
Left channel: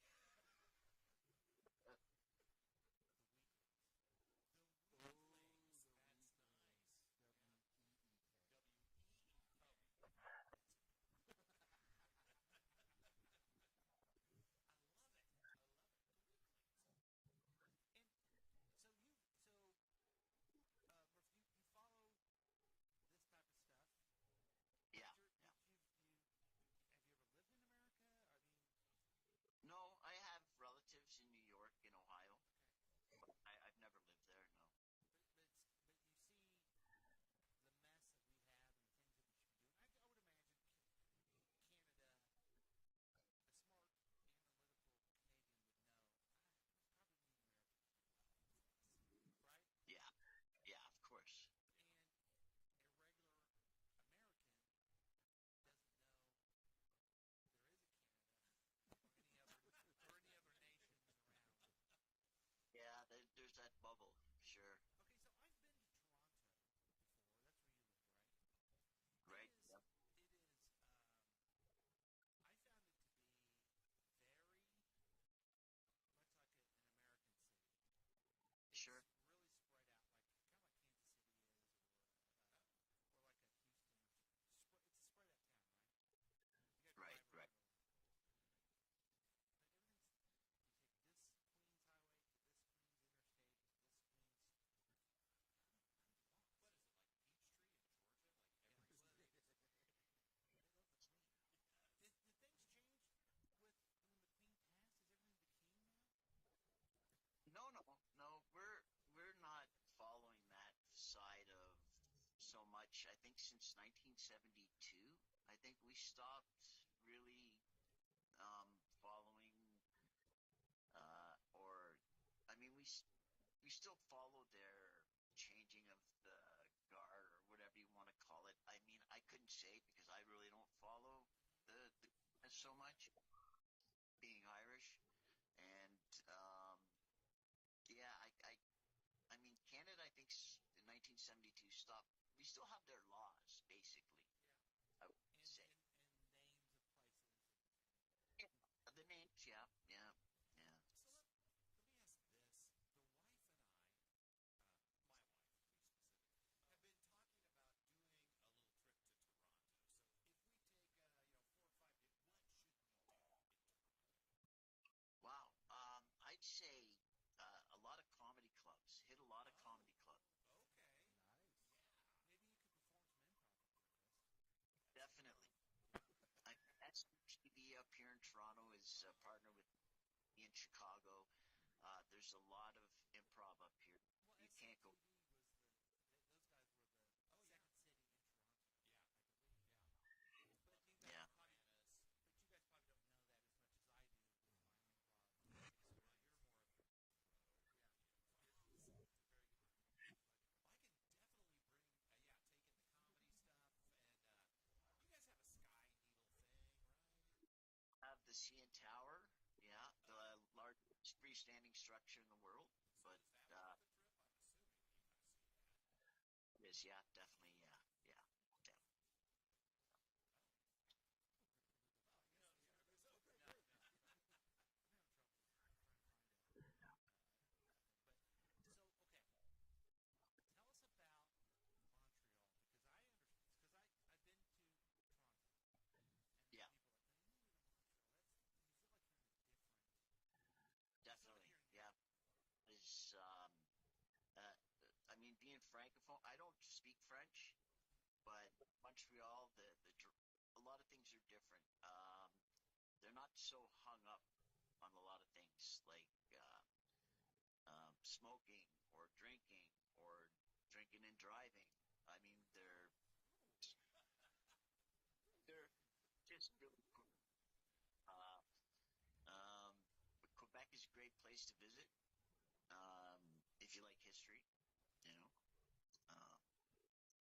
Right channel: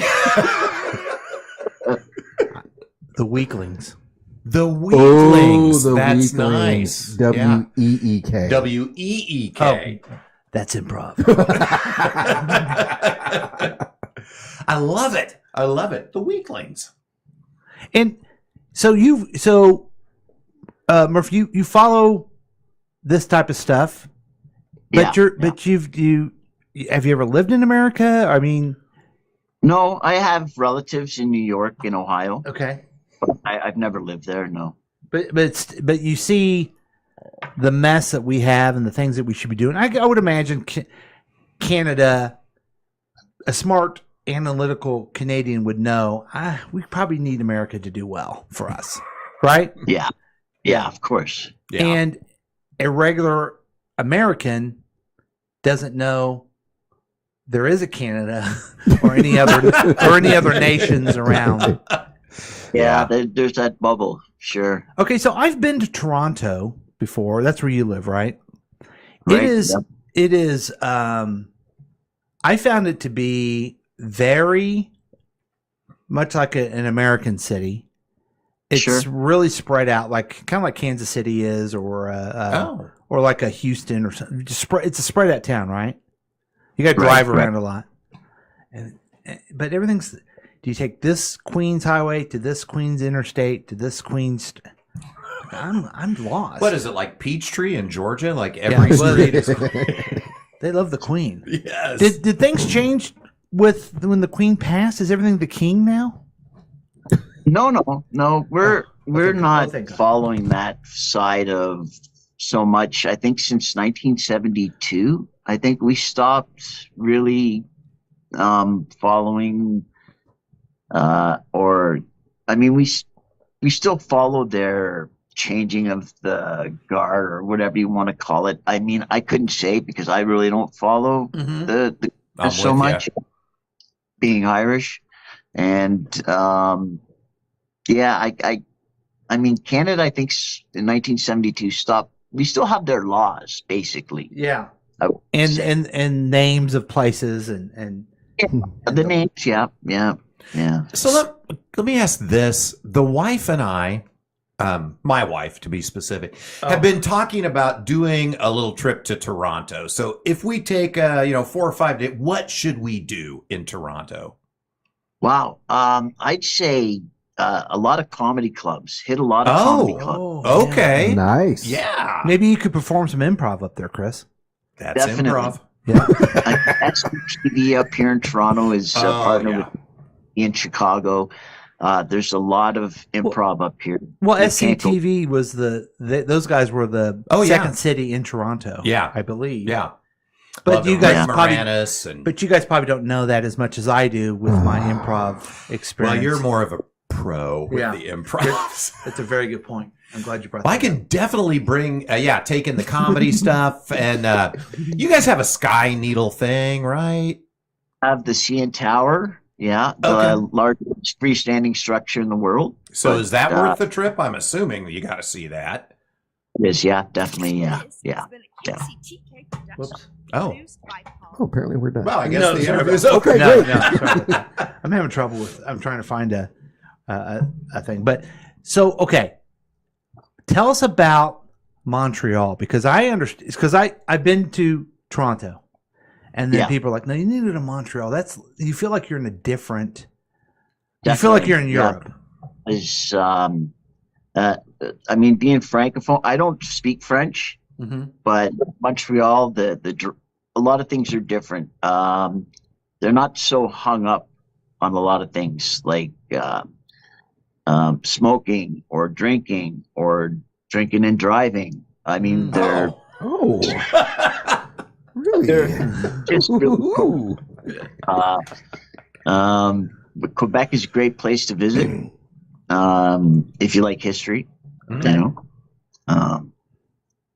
The Weaklings. The Weaklings. The That's Weaklings. nice. W-E-E-K. W-E-E-K. Oh, that's improv. I love it. The Weaklings. And so Murph, you follow this type of stuff, but have you ever lived in America? I mean, no, I have relatives in New York, in Ohio. Okay, but I've never lived there. No, but you see the mess that we have and the things that we should be doing. I would imagine Canada, a smart analytical Canadian would know we probably need America to do well for us, right? Yeah, of course. Yeah. And a regular American doesn't know there is a Canada or any other nations around. Yeah, there's that bubble. Sure. Okay, so I've been to Toronto before. That's where you live, right? Right. It is. I found it to be very much like an American city. It's really spread out, like kind of like Kansas City is, or like a Houston or something. It's a spread out town, right? You got to drive around a lot, but everything's. Do you take this Queens Highway to this Queens Interstate to this Queens? I'm lost. What is it, like Peachtree in Georgia? Like every street is. They love the Queen. Yes. Did things change with when the Queen passed? Is everything the King now? No. We're not following that side of so much. I think since 1972, I think we stopped really following. We still followed their changing of the guard or whatever you want to call it. I mean, I couldn't say because I really don't follow the so much, being Irish, and I mean, Canada, I think in 1972 stopped. We still have their laws, basically. Yeah, and names of places and the names. Yeah. So let me ask this: the wife and I, my wife to be specific, have been talking about doing a little trip to Toronto. So if we take 4 or 5 days, what should we do in Toronto? Wow, I'd say a lot of comedy clubs. Hit a lot of comedy clubs. Okay, yeah. Nice. Yeah, maybe you could perform some improv up there, Chris. That's Definitely. improv. Yeah, SCTV up here in Toronto is partnered with in Chicago. There's a lot of improv up here. Well, SCTV was those guys were the second city in Toronto. Yeah, I believe. Yeah, but you guys probably, you guys probably don't know that as much as I do with my improv experience. Well, you're more of a pro with the improv. That's a very good point. I'm glad you brought that I can definitely bring, taking the comedy stuff. And you guys have a Sky Needle thing, right? Have the CN Tower. Yeah, the largest freestanding structure in the world. So is that worth the trip? I'm assuming you got to see that. It is, yeah, definitely, yeah. Whoops. Oh, apparently we're done. Well, I guess the interview's over. Okay, No, great. no, sorry about that. I'm having trouble with. I'm trying to find a thing. But so okay, tell us about Montreal because I understand. Because I've been to Toronto. And then people are like, no, you need to go to Montreal. You feel like you're in a different. You feel like you're in Europe. Is I mean, being francophone, I don't speak French, but Montreal, a lot of things are different. They're not so hung up on a lot of things like smoking or drinking and driving. I mean, they're really? They're just really cool. But Quebec is a great place to visit if you like history. You know,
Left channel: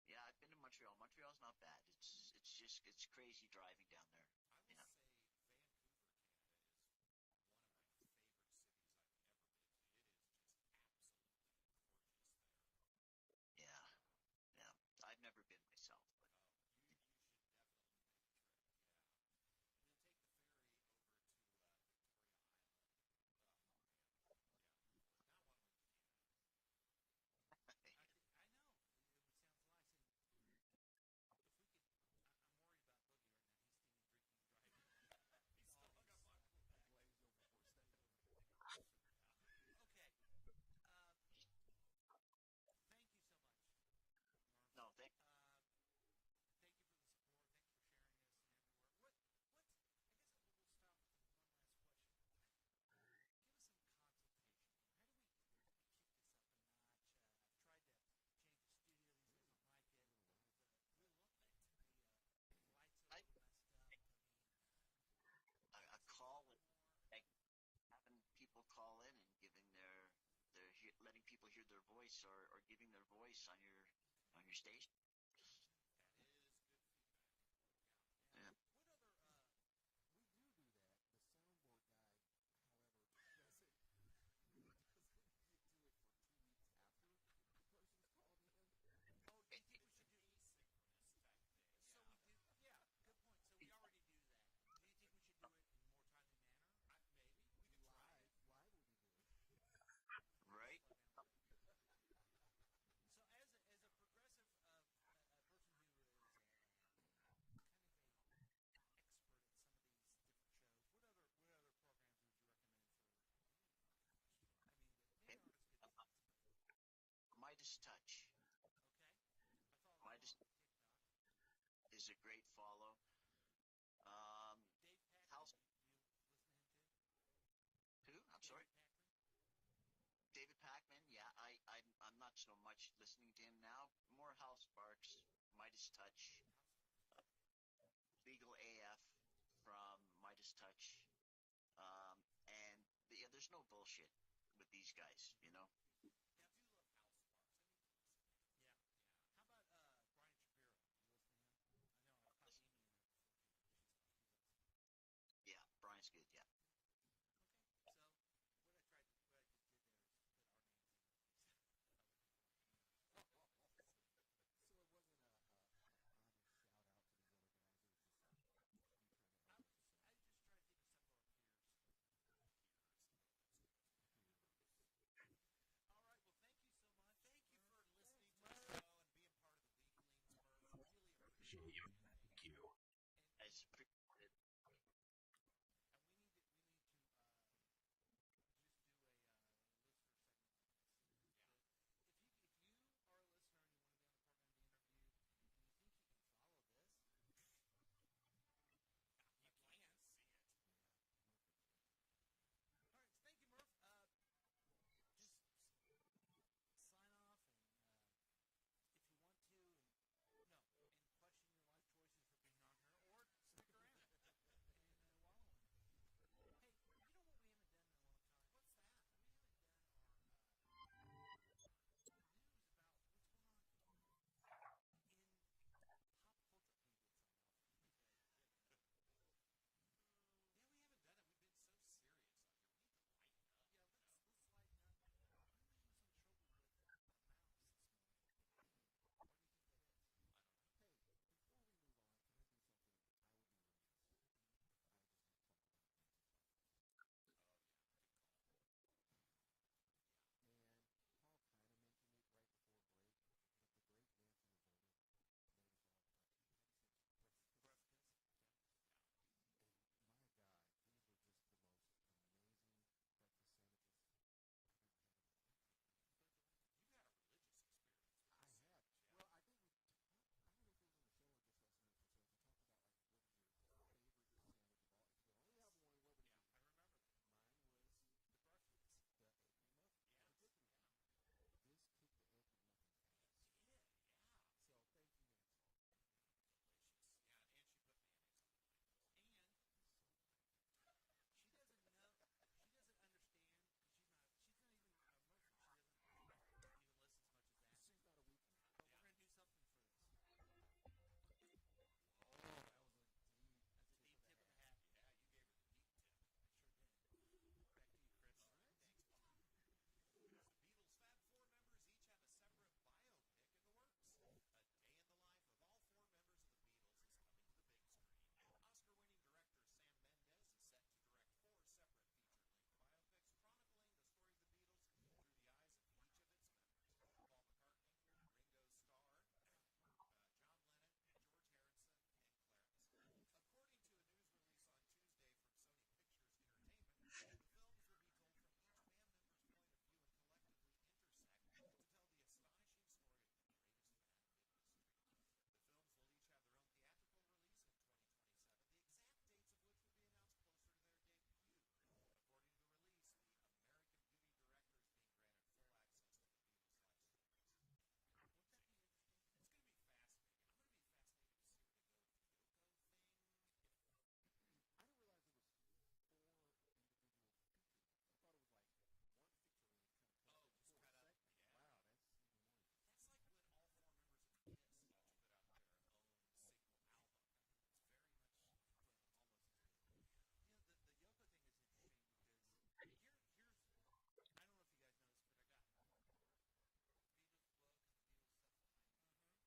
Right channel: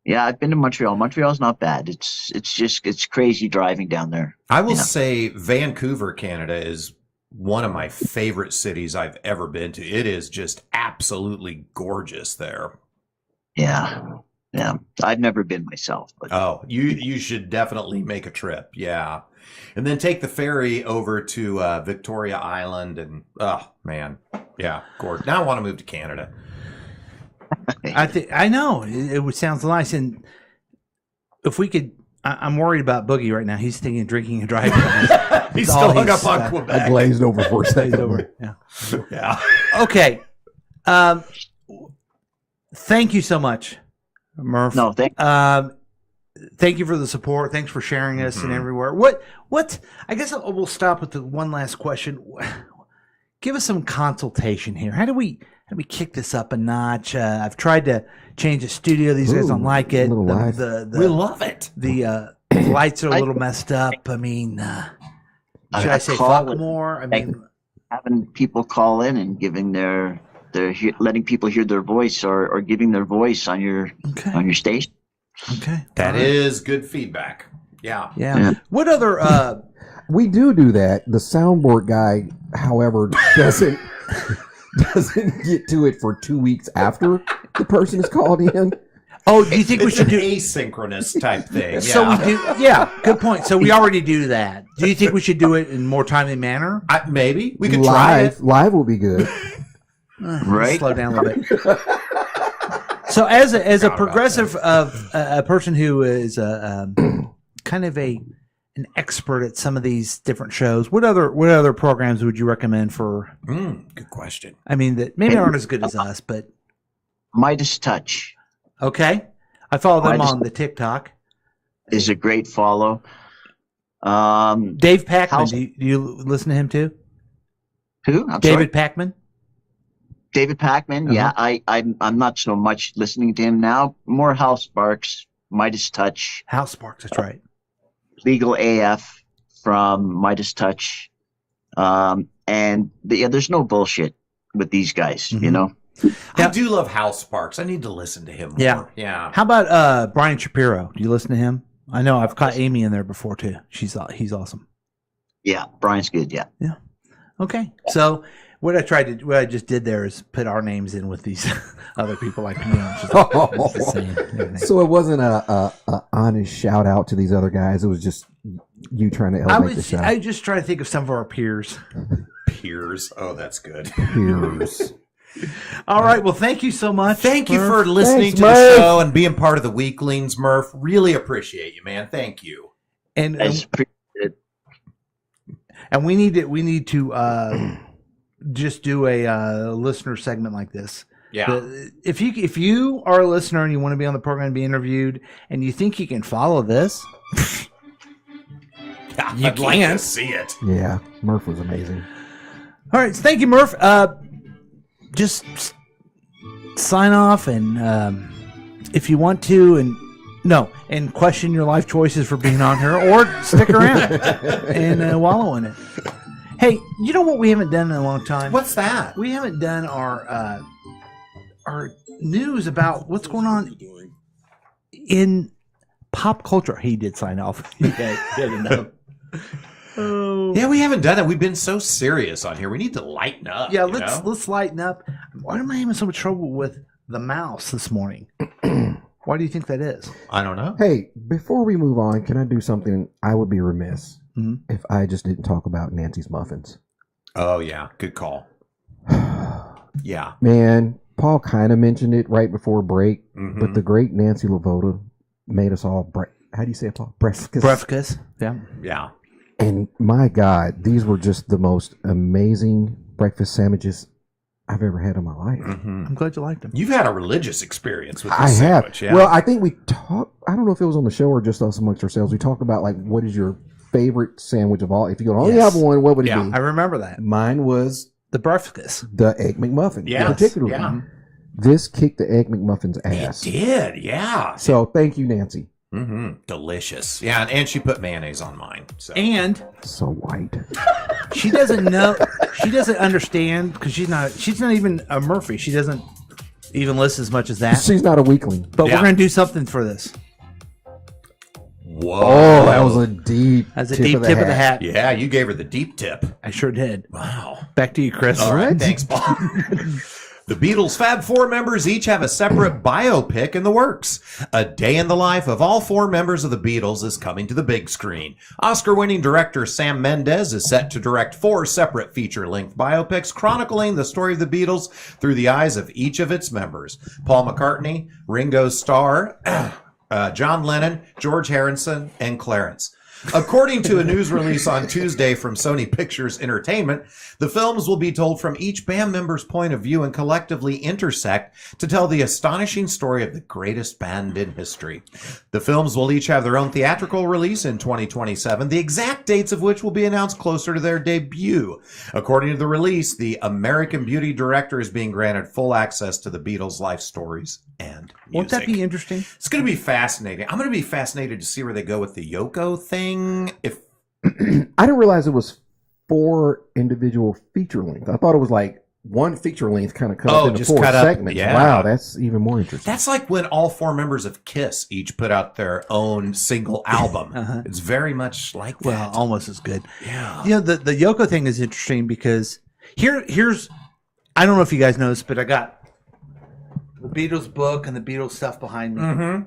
I've been to Montreal. Montreal's not bad. It's crazy driving down there. I will say Vancouver, Canada, is one of my favorite cities I've ever been to. It is just absolutely gorgeous there. Yeah. I've never been myself, but you should definitely make a trip. Yeah. And then take the ferry over to Victoria Island and man. Yeah, gorgeous. Now I want to move to Canada. I know it sounds nice, and if we could, I'm worried about Boogie right now. He's thinking of drinking and driving. He's still hung up on Quebec. I glazed over for a second. Yeah. Okay. Thank you so much, Murph. No, thank you for the support. Thanks for sharing us and everywhere. What? I guess we'll stop with the one last question. Give us some consultation here. How do we kick this up a notch? I've tried to change the studio. These guys don't like it. We love it. The lights are a little messed up. I mean, should I say fuck more? I mean, having people call in and giving letting people hear their voice or giving their voice on your station. Okay, that is good feedback. Yeah. What other? We do that. The soundboard guy, however, doesn't get to it for 2 weeks after the person is called in. Oh, do you think we should do asynchronous type thing? Yeah. So we do. Yeah, good point. So we already do that. Do you think we should do it in more timely manner? Maybe we could try it. Live will be good. Right. Slow down a little bit. So, as a progressive of a person who is kind of an expert at some of these different shows, what other programs would you recommend for? Good question. I mean, that maybe aren't as good as us, but Midas Touch. Okay, I follow them Midas on the TikTok. Is a great follow. Dave Packman, do you listen to him too? Who? David Packman. David Packman. Yeah, I'm not so much listening to him now. More House Sparks, Midas Touch. House Sparks, that's right. Legal AF from Midas Touch. And there's no bullshit with these guys, you know? I do love House Sparks. I need to listen to him more. Yeah. Yeah. How about Brian Shapiro? Do you listen to him? I know I've caught Amy in there before too. He's awesome. Yeah, Brian's good. Yeah. Yeah. Okay. So what I just did there is put our names in with these other people like me. So it wasn't a honest shout out to these other guys. It was just you trying to elevate the show. I just try to think of some of our peers. Peers. Oh, that's good. Peers. All right. Well, thank you so much. Thank you for listening to Murph. the show and being part of the Weaklings, Murph. Really appreciate you, man. Thank you. And we need to just do a listener segment like this. Yeah. If you are a listener and you want to be on the program and be interviewed, and you think you can follow this, you I'd like can to see it. Yeah, Murph was amazing. All right, thank you, Murph. Just sign off, and if you want to, and question your life choices for being on here, or stick around and wallow in it. Hey, you know what we haven't done in a long time? What's that? We haven't done our news about what's going on in pop culture. He did sign off. Yeah, we haven't done it. We've been so serious on here. We need to lighten up. Yeah, you know? let's lighten up. Why am I having so much trouble with the mouse this morning? Why do you think that is? I don't know. Hey, before we move on, can I do something? I would be remiss if I just didn't talk about Nancy's Muffins. Oh, yeah. Good call. Yeah. Man, Paul kind of mentioned it right before break, but the great Nancy Lavoda made us all, how do you say it, Paul? Breakfast. Yeah. Yeah. And my God, these were just the most amazing breakfast sandwiches I've ever had in my life. I'm glad you liked them. You've had a religious experience with this I have. sandwich. Yeah. Well, I think we talked, I don't know if it was on the show or just us amongst ourselves. We talked about, like, what is your favorite sandwich of all? If you could only have one, what would it be? I remember that. Mine was the breakfast. The Egg McMuffin. Yes, Particularly. yeah. This kicked the Egg McMuffin's ass. It did, yeah. So thank you, Nancy. Delicious. Yeah, and she put mayonnaise on mine. So. And so white. She doesn't know. She doesn't understand because she's not even a Murphy. She doesn't even listen as much as that. She's not a weakling. But we're gonna do something for this. Whoa. Oh, that was a deep That's a tip deep of the tip of the hat. hat. Yeah, you gave her the deep tip. I sure did. Wow. Back to you, Chris. All right, thanks, Paul. The Beatles' Fab Four members each have a separate biopic in the works. A day in the life of all four members of the Beatles is coming to the big screen. Oscar-winning director Sam Mendes is set to direct 4 separate feature-length biopics chronicling the story of the Beatles through the eyes of each of its members. Paul McCartney, Ringo Starr, John Lennon, George Harrison, and Clarence. According to a news release on Tuesday from Sony Pictures Entertainment, the films will be told from each band member's point of view and collectively intersect to tell the astonishing story of the greatest band in history. The films will each have their own theatrical release in 2027, the exact dates of which will be announced closer to their debut. According to the release, the American Beauty director is being granted full access to the Beatles' life stories and music. Won't that be interesting? It's going to be fascinating. I'm going to be fascinated to see where they go with the Yoko thing. If I didn't realize it was 4 individual feature lengths. I thought it was like one feature length kind of cut up into 4 segments. Yeah. Wow, that's even more interesting. That's like when all 4 members of KISS each put out their own single album. It's very much like that. Well, almost as good. Yeah. You know, the Yoko thing is interesting because here's I don't know if you guys know this, but I got the Beatles book and the Beatles stuff behind me.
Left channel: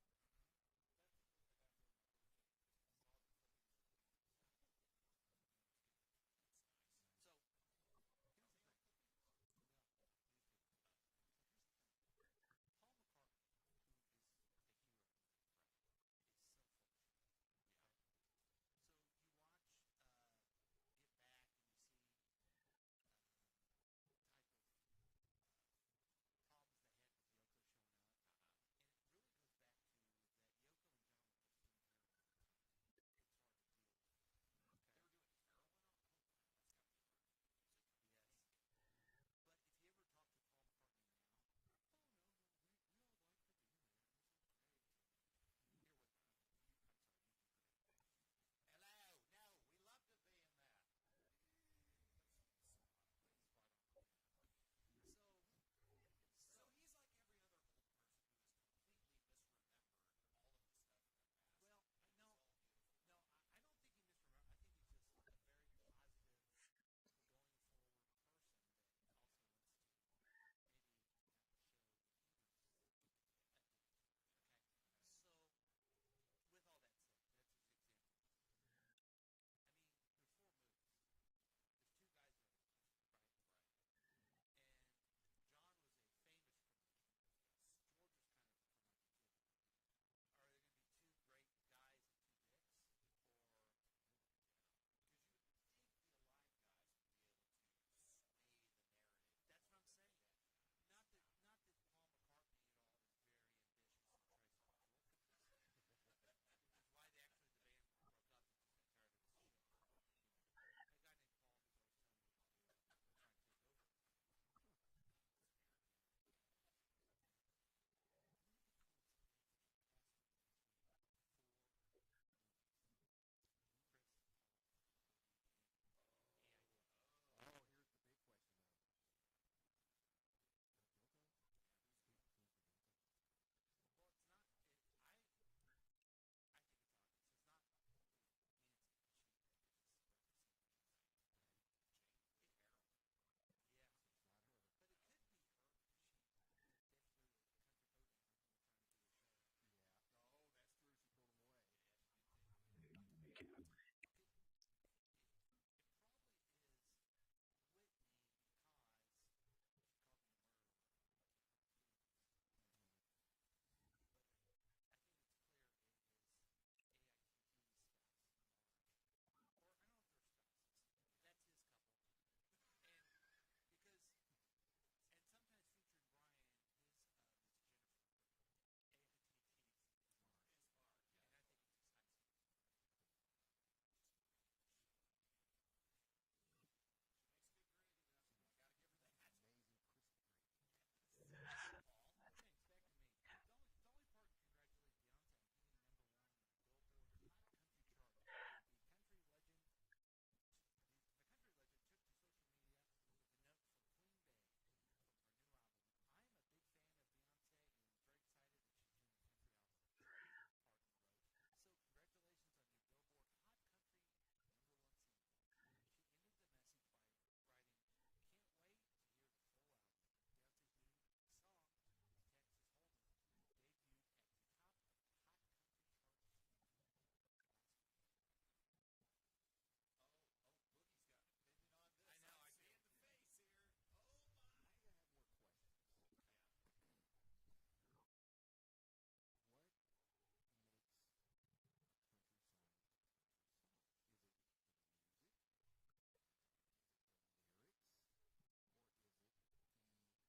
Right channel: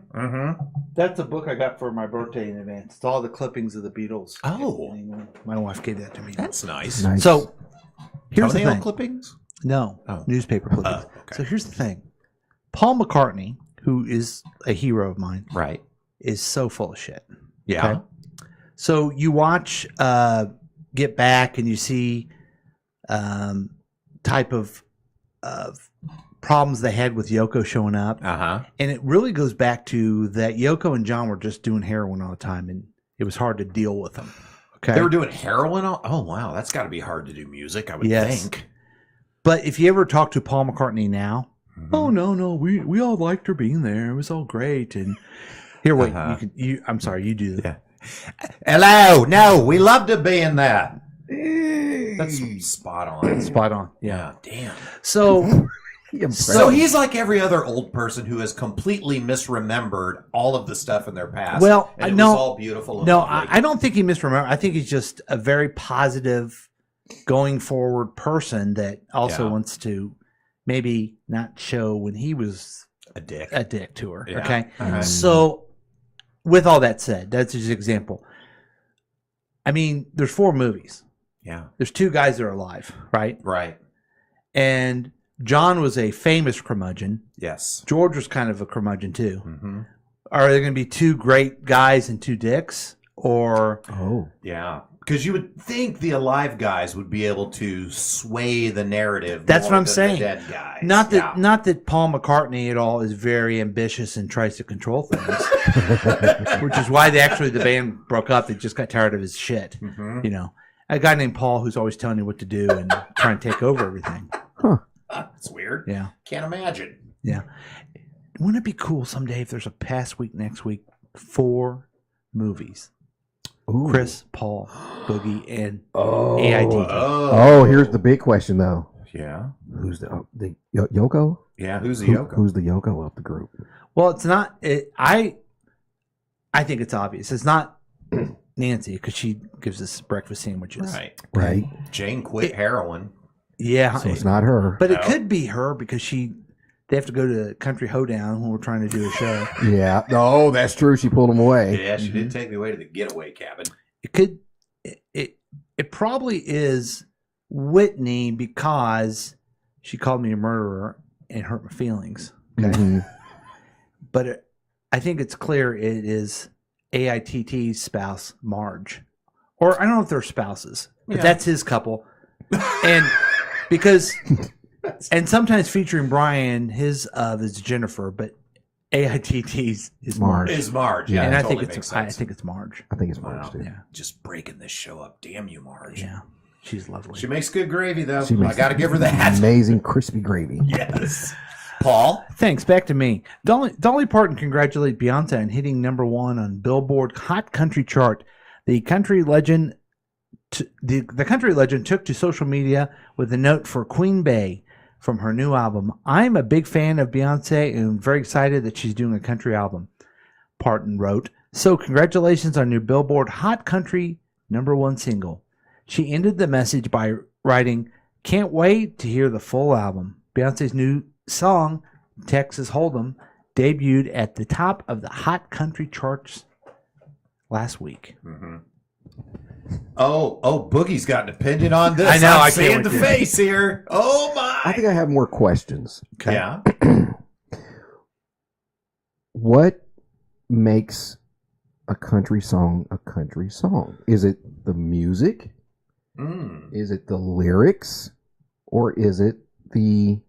That's a book I got for my birthday in advance. It's all the clippings of the Beatles. Oh. My wife gave that to me. That's nice. Nice. So here's the Toenail thing. clippings? No, newspaper clippings. Okay. So here's the thing: Paul McCartney, who is a hero of mine, right, is so full of shit. Yeah. So you watch Get Back, and you see type of problems they had with Yoko showing up, and it really goes back to that Yoko and John were just doing heroin all the time, and it was hard to deal with them. Okay, They were doing heroin. Oh wow, that's got to be hard to do music. I would think. But if you ever talk to Paul McCartney now, oh no, we all liked her being there. It was all great. And here, wait, I'm sorry, you do that. Hello, no, we loved it being there. That's spot on. Spot on. Yeah, damn. So, so he's like every other old person who has completely misremembered all of the stuff in their past. Well, and it no, was all beautiful. And no, lovely. I don't think he misremembered. I think he's just a very positive, going forward person that also wants to maybe not show when he was a dick to her. Yeah. Okay, Okay. so with all that said, that's just an example. I mean, there's 4 movies. Yeah. There's 2 guys that are alive, right? Right. And John was a famous curmudgeon. Yes. George was kind of a curmudgeon too. Mm-hmm. Are there going to be 2 great guys and 2 dicks? Or yeah, because you would think the alive guys would be able to sway the narrative. That's more what I'm than saying. The dead guys. Not that Paul McCartney at all is very ambitious and tries to control things, which is why the band broke up. They just got tired of his shit. Mhm. You know, a guy named Paul who's always telling you what to do and trying to take over everything. That's weird. Yeah. Can't imagine. Yeah. Wouldn't it be cool someday if there's a past week, next week, 4 movies? Chris, Paul, Boogie, and AIT. Oh, here's the big question though. Yeah. Who's the Yoko? Yeah, who's the Yoko? Who's the Yoko of the group? Well, it's not. I think it's obvious. It's not Nancy because she gives us breakfast sandwiches. Right. Jane quit heroin. Yeah. So it's not her. But it could be her because they have to go to Country Hoedown when we're trying to do a show. Yeah. Oh, that's true. She pulled him away. Yeah, she did take me away to the getaway cabin. It could. It probably is Whitney because she called me a murderer and hurt my feelings. Okay. Mhm. But I think it's clear it is AITT's spouse, Marge. Or I don't know if they're spouses, but Yeah. that's his couple. And because, and sometimes featuring Brian, his is Jennifer, but AITT's is Marge. Is Marge. Yeah, And I totally think makes it's sense. I think it's Marge. I think it's Marge Wow. too. Yeah. Just breaking this show up. Damn you, Marge. Yeah. She's lovely. She makes good gravy, though. She I makes got to give her that. Amazing crispy gravy. Yes. Paul? Thanks. Back to me. Dolly Parton congratulated Beyonce on hitting #1 on Billboard Hot Country chart. The country legend the country legend took to social media with a note for Queen Bey from her new album. I'm a big fan of Beyonce and very excited that she's doing a country album, Parton wrote. So congratulations on your Billboard Hot Country #1 single. She ended the message by writing, can't wait to hear the full album. Beyonce's new song, Texas Hold'em, debuted at the top of the Hot Country charts last week. Mm-hmm. Oh, Boogie's got an opinion on this. I know, I'm I seeing can't the wait to- face here. Oh, my. I think I have more questions. Okay. Yeah. What makes a country song a country song? Is it the music? Is it the lyrics? Or is it the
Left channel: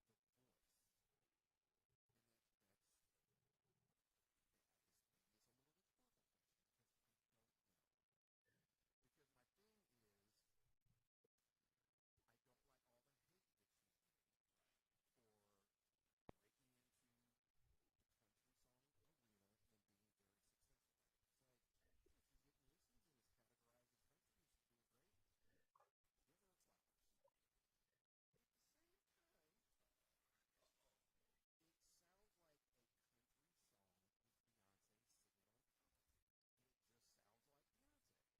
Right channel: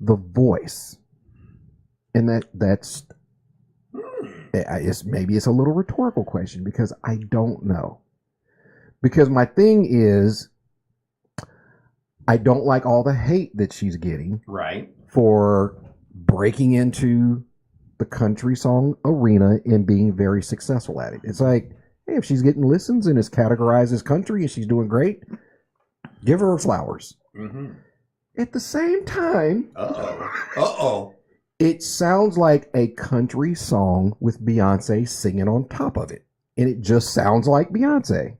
voice? And that's maybe it's a little rhetorical question because I don't know. Because my thing is, I don't like all the hate that she's getting Right. for breaking into the country song arena and being very successful at it. It's like, hey, if she's getting listens and is categorized as country and she's doing great, give her flowers. Mm-hmm. At the same time, Uh-oh. it sounds like a country song with Beyonce singing on top of it. And it just sounds like Beyonce.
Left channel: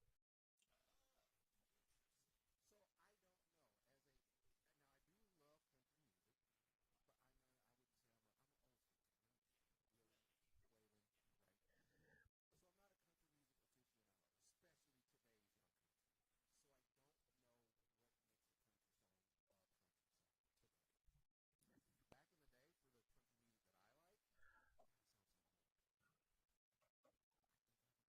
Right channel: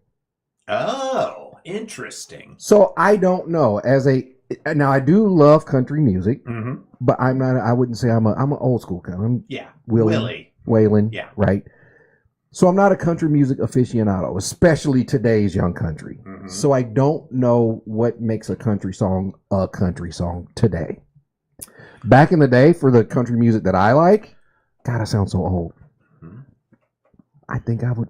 Oh, interesting. So I don't know. Now I do love country music, Mm-hmm. but I wouldn't say I'm an old school kind. I'm Yeah. Waylon. Willie. Yeah. Right. So I'm not a country music aficionado, especially today's young country. Mm-hmm. So I don't know what makes a country song today. Back in the day, for the country music that I like, God, I sound so old. I think I would.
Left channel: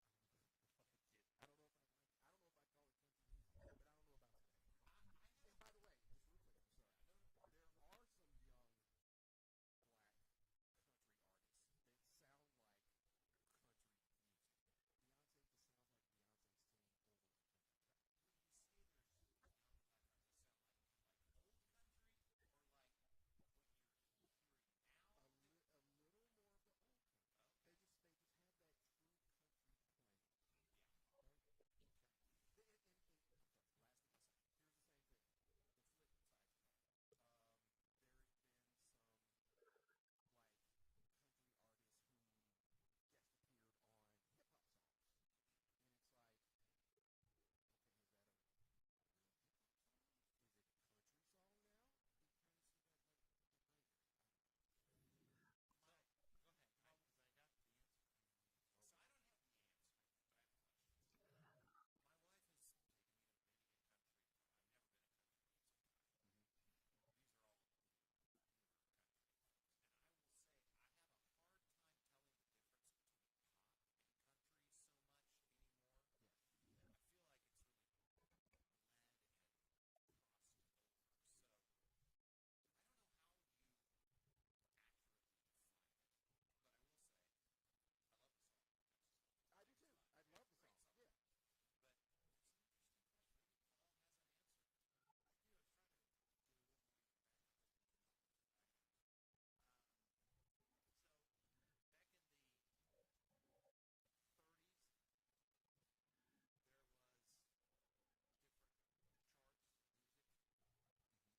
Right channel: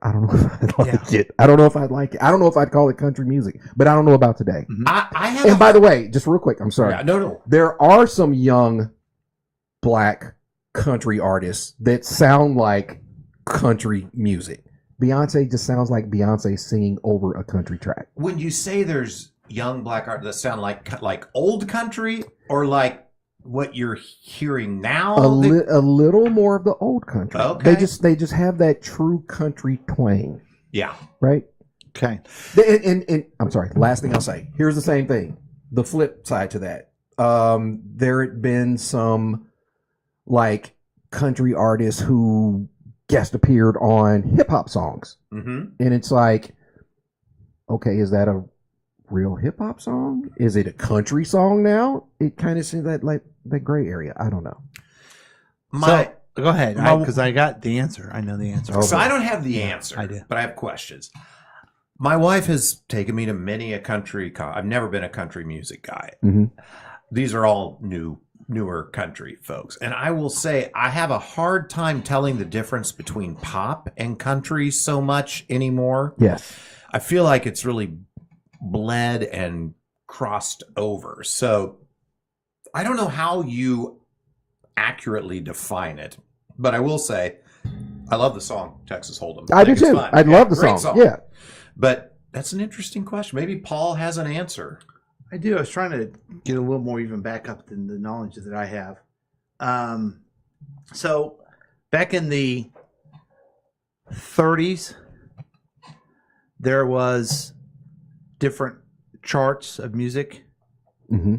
I don't know if I'd like it. I don't know if I'd like it. I don't know if I'd call it country music, but I don't know about today. I have. And by the way, just real quick, I'm sorry. Yeah, no. There are some young black country artists that sound like country music. Beyonce just sounds like Beyonce singing over a country track. When you say there's young black artists that sound like old country, or like what you're hearing now, A little more of the old country. Okay. They just have that true country twang. Yeah. Right? Okay. And I'm sorry, last thing I'll say. Here's the same thing. The flip side to that. There had been some like country artists who guest appeared on hip hop songs. Mm-hmm. And it's like, okay, is that a real hip hop song? Is it a country song now? It kind of seems that like that gray area. I don't know. So, go ahead, because I got the answer. I know the answer. So I don't have the answer. I do. But I have questions. My wife has taken me to many a country. I've never been a country music guy. Mm-hmm. These are all newer country folks. And I will say I have a hard time telling the difference between pop and country so much anymore. Yes. I feel like it's really bled and crossed over. So I don't know how you accurately define it, but I will say I love the song Texas Hold'em. I do think it's too. fun. I love the great song. Yeah. But that's an interesting question. Maybe Paul has an answer. I do. I was trying to get a little more even back up than the knowledge that I have. So back in the 30s, there was different charts of music. Mm-hmm.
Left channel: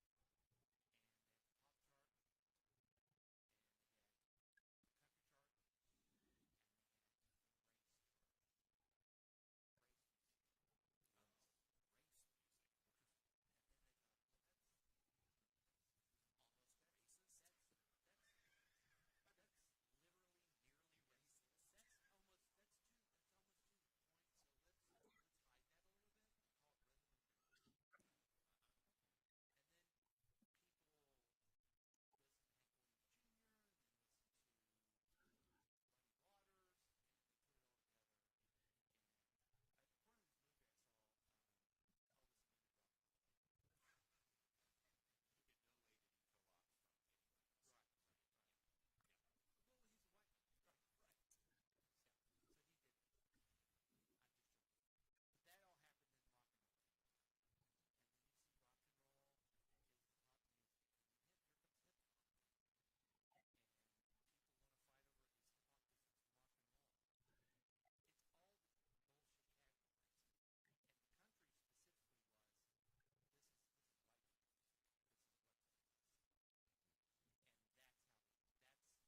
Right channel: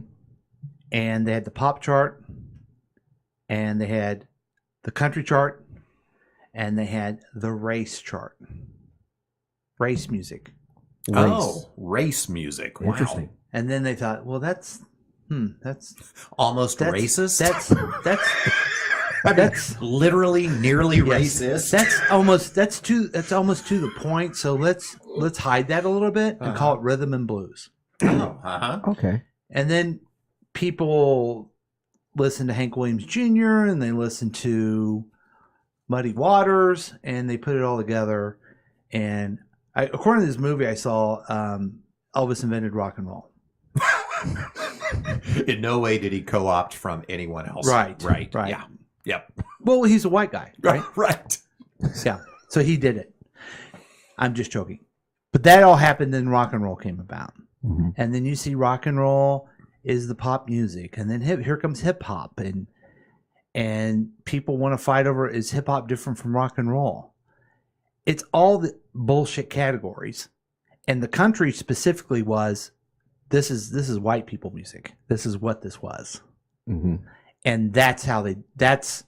And they had the pop chart, and they had the country chart, and they had the race chart. Race music. Oh, race music. Wow. Interesting. And then they thought, well, that's almost racist. That's literally nearly racist. That's almost to the point. So let's hide that a little bit and call it rhythm and blues. Oh, Okay. And then people listen to Hank Williams Jr. and they listen to Muddy Waters, and they put it all together. And according to this movie I saw, Elvis invented rock and roll. In no way did he co-opt from anyone else. Right. Yeah. Yep. Well, he's a white guy, right? Right. Yeah. So he did it. I'm just joking. But that all happened, then rock and roll came about. Mm-hmm. And then you see rock and roll is the pop music, and then here comes hip hop, and people want to fight over, is hip hop different from rock and roll? It's all the bullshit categories, and the country specifically was, this is white people music. This is what this was, Mm-hmm. and that's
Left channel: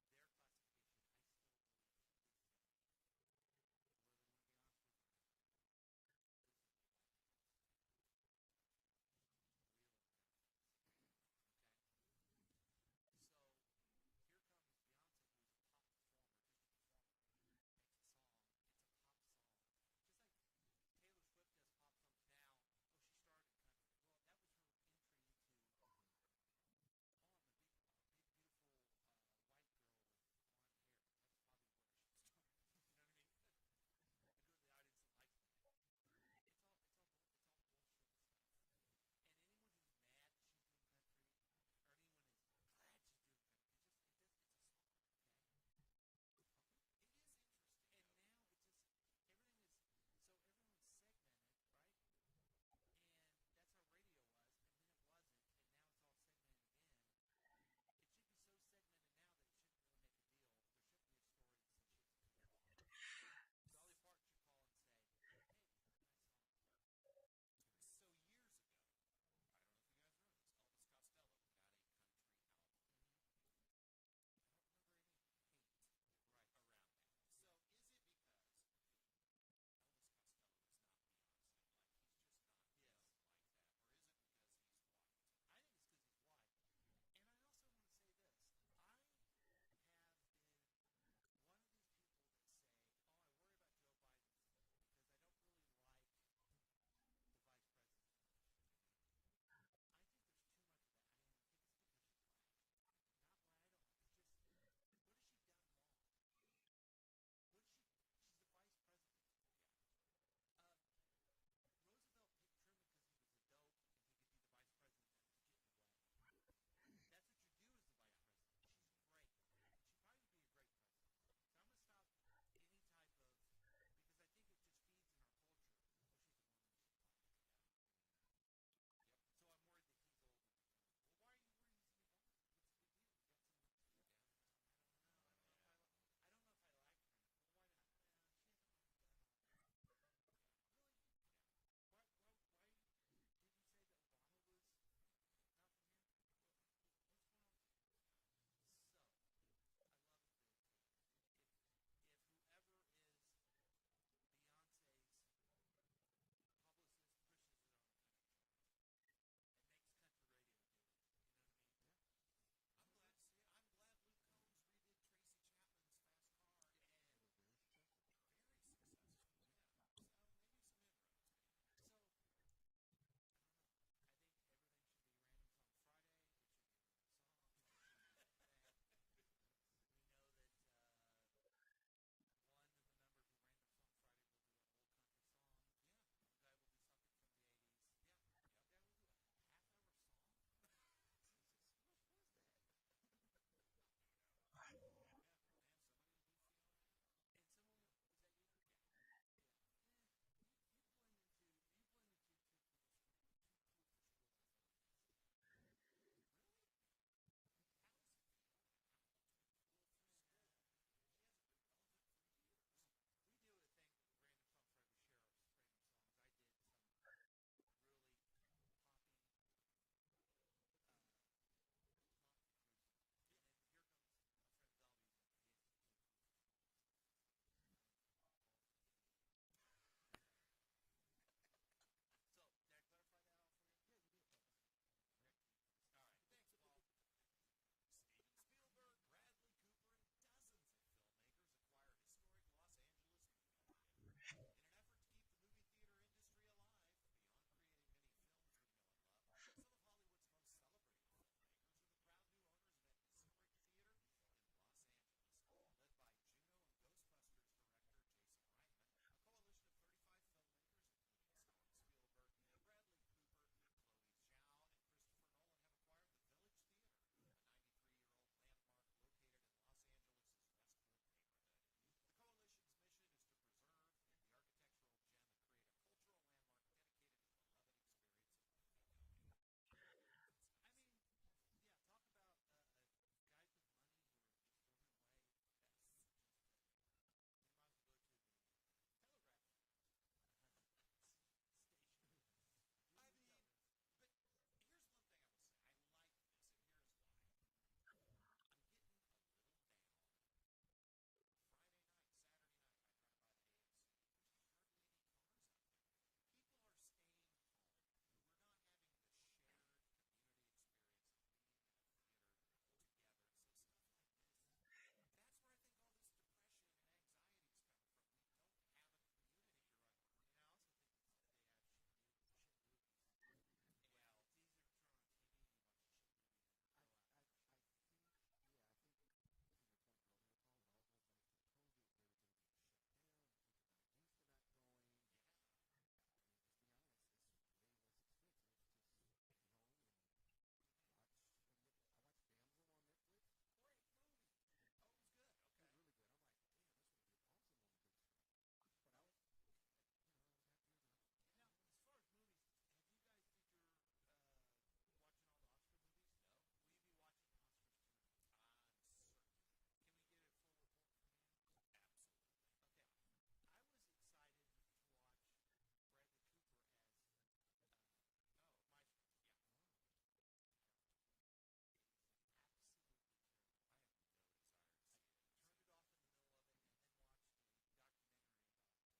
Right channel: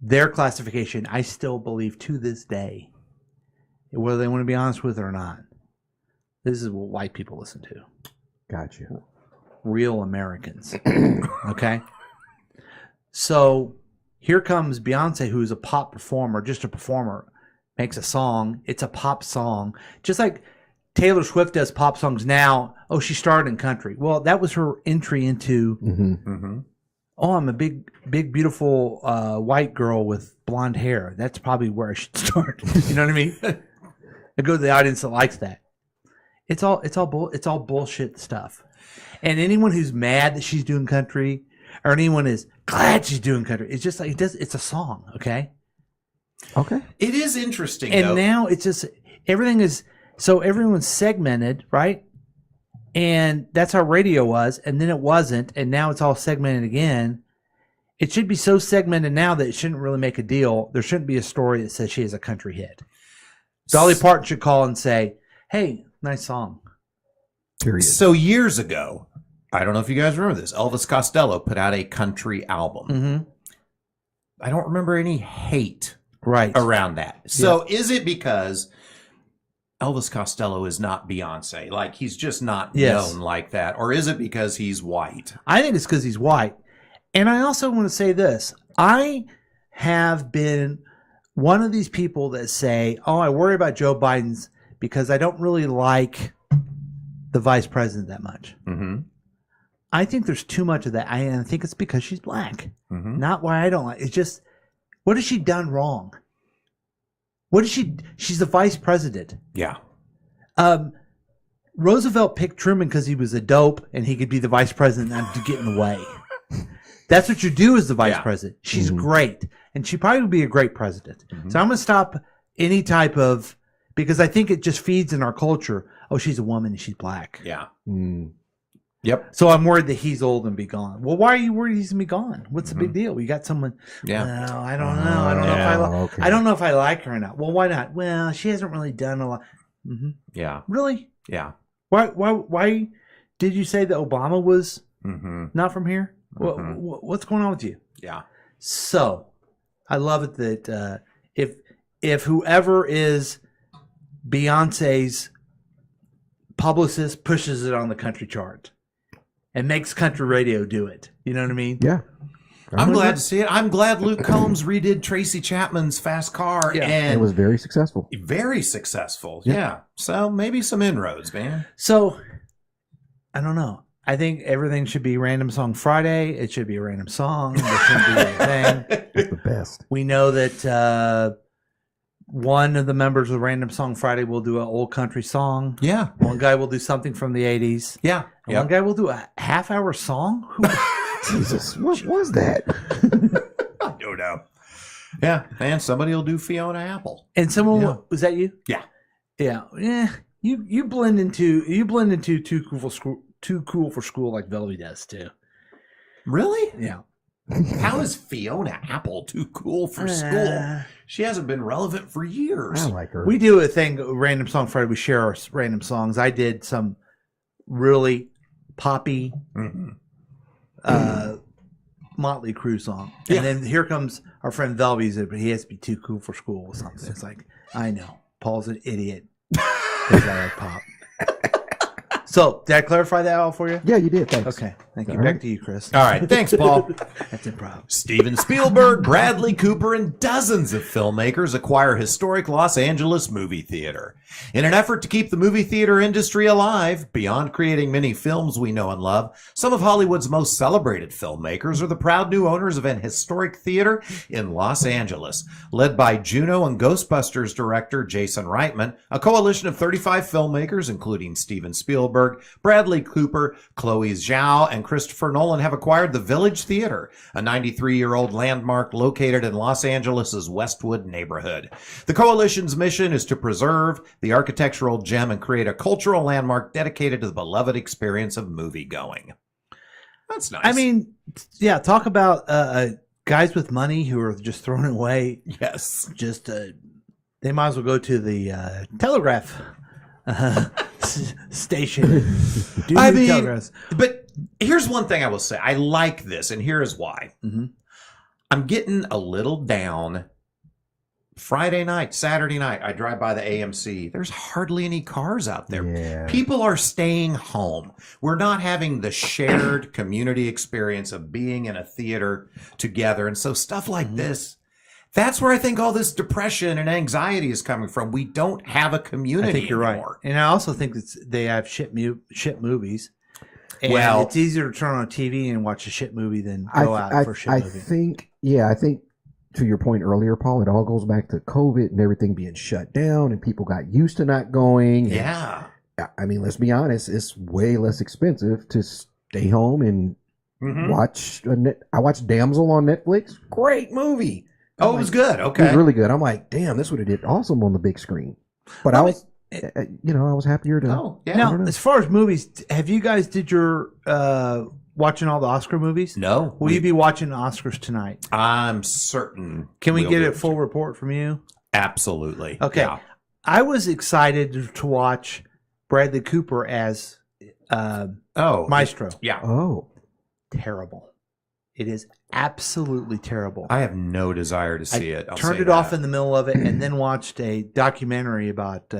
their classification. I still believe to this day, whether they want to be honest with it or not, this is what white people listen to. Gotcha. Real Americans. Okay. So here comes Beyonce, who is a pop performer, just a performer, makes a song. It's a pop song. Just like Taylor Swift does pop songs now. Oh, she started in country. Well, that was her entry into, oh, I'm a big, beautiful white girl with blonde hair. That's probably where I should start. You know what I mean? I go to the audience that likes that. It's all bullshit stuff. And anyone who's mad that she's doing country, or anyone is glad she's doing country, it's just like it's a song, okay? Okay. It is interesting, And though. now it's just everyone's segmented, right? And that's how radio was, and then it wasn't, and now it's all segmented again. It should be so segmented now that it shouldn't really make a deal. There shouldn't be a story that says she has a country hit. Dolly Parton should call and say, "Hey, nice song." Period. So years ago, I don't know if you guys remember this, Elvis Costello put out a country album. Mm-hmm. I don't remember any hate right around that. So is it because Elvis Costello is not Beyonce? Like, he's just not known like that. Or is it because he's white? I think it's because he's white. And I also want to say this. I have been one of these people that say, "Oh, I worry about Joe Biden's because I don't really like the vice president that much." Mm-hmm. I think there's too much of that. I think it's because she's black. Mm-hmm. Not why I don't like. It's just, what has she done wrong? What is she? She's the vice president. Yeah. Roosevelt picked Truman because he was a dope and he could be the vice president and to get in the way. That's what you do as the vice president. She's great, and she probably would be a great president. So I'm going to stop any type of, because I think it just feeds in our culture. Oh, she's a woman and she's black. Yeah. Yep. So I'm worried that he's old and be gone. Well, why are you worried he's gonna be gone? What's the big deal? We got someone. Yeah. No, I don't know. I don't know if I don't know if I like her or not. Well, why not? Well, she hasn't really done a lot. Yeah. Really? Yeah. Why did you say that Obama was not from here? What's going on with you? Yeah. So, I love it that if whoever is Beyonce's publicist pushes it on the country chart and makes country radio do it, you know what I mean? Yeah. I'm glad to see it. I'm glad Luke Combs redid Tracy Chapman's Fast Car, and it was very successful. Very successful. Yeah. So maybe some inroads, man. So, I don't know. I think everything should be Random Song Friday. It should be a random song. It should be a thing. It's the best. We know that one of the members of Random Song Friday will do an old country song. Yeah. One guy will do something from the 80s. Yeah. And one guy will do a half-hour song. Jesus, what was that? I don't know. Yeah, man, somebody will do Fiona Apple. And someone was that you? Yeah. Yeah. Yeah. You blend into too cool for school like Velvy does too. Really? Yeah. How is Fiona Apple too cool for school? She hasn't been relevant for years. I like her. We do a thing, Random Song Friday. We share our random songs. I did some really poppy Motley Crue song. And then here comes our friend Velvy's, but he has to be too cool for school or something. It's like, I know. Paul's an idiot. Because I like pop. So, did I clarify that all for you? Yeah, you did. Thanks. Okay. Thank you. All Back right. to you, Chris. All right. Thanks, Paul. That's improv. Steven Spielberg, Bradley Cooper, and dozens of filmmakers acquire historic Los Angeles movie theater. In an effort to keep the movie theater industry alive, beyond creating many films we know and love, some of Hollywood's most celebrated filmmakers are the proud new owners of an historic theater in Los Angeles. Led by Juno and Ghostbusters director Jason Reitman, a coalition of 35 filmmakers, including Steven Spielberg, Bradley Cooper, Chloe Zhao, and Christopher Nolan, have acquired the Village Theater, a 93-year-old landmark located in Los Angeles' Westwood neighborhood. The coalition's mission is to preserve the architectural gem and create a cultural landmark dedicated to the beloved experience of movie-going. That's nice. I mean, yeah, talk about guys with money who are just throwing it away. Yes. Just, they might as well go to the telegraph station. I mean, but here's one thing I will say. I like this, and here is why. I'm getting a little down. Friday night, Saturday night, I drive by the AMC. There's hardly any cars out there. Yeah. People are staying home. We're not having the shared community experience of being in a theater together. And so stuff like this, that's where I think all this depression and anxiety is coming from. We don't have a community I think you're anymore. right. And I also think that they have shit movies. And Well, it's easier to turn on TV and watch a shit movie than go out for a shit movie. I think to your point earlier, Paul, it all goes back to COVID and everything being shut down and people got used to not going. Yeah. I mean, let's be honest, it's way less expensive to stay home and watch. I watched Damsel on Netflix. Great movie. Oh, it was good. Okay. It was really good. I'm like, damn, this would have did awesome on the big screen. But I was, I was happier to. Oh, yeah. Now, as far as movies, have you guys did your watching all the Oscar movies? No. Will you be watching the Oscars tonight? I'm certain. Can we we'll get do a it. full report from you? Absolutely. Okay. Yeah. I was excited to watch Bradley Cooper as Maestro. Yeah. Oh. Terrible. It is absolutely terrible. I have no desire to see it. I'll Turned say it off that. in the middle of it and then watched a documentary about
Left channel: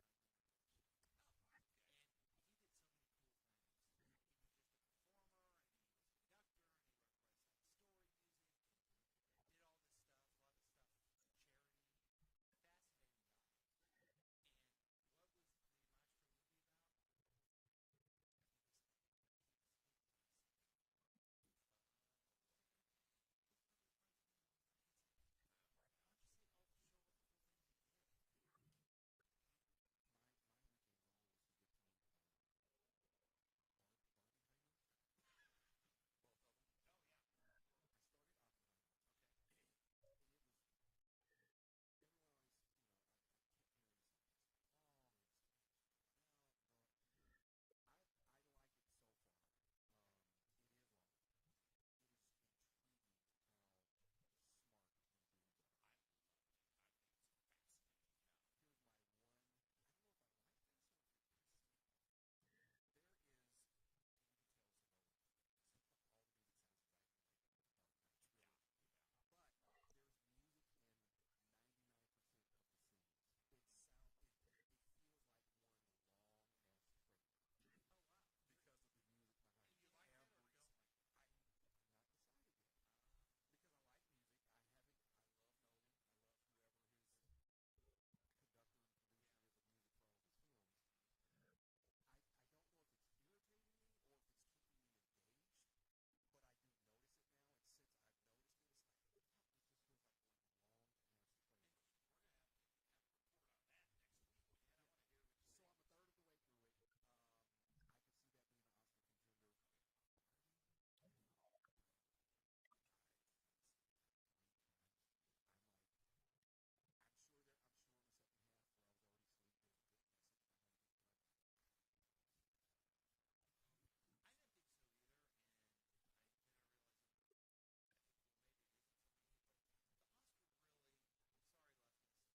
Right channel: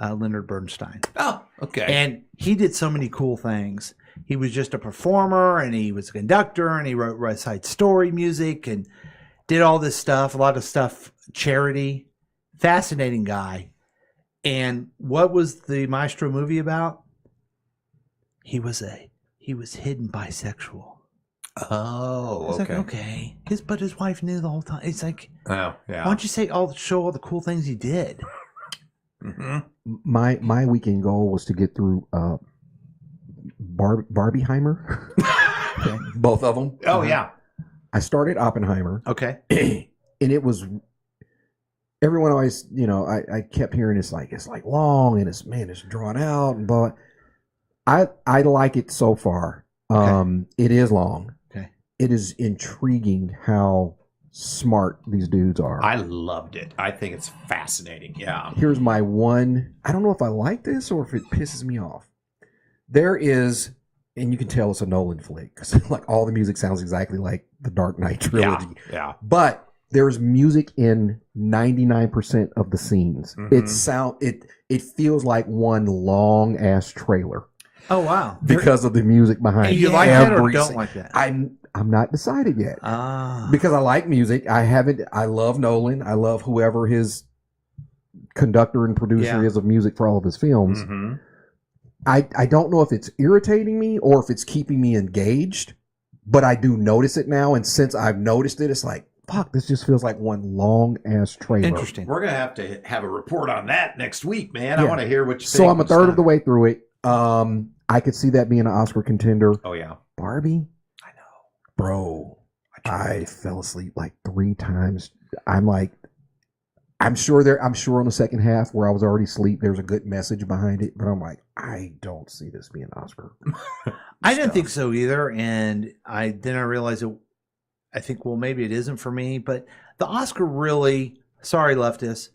Leonard Bernstein. Oh, okay. And he did so many cool things. He was just a performer, and he was a conductor, and he wrote West Side Story music, and did all this stuff. A lot of stuff charity, fascinating guy. And what was the Maestro movie about? He was hidden bisexual. Oh, It's okay. like, okay. But his wife knew the whole time. It's like, Oh, yeah. why don't you show all the cool things he did? Mm-hmm. My weekend goal was to get through Barbieheimer. Okay. Both of them. Oh, yeah. I started Oppenheimer. Okay. And it was, everyone always, I kept hearing it's like long and it's drawn out and blah. I like it so far. Okay. It is long. Okay. It is intriguing how smart these dudes are. I loved it. I think it's fascinating. Yeah. Here's my one. I don't know if I like this or if it pisses me off. There is, and you can tell it's a Nolan flick because like all the music sounds exactly like the Dark Knight trilogy. Yeah. But there's music in 99% of the scenes. Mhm. It feels like one long ass trailer. Oh, wow. Because of the music behind And it. you like that or Every don't scene. like that? I'm not decided yet. Ah. Because I like music. I love Nolan. I love whoever his conductor and producer is of music for all of his films. Mm-hmm. I don't know if it's irritating me or if it's keeping me engaged, but I do notice it now. And since I've noticed it, it's like, fuck, this just feels like one long ass trailer. Interesting. We're going to have a report on that next week, man. I Yeah. want to hear what you think. So I'm a third of the way through it. I could see that being an Oscar contender. Oh, yeah. Barbie? I know. Bro, I fell asleep like 3 times. I'm sure on the second half where I was already asleep, there's a good message behind it, but I'm like, I don't see this being Oscar. I didn't think so either, and I realized it. I think, well, maybe it isn't for me, but the Oscar really, sorry leftists,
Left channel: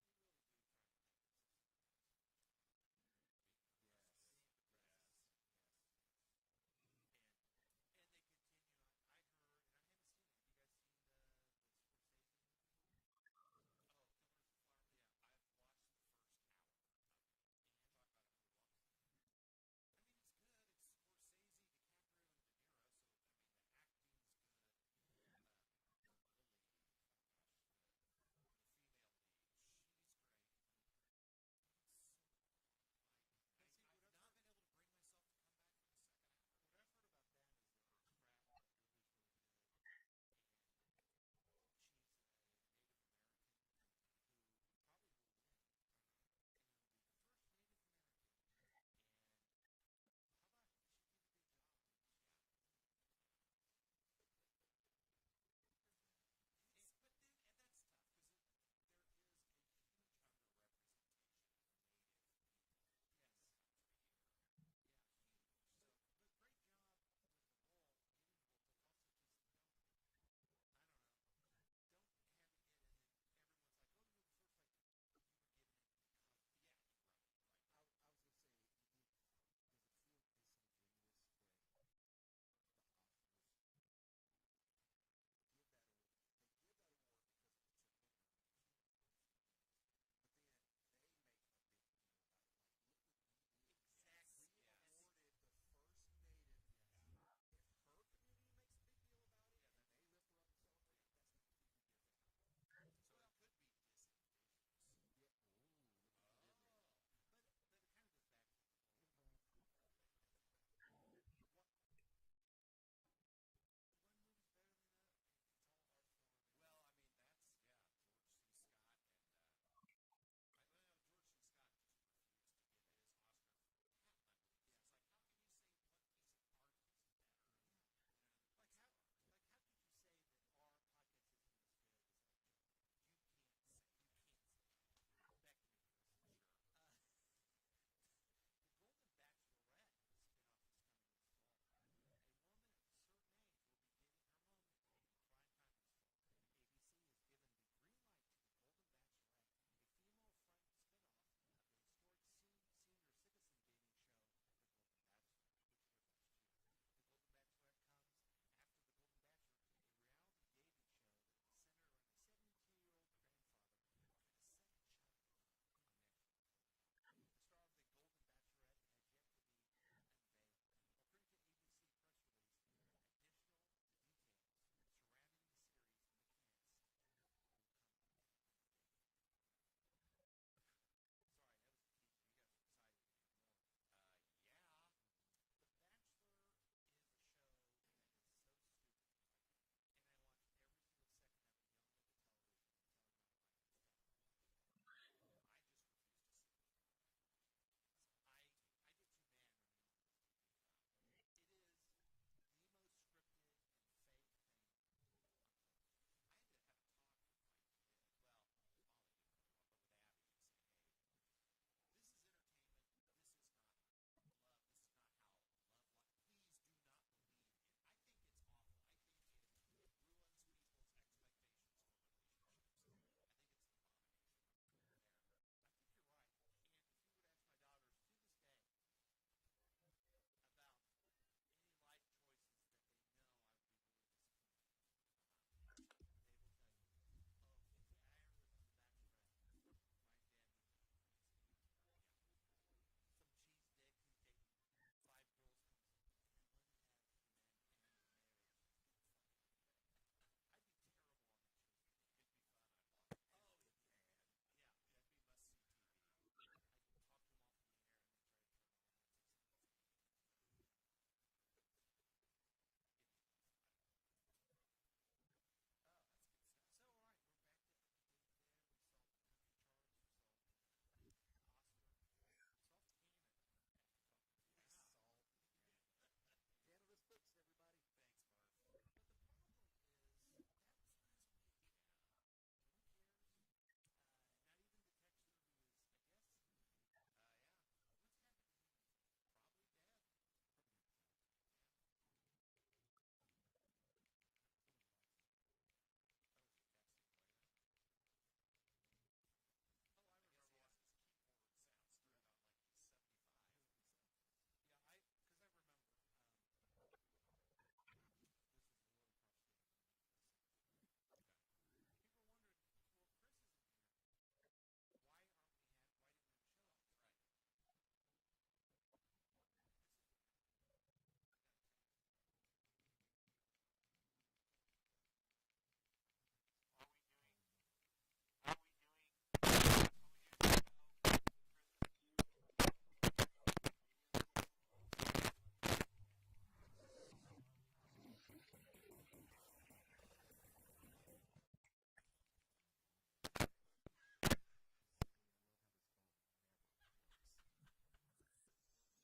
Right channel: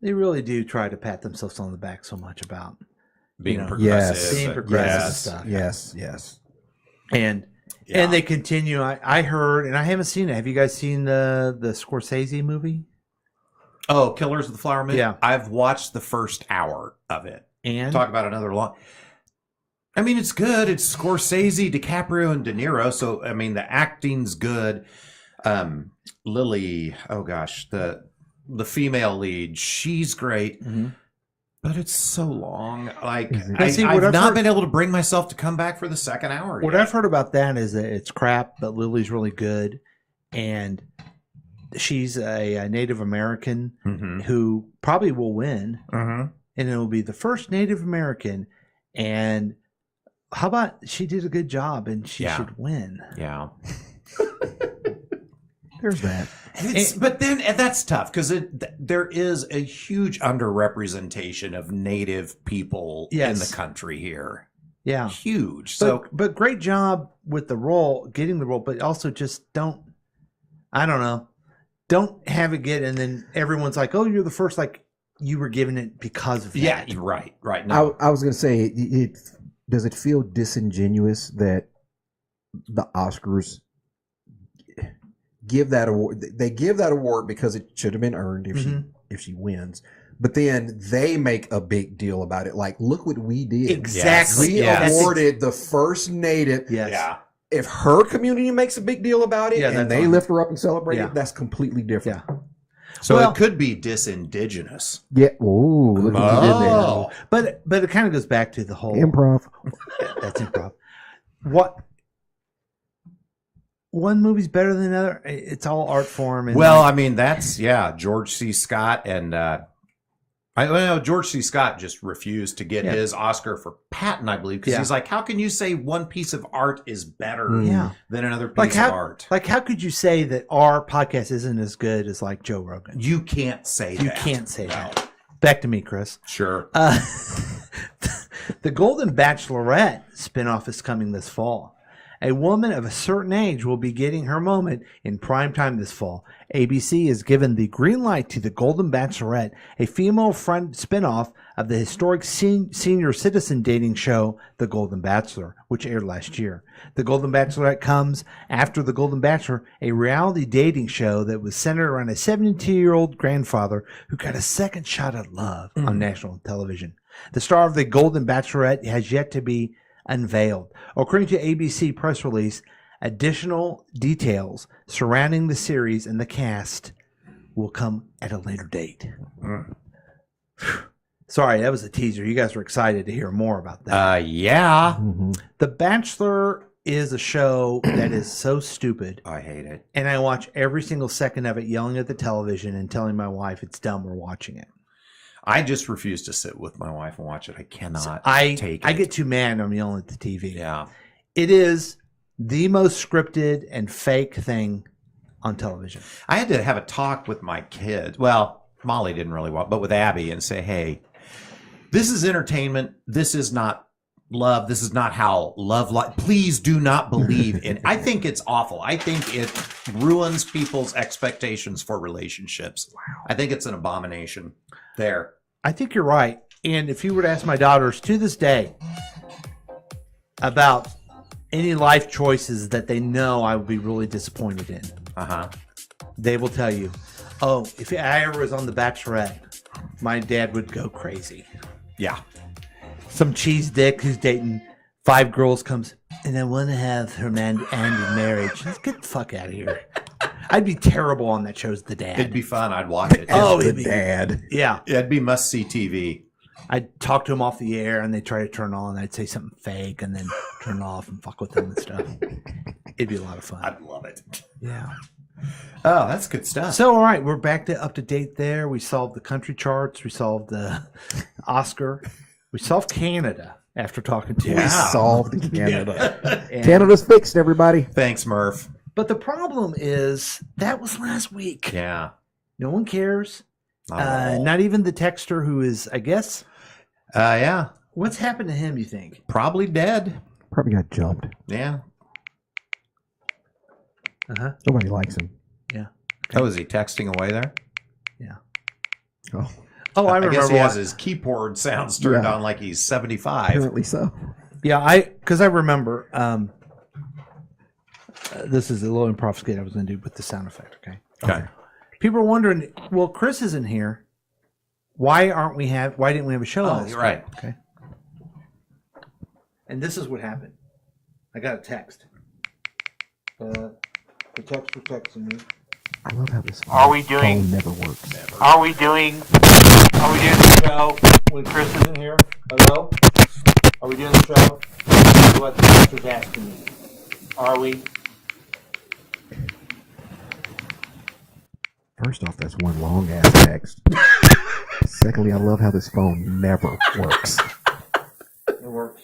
they really do try to pat themselves on the back so much about being progressive. being progressive and stuff. Yes. And they continue. I heard, and I haven't seen it. Have you guys seen the Scorsese movie? Oh, Killers of the Flower Moon? Yeah. I've watched the first hour of it. And talk about another long. I mean, it's good. It's Scorsese, DiCaprio, and De Niro. So, I mean, the acting's good. Lily, oh gosh, the female lead, she's great. Mm-hmm. But it's so long. Like, I've not been able to bring myself to come back for the second hour. What I've heard about that is that it's crap, but Lily's really good. And she's a Native American who probably will win. Mm-hmm. And it will be the first Native American. And how about she did a good job and she should win? Yeah. There's that. But then that's tough because there is a huge underrepresentation of Native people in the country here. Yeah. Huge. But great job with the role, getting the role, but also just don't have it get, and then everyone's like, oh, you're the first, like you were given it because of that. Yeah, right. No. I was going to say, does it feel disingenuous that the Oscars give that award? They give that award because it should have been earned if she wins. But then they make a big deal about it. Like, look what we did. Exactly. We awarded the first Native. Yes. Yeah. If her community makes a big deal about it and they lift her up and celebrate it, that's completely different. Yeah. So it could be disindigenous. Yeah. Ooh, look what you did there. But it kind of goes back to the whole improv. That's improv. What? One movie's better than another. It's all art form. And well, I mean, that's George C. Scott, and I know George C. Scott just refused to get his Oscar for Patton, I believe, because he's like, how can you say one piece of art is better than another piece of art? Like, how could you say that our podcast isn't as good as like Joe Rogan? You can't say that. You can't say that. Back to me, Chris. Sure. The Golden Bachelorette spinoff is coming this fall. A woman of a certain age will be getting her moment in primetime this fall. ABC has given the green light to The Golden Bachelorette, a female-friend spinoff of the historic senior citizen dating show, The Golden Bachelor, which aired last year. The Golden Bachelorette comes after The Golden Bachelor, a reality dating show that was centered around a 72-year-old grandfather who got a second shot at love on national television. The star of The Golden Bachelorette has yet to be unveiled. According to ABC press release, additional details surrounding the series and the cast will come at a later date. Sorry, that was a teaser. You guys were excited to hear more about that. Yeah. The Bachelor is a show that is so stupid. I hate it. And I watch every single second of it, yelling at the television and telling my wife it's dumb, we're watching it. I just refuse to sit with my wife and watch it. I cannot take it. I get too mad when I'm yelling at the TV. Yeah. It is the most scripted and fake thing on television. I had to have a talk with my kids. Well, Molly didn't really want, but with Abby, and say, hey, this is entertainment. This is not love. This is not how love. Please do not believe in. I think it's awful. I think it ruins people's expectations for relationships. Wow. I think it's an abomination. There. I think you're right. And if you were to ask my daughters to this day about any life choices that they know I would be really disappointed in, they will tell you, oh, if I ever was on The Bachelorette, my dad would go crazy. Yeah. Some cheese dick who's dating 5 girls comes, and I want to have her man end in marriage. Let's get the fuck out of here. I'd be terrible on that show as the dad. It'd be fun. I'd watch it. It'd be dad. Yeah. It'd be must-see TV. I'd talk to him off the air, and they'd try to turn on. I'd say something fake, and then turn it off and fuck with them and stuff. It'd be a lot of fun. I'd love it. Yeah. Oh, that's good stuff. So, all right, we're back to up to date there. We solved the country charts. We solved the Oscar. We solved Canada after talking to you. We solved Canada. And- Canada's fixed, everybody. Thanks, Murph. But the problem is that was last week. Yeah. No one cares. Not Not even the texter who is, I guess. Yeah. What's happened to him, you think? Probably dead. Probably got jumped. Yeah. Nobody likes him. Yeah. Oh, is he texting away there? Yeah. Oh. Oh, I remember. guess he has his keyboard sounds turned on like he's 75. Apparently so. Yeah, because I remember. This is a little improv skit I was going to do with the sound effect. Okay. People are wondering. Well, Chris isn't here. Why didn't we have a show? Oh, last you're right. week? Okay. And this is what happened. I got a text. The text was texting me. I love how this phone never works. Are we doing the show when Chris isn't here? Hello? Are we doing the show? This is what the text was asking me. Are we? First off, that's one long ass text. Secondly, I love how this phone never works. It works.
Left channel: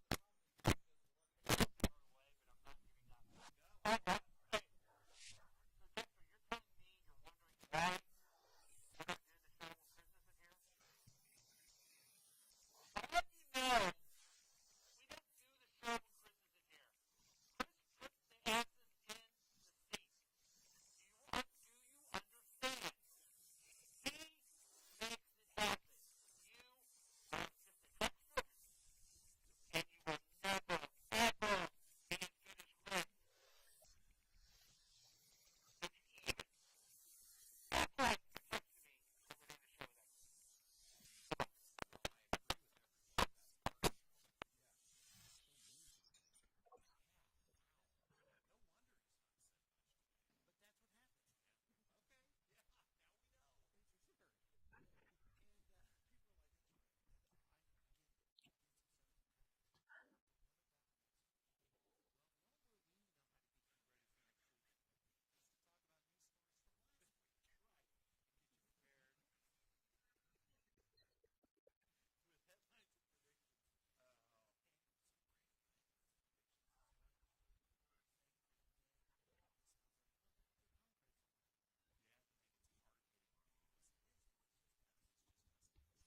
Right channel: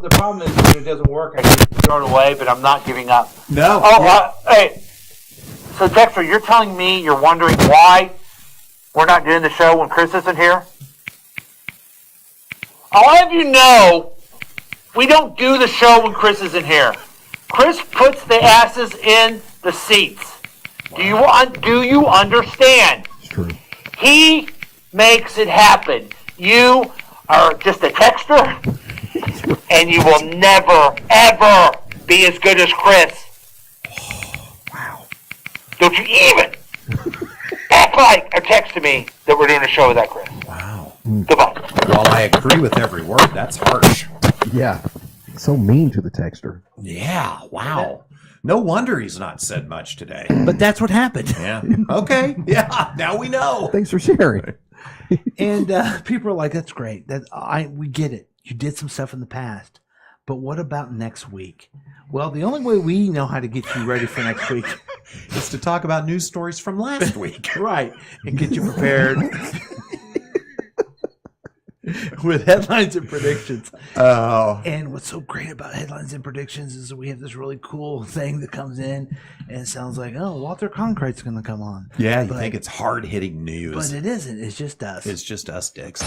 The problem is when it doesn't work, I can throw it away, but I'm not giving up. No. Oh, hey. So, Dexter, you're telling me you're wondering why we're not doing the show when Chris isn't here? I'll have you know, we don't do the show when Chris isn't here. Chris puts the asses in the seats. Wow. Do you understand? It's true. He makes it happen. You are just a texter, and you will never, ever be as good as Chris. Wow. Don't you even act like or text to me that we're doing a show without Chris. Wow. Goodbye. While I agree with every word, that's harsh. Yeah. So mean to the texter. Yeah. Wow. No wonder he's not said much today. But that's what happened. Yeah. Okay. Yeah. Now we know. Thanks for sharing. And people are like, "That's great. We get it. You did some stuff in the past, but what about next week?" Well, the only way we know how to get you ready for next week is to talk about news stories from last week, right? And get you prepared with headlines and predictions. Oh. And what's so great about headlines and predictions is that we have this really cool thing that comes in, and it sounds like, oh, Walter Cronkite's going to come on. Yeah, you think it's hard-hitting news. But it isn't. It's just us. It's just us dicks.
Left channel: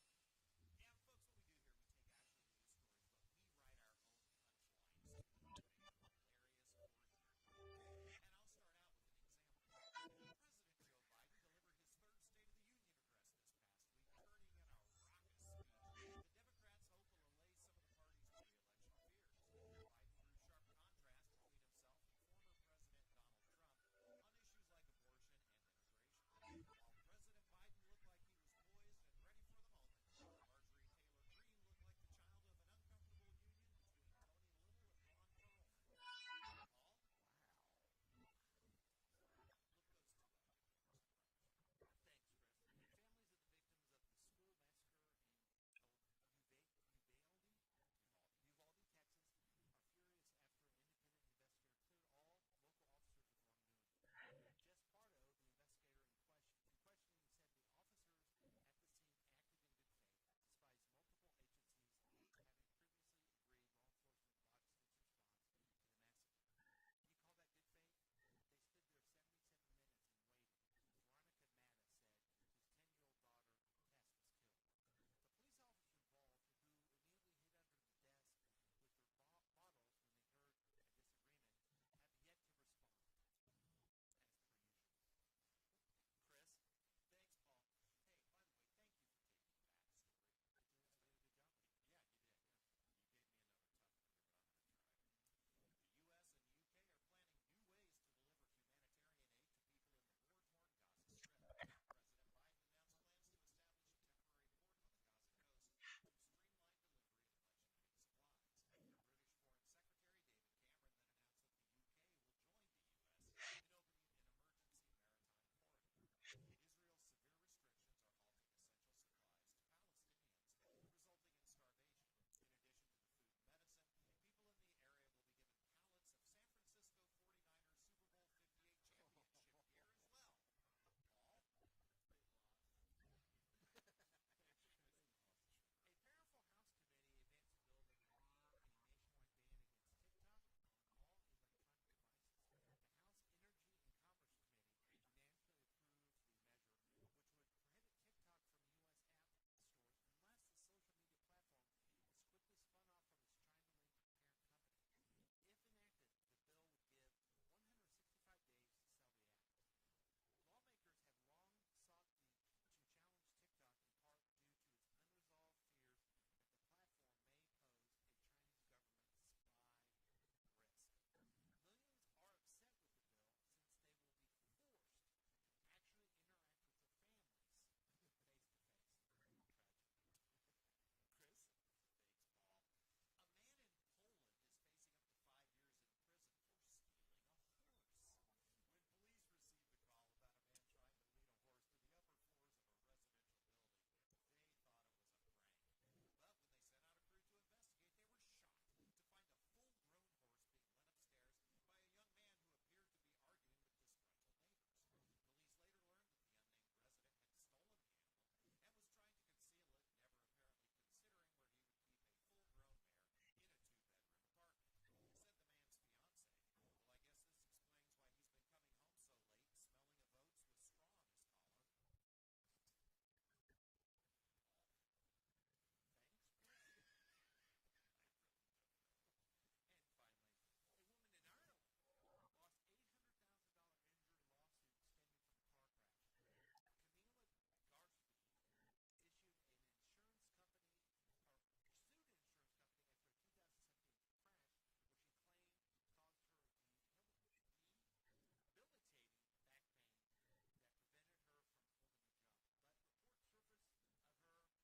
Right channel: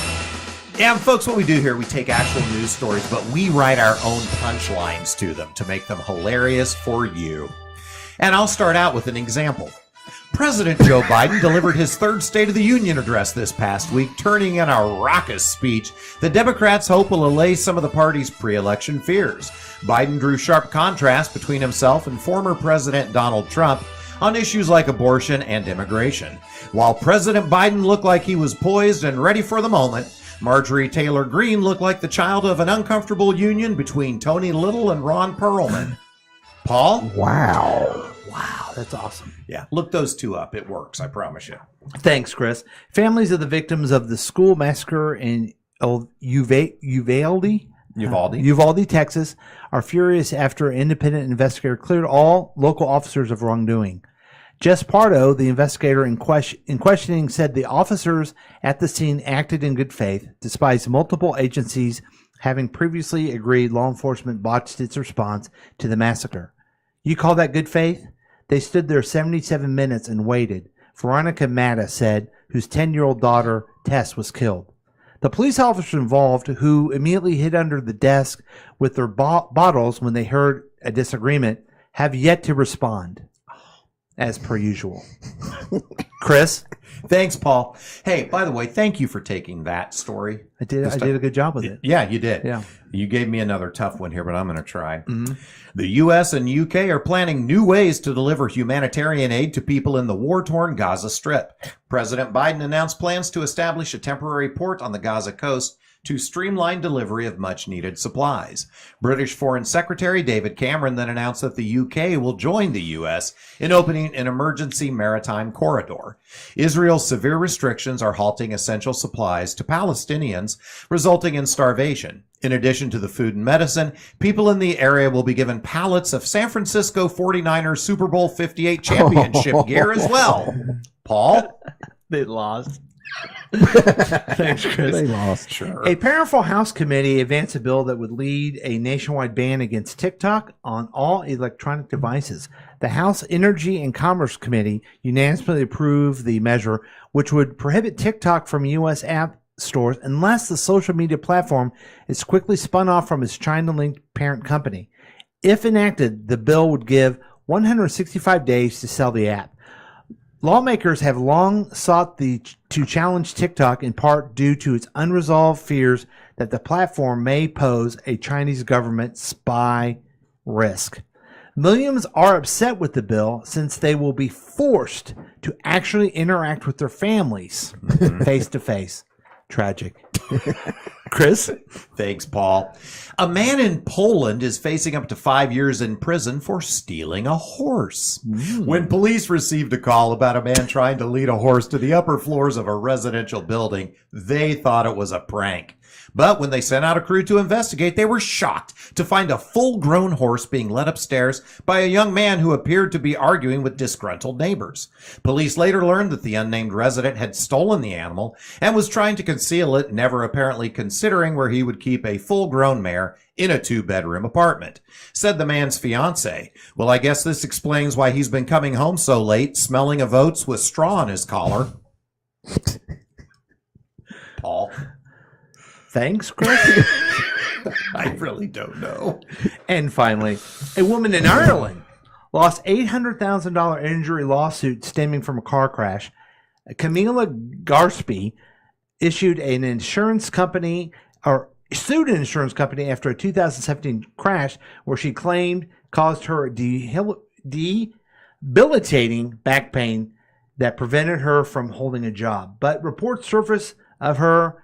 Yeah, folks, what we do here, we take actual news stories, but we write our own punchlines to them to make them hilarious for you. And I'll start out with an example. President Joe Biden delivered his third State of the Union address this past week, turning in a raucous speech that Democrats hope will allay some of the party's pre-election fears. Biden drew sharp contrast between himself and former President Donald Trump on issues like abortion and immigration. While President Biden looked like he was poised and ready for the moment, Marjorie Taylor Greene looked like the child of an uncomfortable union between Tony Little and Ron Perlman. Paul? Wow. Wow. that's awesome. Yeah, look those two up. It works, I promise you. Thanks, Chris. Families of the victims of the school massacre in Uvalde, Texas, are furious after an independent investigator cleared all local officers of wrongdoing. Jess Pardo, the investigator in questioning, said the officers at the scene acted in good faith, despite multiple agencies having previously agreed law enforcement botched its response to the massacre. You call that good faith? They stood there 77 minutes and waited, Veronica Matta said, whose 10-year-old daughter, Tess, was killed. The police officers involved, who immediately hid under the desk with their bottles when they heard a disagreement, have yet to respond, as per usual. Chris? Thanks, Paul. Hey, by the way, thank you for taking that story. I did a good job with it. Yeah, you did. Yeah. You gave me another tough one here, but I'm going to try. Mm-hmm. The U.S. and UK are planning new ways to deliver humanitarian aid to people in the war-torn Gaza Strip. President Biden announced plans to establish a temporary port on the Gaza coast to streamline delivery of much-needed supplies. British Foreign Secretary David Cameron then announced that the UK will join the US in opening an emergency maritime corridor. Israel's severe restrictions are halting essential supplies to Palestinians, resulting in starvation. In addition to the food and medicine, people in the area will be given pallets of San Francisco 49ers Super Bowl 58 championship gear as well. Paul? They lost. Thanks, Chris. They lost. Sure. A powerful House committee advanced a bill that would lead a nationwide ban against TikTok on all electronic devices. The House Energy and Commerce Committee unanimously approved the measure, which would prohibit TikTok from U.S. app stores unless the social media platform is quickly spun off from its China-linked parent company. If enacted, the bill would give 165 days to sell the app. Lawmakers have long sought to challenge TikTok in part due to its unresolved fears that the platform may pose a Chinese government spy risk. Millions are upset with the bill since they will be forced to actually interact with their families face to face. Tragic. Chris? Thanks, Paul. A man in Poland is facing up to 5 years in prison for stealing a horse. When police received a call about a man trying to lead a horse to the upper floors of a residential building, they thought it was a prank. But when they sent out a crew to investigate, they were shocked to find a full-grown horse being led upstairs by a young man who appeared to be arguing with disgruntled neighbors. Police later learned that the unnamed resident had stolen the animal and was trying to conceal it, never apparently considering where he would keep a full-grown mare in a 2-bedroom apartment. Said the man's fiancée, "Well, I guess this explains why he's been coming home so late, smelling of oats with straw in his collar." Paul? Thanks, Chris. I really don't know. And finally, a woman in Ireland lost $800,000 injury lawsuit stemming from a car crash. Camilla Garsby sued an insurance company after a 2017 crash where she claimed caused her debilitating back pain that prevented her from holding a job. But reports surfaced of her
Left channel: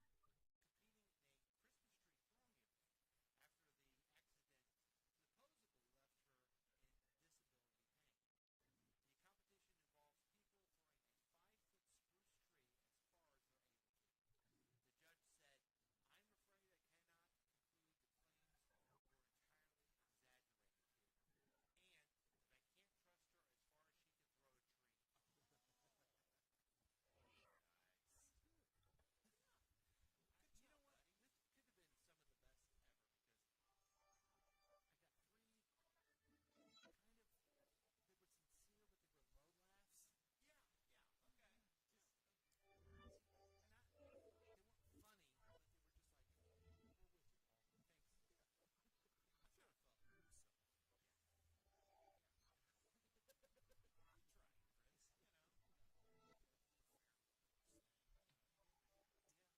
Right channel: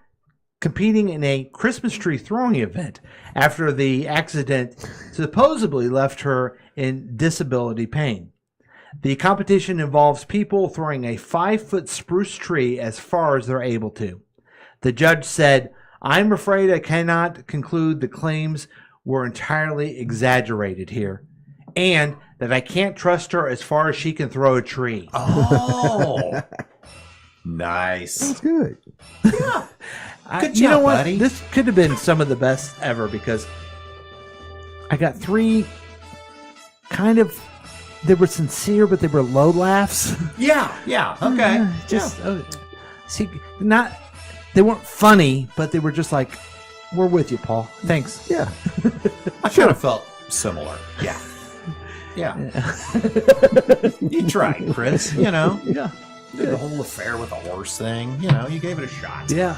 competing in a Christmas tree throwing event after the accident supposedly left her in disability pain. The competition involves people throwing a 5-foot spruce tree as far as they're able to. The judge said, "I'm afraid I cannot conclude the claims were entirely exaggerated here, and that I can't trust her as far as she can throw a tree." Oh, nice. That's good. Yeah. Good job, you know what? buddy. This could have been some of the best ever because I got 3 kind of, they were sincere, but they were low laughs. Yeah, okay. See, they weren't funny, but they were just like, we're with you, Paul. Thanks. Yeah. I kind of felt similar. Yeah. You tried, Chris, you know. Yeah. The whole affair with the horse thing, you know, you gave it a shot. Yeah.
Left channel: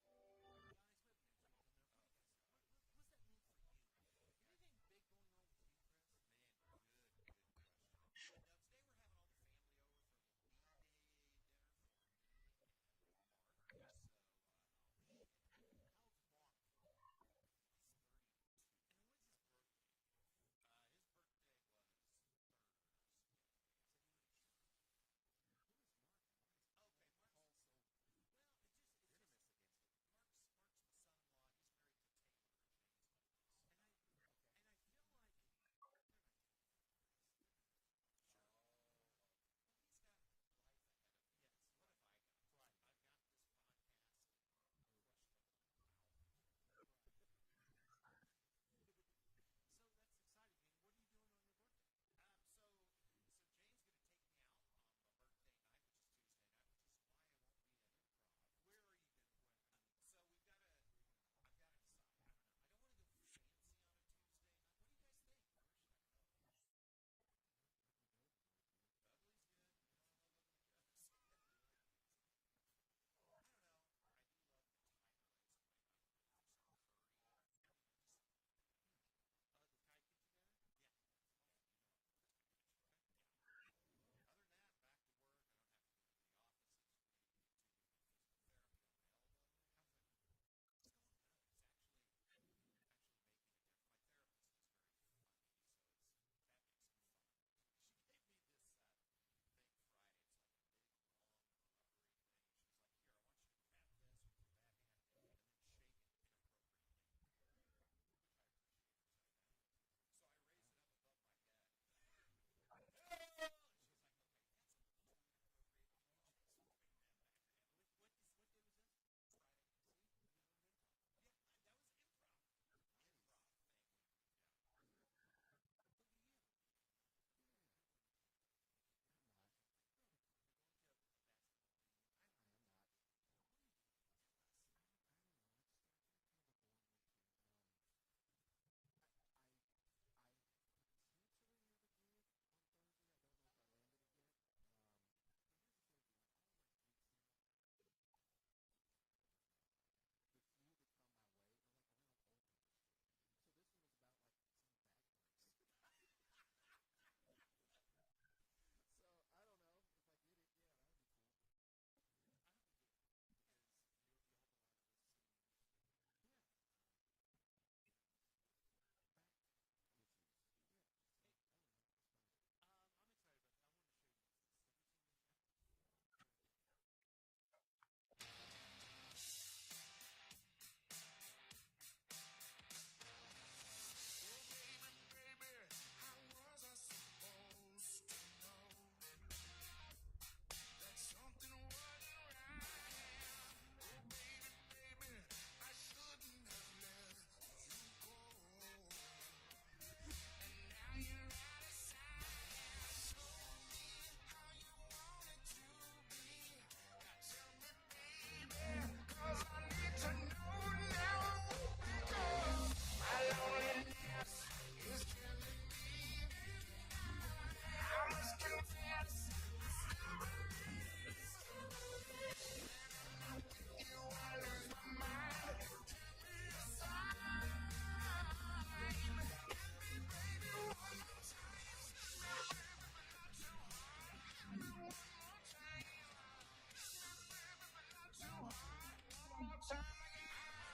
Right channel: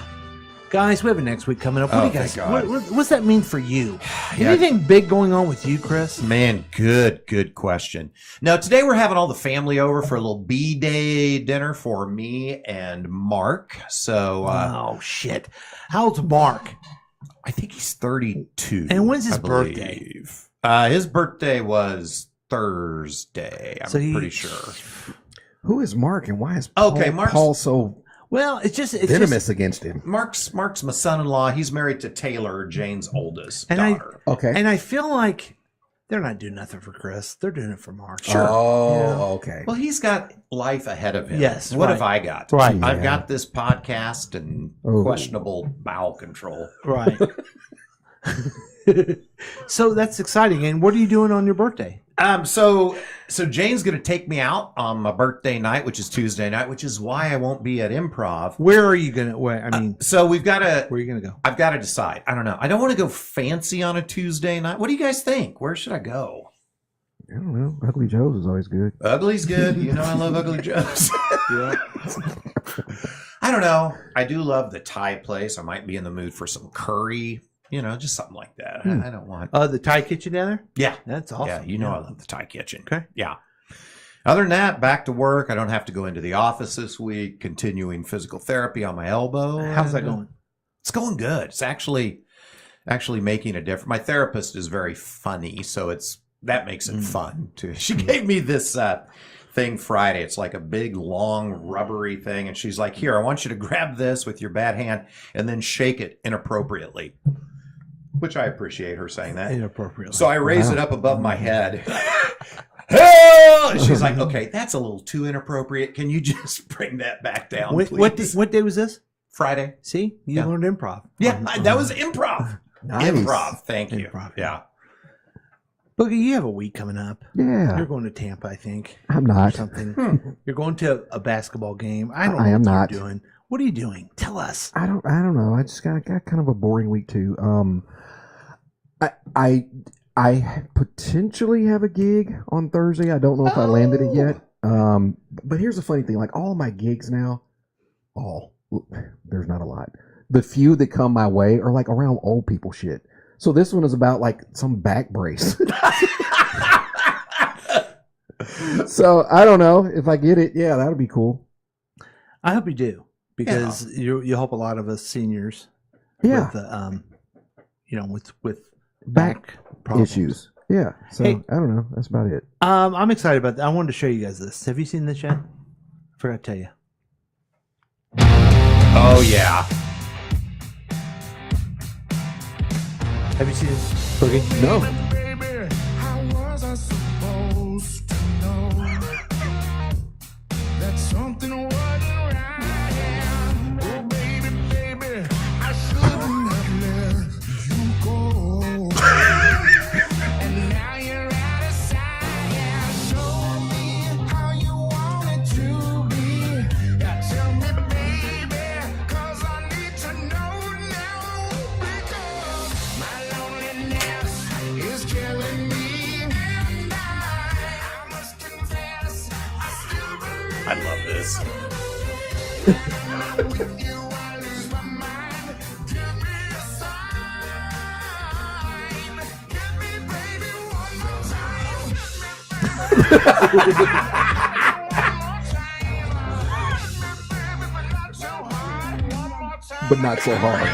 Guys, we have a next week coming up. What do you guys? thank God. What's that mean for you? Yeah. Anything big going on with you, Chris? Man, good question. Now, today we're having all the family over for a little B-Day dinner for me and Mark. So, oh, shit. How's Mark? I think he's 32. And when's his I birthday? believe. His birthday was Thursday. I'm So pretty sure. Who is Mark and why is Mark's, Paul so well? It's venomous against him? Mark's my son-in-law. He's married to Taylor, Jane's oldest and daughter. And I feel like they're not doing nothing for Chris. They're doing it for Mark. Sure. Oh, okay. Well, he's got life ahead of him. Yes. What right. have I got? Right. I've got this podcast and questionable bowel control. Right. So that's exciting. And what are you doing on your birthday? So Jane's going to take me out on my birthday night, which is Tuesday night, which is why I won't be at Improv. Where are you going to, I mean, so we've got to, where are you going to go? I've got to decide. I don't know. I don't want to go fancy on a Tuesday night. What do you guys think? Where should I go? I don't know. Ugly Joe's is always good. Ugly's good. You know I love Ugly Joe's. Yeah. I don't know. I do love the Thai place. I might be in the mood for some curry. You know, just something like that. I don't want. The Thai kitchen down there? Yeah. That's awesome. Yeah, you know I love the Thai kitchen. Okay. Yeah. Other than that, back to work. I don't have to go into the office this week, continuing physical therapy on my elbow. How's that going? It's going good. It's actually making a difference. My therapist is very funny, so that makes it fun too. She gave me this thing Friday. It's like a big, long, rubbery thing, and she's like, "Here, I want you to grab this with your bad hand and then shake it inappropriately." Which I appreciate her saying that. Inappropriately. So I raise it up above my head. And she's like, "Okay, that's a little too inappropriate. Can you just bring that back down, please?" What day was this? Friday. See, you learned improv. Yeah, that was improv. Nice. Improv. Thank you. Improv. Yeah. Boogie, you have a week coming up. Yeah. You're going to Tampa, I think. I'm Or not. something. You're going to a basketball game. I don't know I am what not. you're doing. What are you doing? Tell us. I don't know. I just got kind of a boring week too. I potentially have a gig on Thursday. I don't know if I landed it yet. But here's the funny thing: like all my gigs now, there's not a lot. The few that come my way are like around old people shit. So this one is about like some back brace. So I don't know if I get it. Yeah, that'll be cool. I hope you do, because you help a lot of us seniors. Yeah. With Back problems. issues. Yeah. So Hey. I don't know. That's about it. I'm excited about that. I wanted to show you guys this. Have you seen this yet? I forgot to tell you. Oh yeah. Have you seen this, Boogie? No. I love this. But not so hard.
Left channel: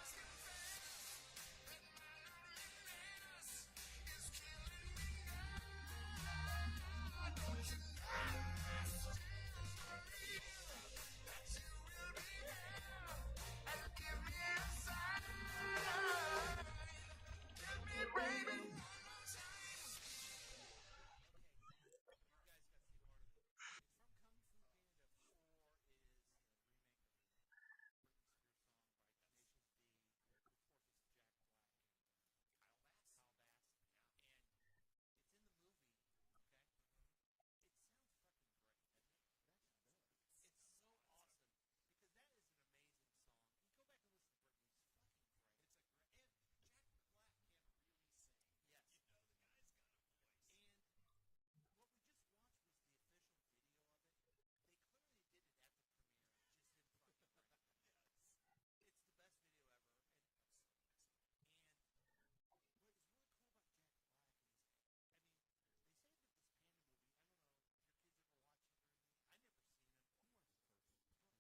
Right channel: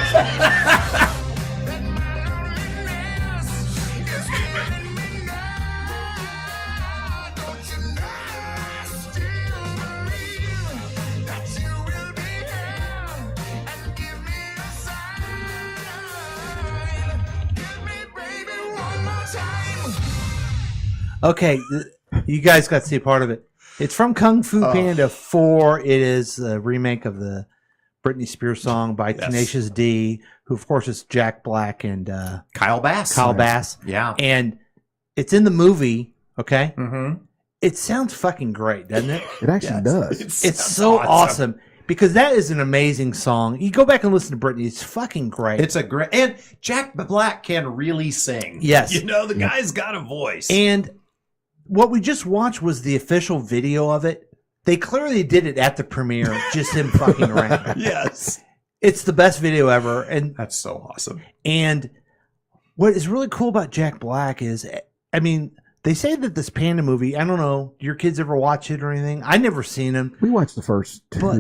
Okay, you guys got to see a part of it. It's from Kung Fu Panda 4. It is a remake of the Britney Spears song by Tenacious D, who of course is Jack Black and Kyle Bass. Kyle Bass. Yeah. And it's in the movie, okay? Mm-hmm. It sounds fucking great, doesn't it? It actually does. It's so awesome. Because that is an amazing song. You go back and listen to Britney. It's fucking great. It's a great, and Jack Black can really sing. Yes. You know, the guy's got a voice. And what we just watched was the official video of it. They clearly did it at the premiere, just him fucking around. Yes. It's the best video ever. And that's so awesome. And what is really cool about Jack Black is, I mean, they say that this Panda movie, I don't know, do your kids ever watch it or anything? I never seen him. We watched the first two. But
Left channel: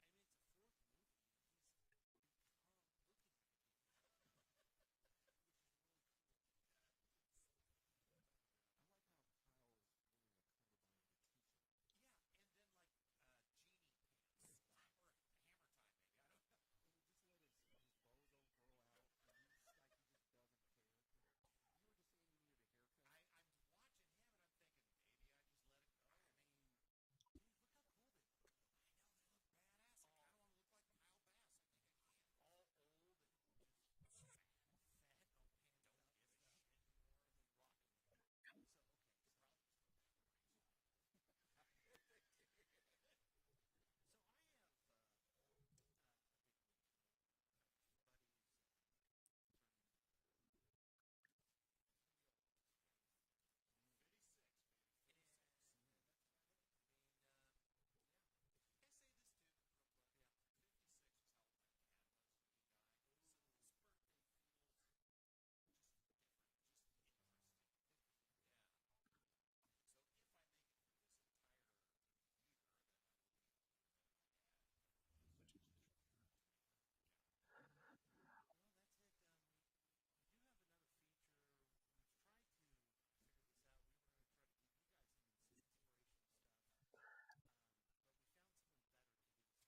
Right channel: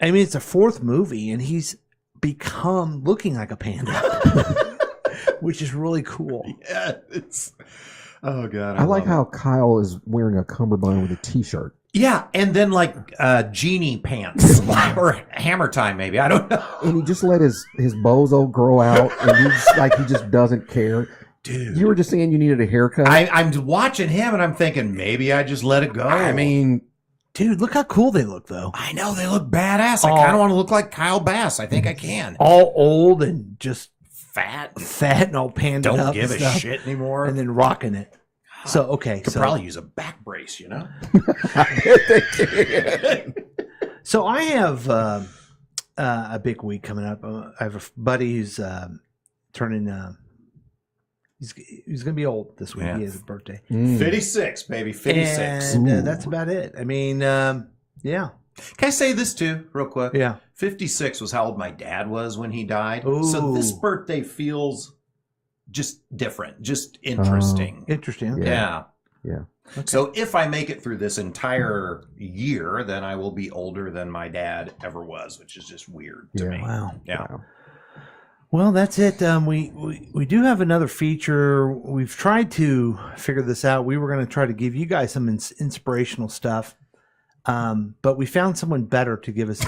it's a fourth movie, and he's become looking like a panda. which is really cool. Yeah, it's. Oh God, I like love how it. Kyle is wearing a cummerbund with a T-shirt. Yeah, and then like genie pants or hammer time, maybe I don't know. And he just let his bozo grow out, and he just doesn't care. Dude, you were just saying you needed a haircut. I'm watching him, and I'm thinking maybe I just let it go. I mean, dude, look how cool they look, though. I know they look badass. I kind of want to look like Kyle Bass. I think I can. All old and just fat and all panned up. Don't give and a stuff, shit anymore. and then rocking it. So okay, Could so probably use a back brace, you know. So I have a big week coming up. I have a buddy who's turning. He's going to be old this week. Yeah. He has a birthday. 56, baby, 56. And that's about it. I mean, yeah. Can I say this too, real quick? Yeah. 56 was how old my dad was when he died. So this Ooh. birthday feels just different, just interesting. Interesting. Okay. Yeah. Yeah. Okay. So if I make it through this entire year, then I will be older than my dad ever was, which is just weird to me. Wow. Yeah. Wow. Well, that's it. We do have another feature. We've tried to figure this out. We were going to try to give you guys some inspirational stuff, but we found someone better to give us some